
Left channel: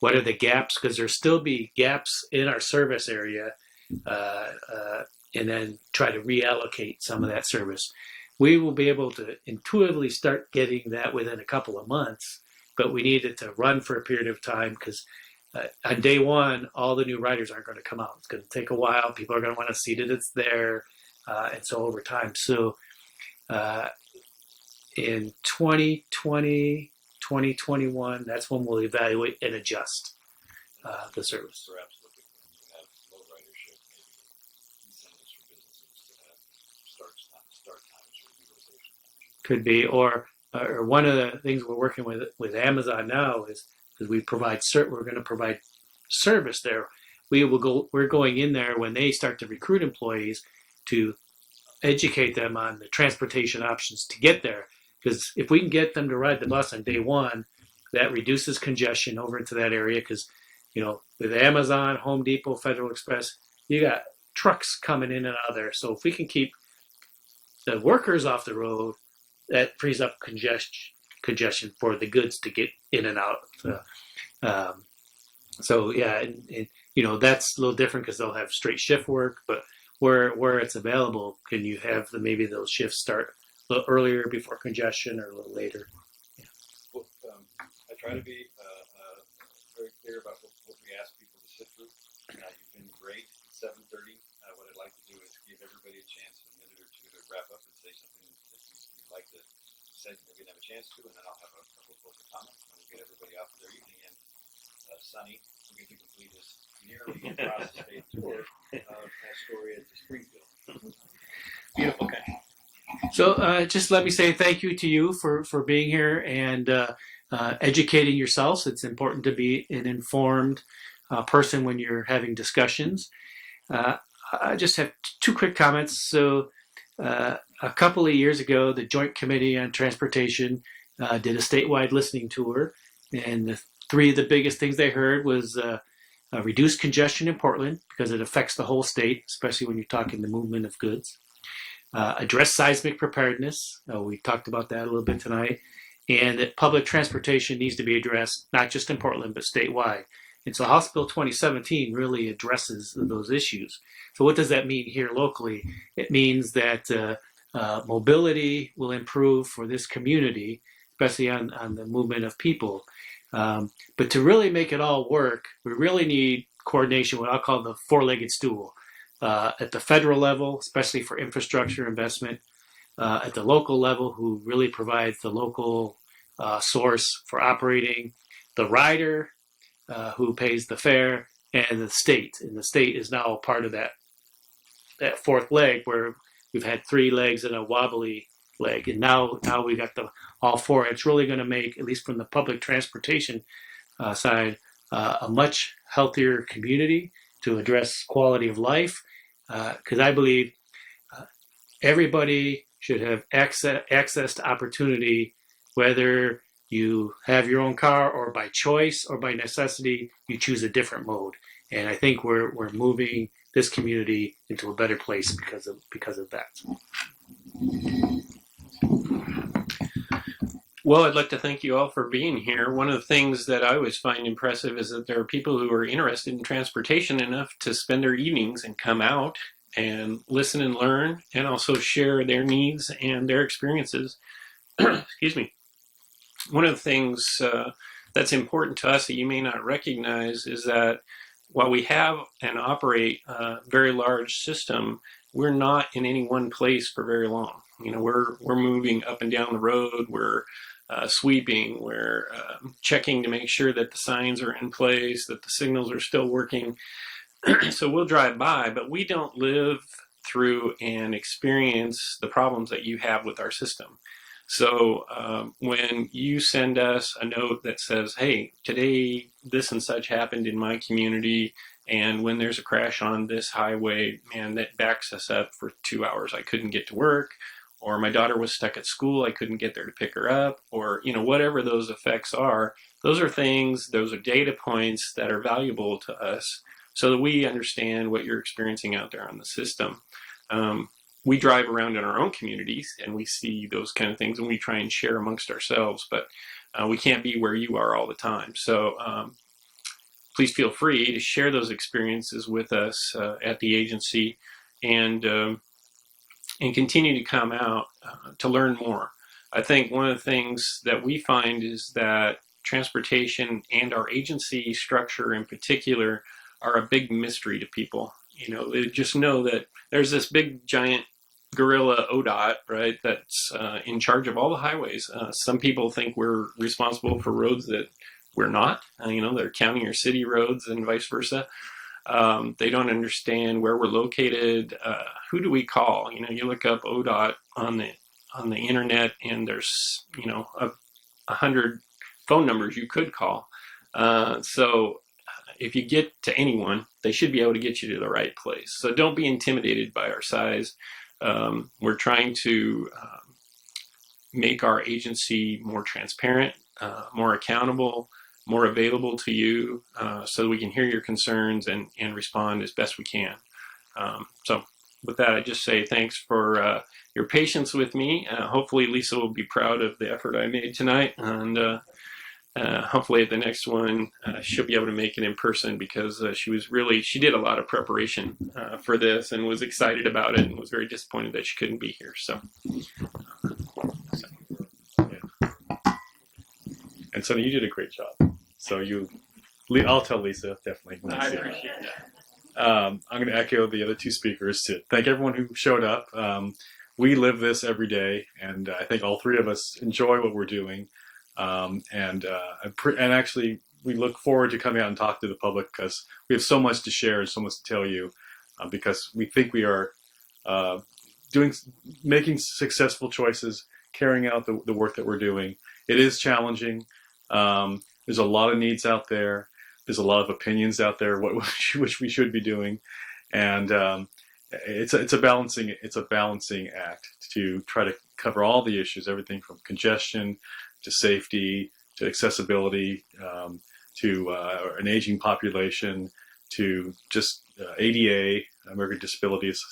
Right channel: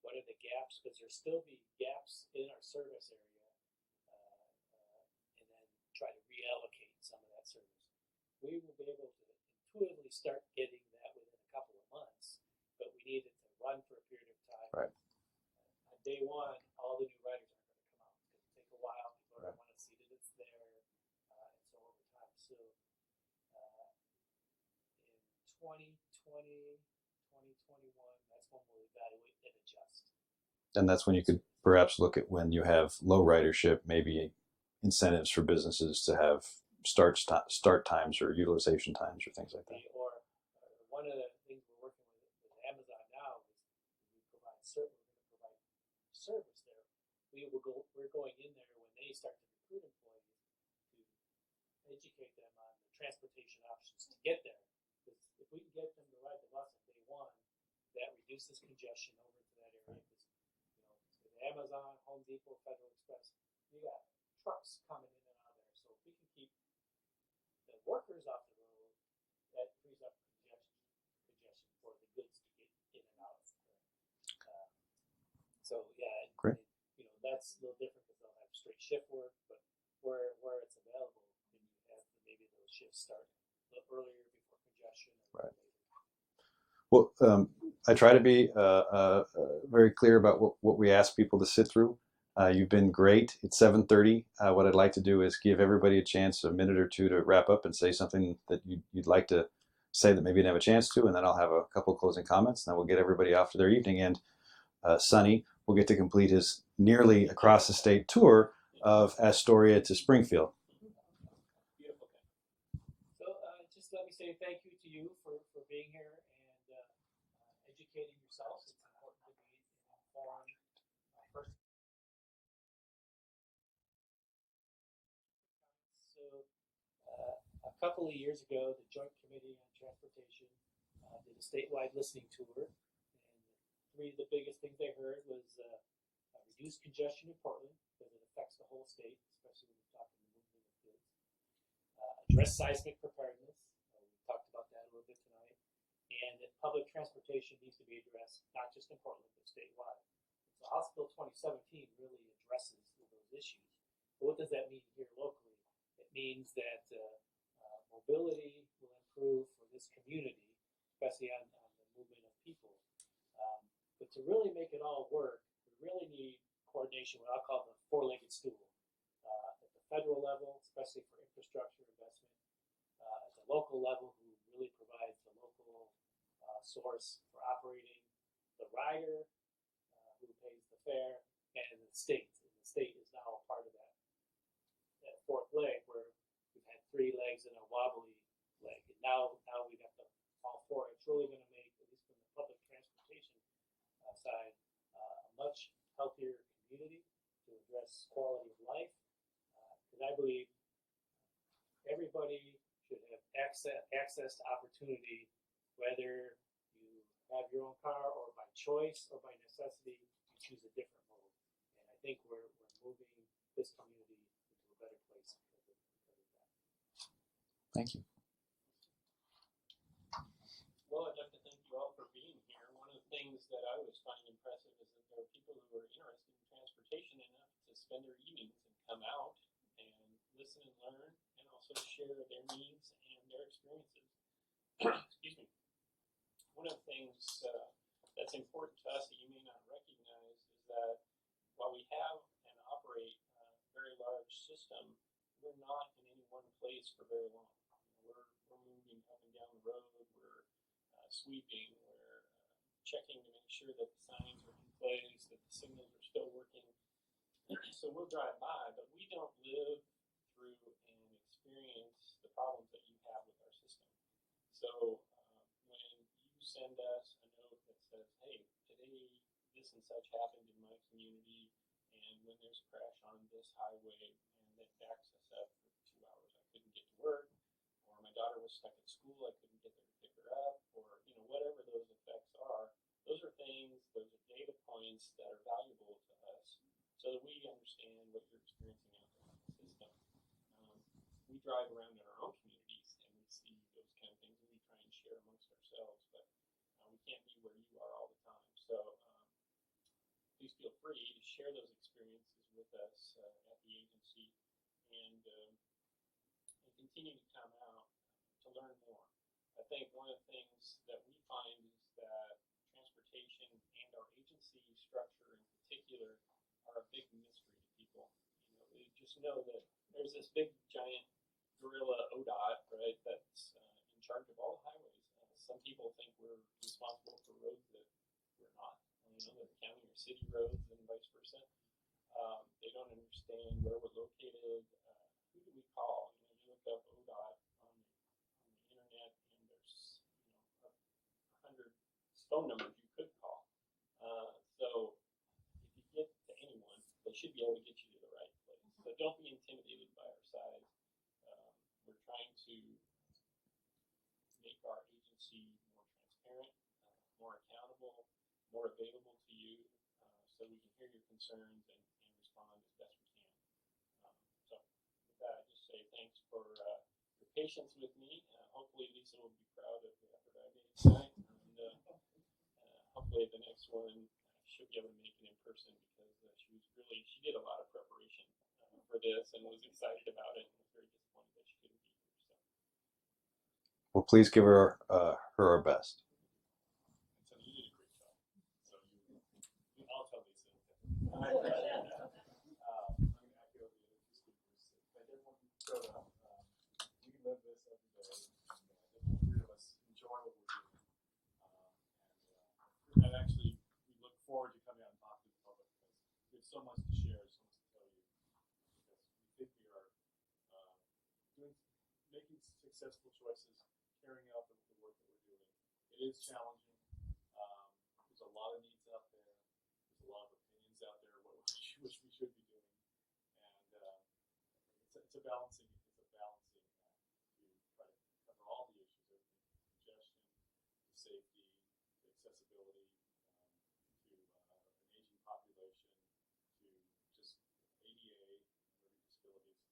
what are the gaps, because there'll still be gaps in our service area, and then try to reallocate some of that service. We will be able to intuitively start getting that within a couple of months, but we need it to run for a period of time because on day one, all the new riders aren't going to come out. It's going to take a while. People are going to want to see that it's there, and so over time. So in 2020, 2021, that's when we'll evaluate and adjust. And that's when you can service. perhaps look at when you have low ridership, maybe incentives for businesses to have start times or utilization times or things. Could be, or one of the things we're working with Amazon now is because we're going to provide service there. We're going in there when they start to recruit employees to educate them on the transportation options to get there. Because if we can get them to ride the bus on day one, that reduces congestion over into that area. Because with Amazon, Home Depot, Federal Express, you got trucks coming in and out there. So if we can keep the workers off the road, that frees up congestion for the goods to get in and out. So yeah, and that's a little different because they'll have straight shift work, but where it's available, can you have maybe those shifts start a little earlier before congestion or a little later? Well, I try to be very clear about what we ask people to sit through. You've been great. It's 7:30. What I'd like to do is give everybody a chance, a minute or two, to wrap up and say something that you'd like to say that maybe you didn't have a chance to, and then I'll have a couple of closing comments, and then we'll get everybody off to their evening. And Sonny will get to complete his nearly across the state tour of Astoria to Springfield. Beautiful guy. So just let me say thank you to you for being here and educating yourselves. It's important to be an informed person when you're having discussions. I just have two quick comments. So a couple of years ago, the Joint Committee on Transportation did a statewide listening tour, and three of the biggest things they heard was reduced congestion in Portland because it affects the whole state, especially when you're talking the movement of goods. Address seismic preparedness. We talked about that a little bit tonight. And that public transportation needs to be addressed, not just in Portland, but statewide. And so House Bill 2017 really addresses those issues. So what does that mean here locally? It means that mobility will improve for this community, especially on the movement of people. But to really make it all work, we really need coordination, what I'll call the four-legged stool. At the federal level, especially for infrastructure investment, at the local level, who really provides the local source for operating, the rider, who pays the fare, and the state. And the state is now part of that fourth leg, where we've had three legs and a wobbly leg, and now we got all four. It's really going to make, at least from the public transportation side, a much healthier community to address quality of life. Because I believe everybody should have access to opportunity, whether you have your own car or by choice or by necessity, you choose a different mode. And I think we're moving this community into a better place because of that. Well, I'd like to thank you all for being here. One of the things that I always find impressive is that there are people who are interested in transportation enough to spend their evenings and come out and listen and learn, and also share their needs and their experiences. Excuse me. One of the things that's important to us that you may not recognize is that while we have and operate a very large system, we're not in any one place for very long. You know, we're moving up and down the road. We're sweeping. We're checking to make sure that the signs are in place, that the signals are still working. So we'll drive by, but we don't live through and experience the problems that you have with our system. So when you send us a note that says, hey, today this and such happened in my community, and when there's a crash on this highway, man, that backs us up for 2 hours. I couldn't get to work, or my daughter was stuck at school. I couldn't get there to pick her up, or, you know, whatever those effects are. Those are things, those are data points that are valuable to us so that we understand what you're experiencing out there on the system. We drive around in our own communities and we see those kind of things, and we try and share amongst ourselves, but we can't be where you are all the time. So please feel free to share those experiences with us at the agency, and continue to come out to learn more. I think one of the things that we find is that transportation and our agency structure in particular are a big mystery to people. You know, they just know that there's this big giant gorilla ODOT, right, that's in charge of all the highways. Some people think we're responsible for roads that we're not. You know, they're county or city roads and vice versa. They don't understand where we're located. Who do we call? You know, you look up ODOT on the internet, and there's, you know, 100 phone numbers you could call. So if you get to anyone, they should be able to get you to the right place. So don't be intimidated by our size. We're trying to make our agency more transparent, more accountable, more available to you, so that we can hear your concerns and respond as best we can. So with that, I just say thanks for your patience with me. Hopefully Lisa will be proud of the effort I made tonight, and hopefully at the next one she'll be able to make it in person, because she did a lot of preparation for this and was excited about it, and was very disappointed that she couldn't be here. So well, please give her our best. And Sonny, you did a great job. So I'll tell Lisa, definitely. I appreciate that. I'm going to echo the other two speakers to thank everyone who showed up. We live this every day, and I think all three of us enjoy what we're doing. And actually, we look forward to coming out and talk to the public because we have so much to share and so much to tell you. Because we think we are making successful choices, carrying out the work that we're doing. It is challenging. There's a lot of needs out there. There's a lot of opinions out there which we should be doing, and it's a balancing act to try to cover all the issues, everything from congestion to safety to accessibility to an aging population to just ADA, American Disabilities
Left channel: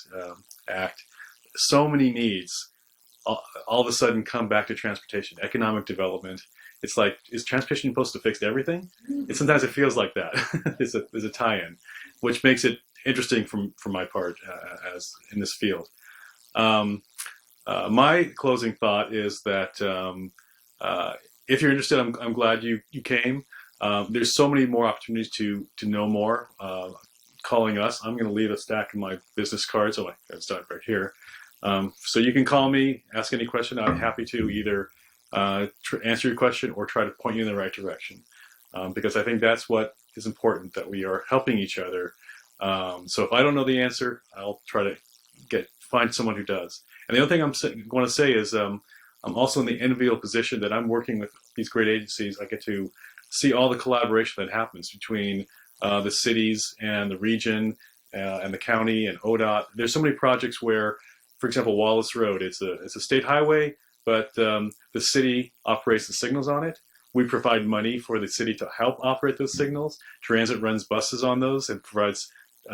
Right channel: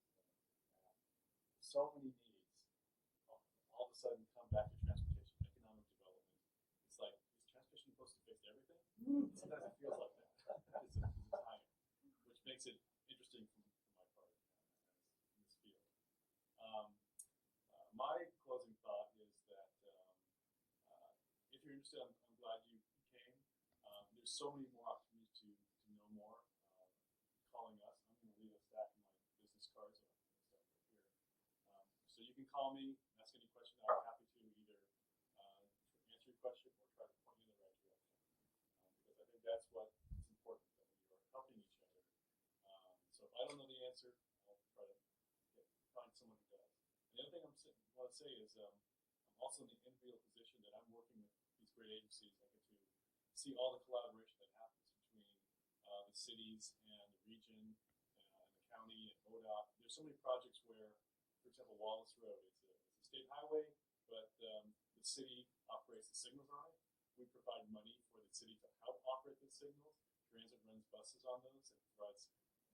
Act. So many needs all of a sudden come back to transportation, economic development. It's like, is transportation supposed to fix everything? Sometimes it feels like that. There's a tie-in, which makes it interesting from my part as in this field. My closing thought is that if you're interested, I'm glad you came. There's so many more opportunities to know more. Calling us, I'm going to leave a stack of my business cards. Oh, I start right here. So you can call me, ask any question. I'm happy to either answer your question or try to point you in the right direction. Because I think that's what is important, that we are helping each other. So if I don't know the answer, I'll try to find someone who does. And the other thing I'm going to say is I'm also in the enviable position that I'm working with these great agencies. I get to see all the collaboration that happens between the cities and the region and the county and ODOT. There's so many projects where, for example, Wallace Road, it's a state highway, but the city operates the signals on it. We provide money for the city to help operate those signals. Transit runs buses on those and provides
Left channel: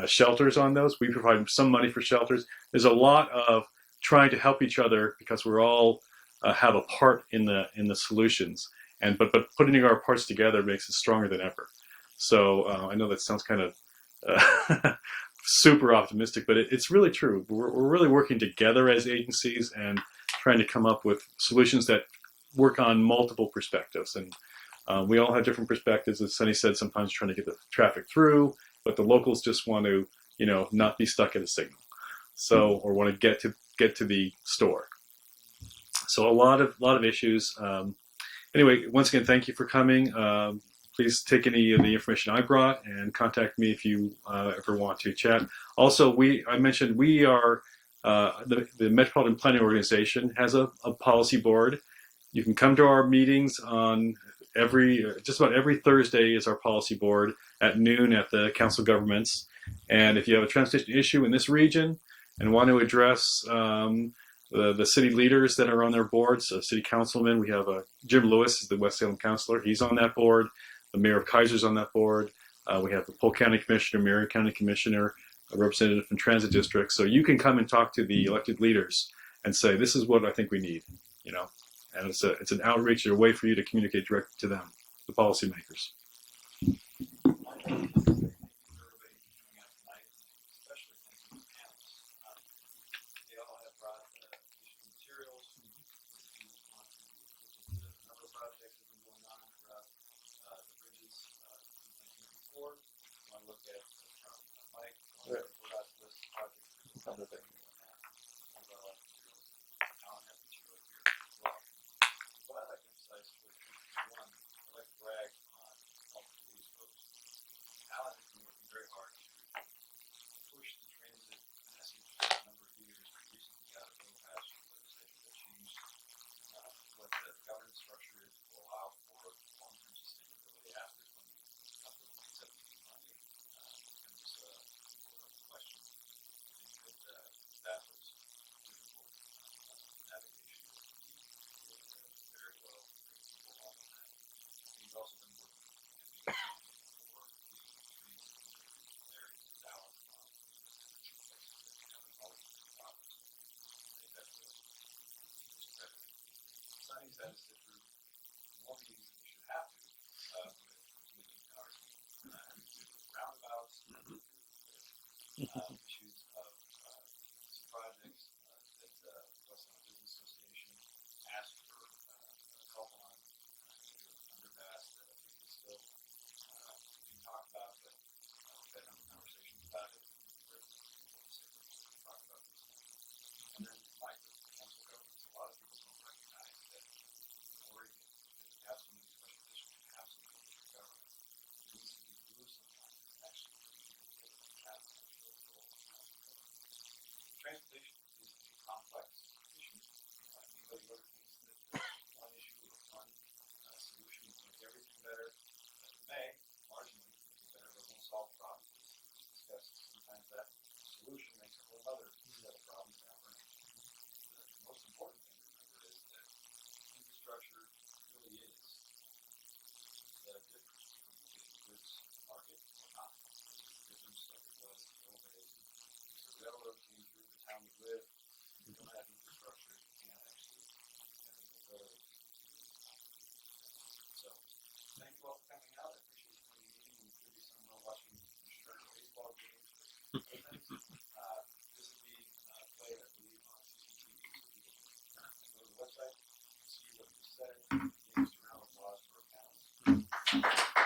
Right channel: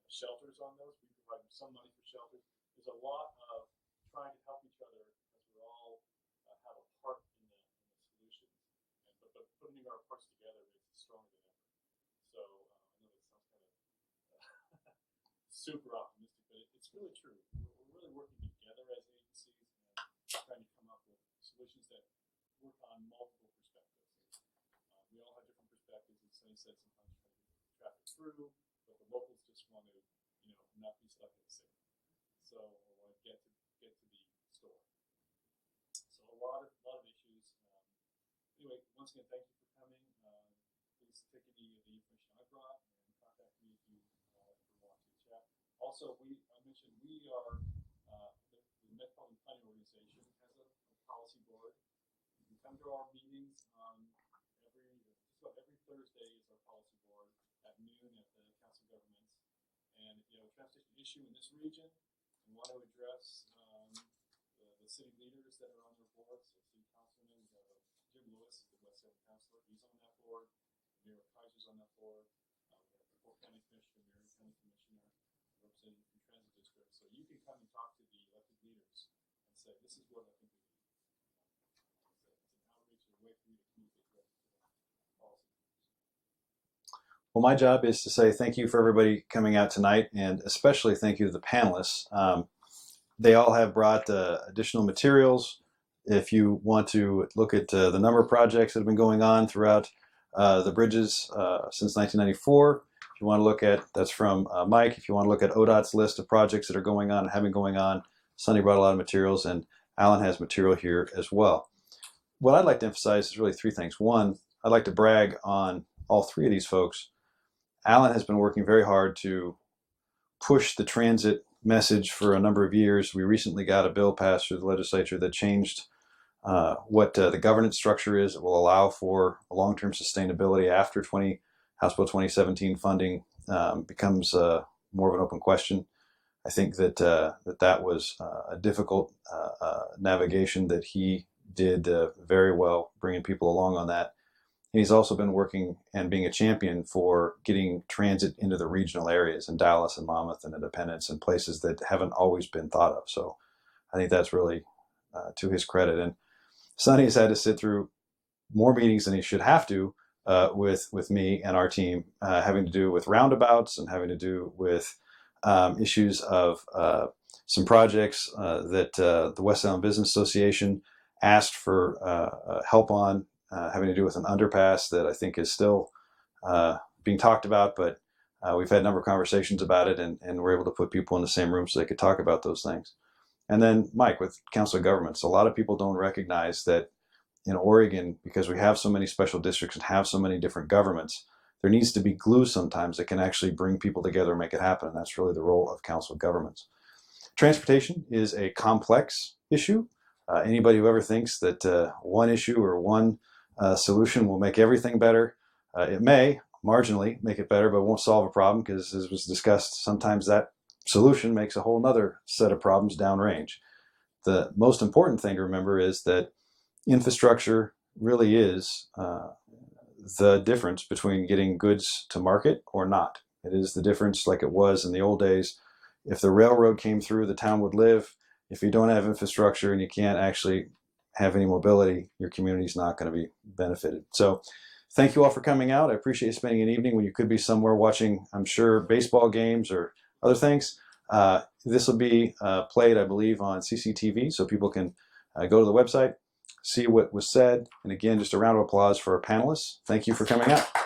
shelters on those. We provide some money for shelters. There's a lot of trying to help each other because we're all have a part in the solutions. But putting our parts together makes us stronger than ever. So I know that sounds kind of super optimistic, but it's really true. We're really working together as agencies and trying to come up with solutions that work on multiple perspectives. And we all have different perspectives. As Sonny said, sometimes trying to get the traffic through, but the locals just want to, not be stuck at a signal. So, or want to get to the store. So a lot of issues. Anyway, once again, thank you for coming. Please take any of the information I brought and contact me if you ever want to chat. Also, I mentioned we are, the Metropolitan Planning Organization has a policy board. You can come to our meetings on just about every Thursday is our policy board at noon at the Council of Governments. And if you have a transportation issue in this region and want to address the city leaders that are on their boards, city councilmen, we have Jim Lewis is the West Salem councilor. He's on that board. The mayor of Kaiser's on that board. We have the Polk County Commissioner, Marion County Commissioner, a representative from Transit District. So you can come and talk to the elected leaders and say, this is what I think we need, And it's an outreach, a way for you to communicate directly to them, the policymakers. Well, my job is to say thank you for everybody coming out tonight, and especially thank you to the panelists. They all have brought additional materials. If you want to look at the number of projects that have been going on throughout the bridges since 1994, if you want to look at, that's from Mike. If you want to look at ODOT's list of projects that are going on and have been going on, Sonny brought a lot of materials, and Allan has material here as well. What I'd like to emphasize is really three things. One, I'd like to brag on all three of these folks. Allan has been working very hard to push the transit message for a number of years. We recently got a bill passed through the legislature that changed what the governance structure is. It will allow for long-term sustainability after House Bill 2017 funding becomes more of an open question. I think that that was a difficult navigation that he did very well, bringing people along on that. And he's also been working and being a champion for getting transit into the regional areas in Dallas and Monmouth and Independence and places that haven't always been thought of. So I think that's really to his credit. And Sonny has had to sit through more meetings than he should have to with me and our team, having to do with roundabouts and having to do with issues of some projects that the West Salem Business Association asked for help on having to do with an underpass that I think is still being talked about, but we've had a number of conversations about it, and we're able to put people in the same room so they could talk about those things. And then Mike, with Council of Governments, a lot of people don't recognize that in Oregon, because we have so many special districts and have so many different governments, there needs to be glue sometimes that can actually bring people together and make it happen. And that's really the role of Council of Governments. Transportation is a complex issue. Anybody who ever thinks that one issue or one solution will make everything better, it may marginally make it better, but it won't solve a problem, because, as was discussed, sometimes that solution makes a whole nother set of problems downrange. The most important thing to remember is that infrastructure really is the difference between getting goods to market or not. It is the difference, like it was in the old days. If the railroad came through, the town would live. If you don't have infrastructure and you can't actually have any mobility, your community's not going to be benefited. So thank you all for coming out. I appreciate you spending an evening when you could be somewhere watching, I'm sure, baseball games or other things. This will be played, I believe, on CCTV, so people can go to the website, see what was said. And again, just a round of applause for our panelists. Thank you for coming out.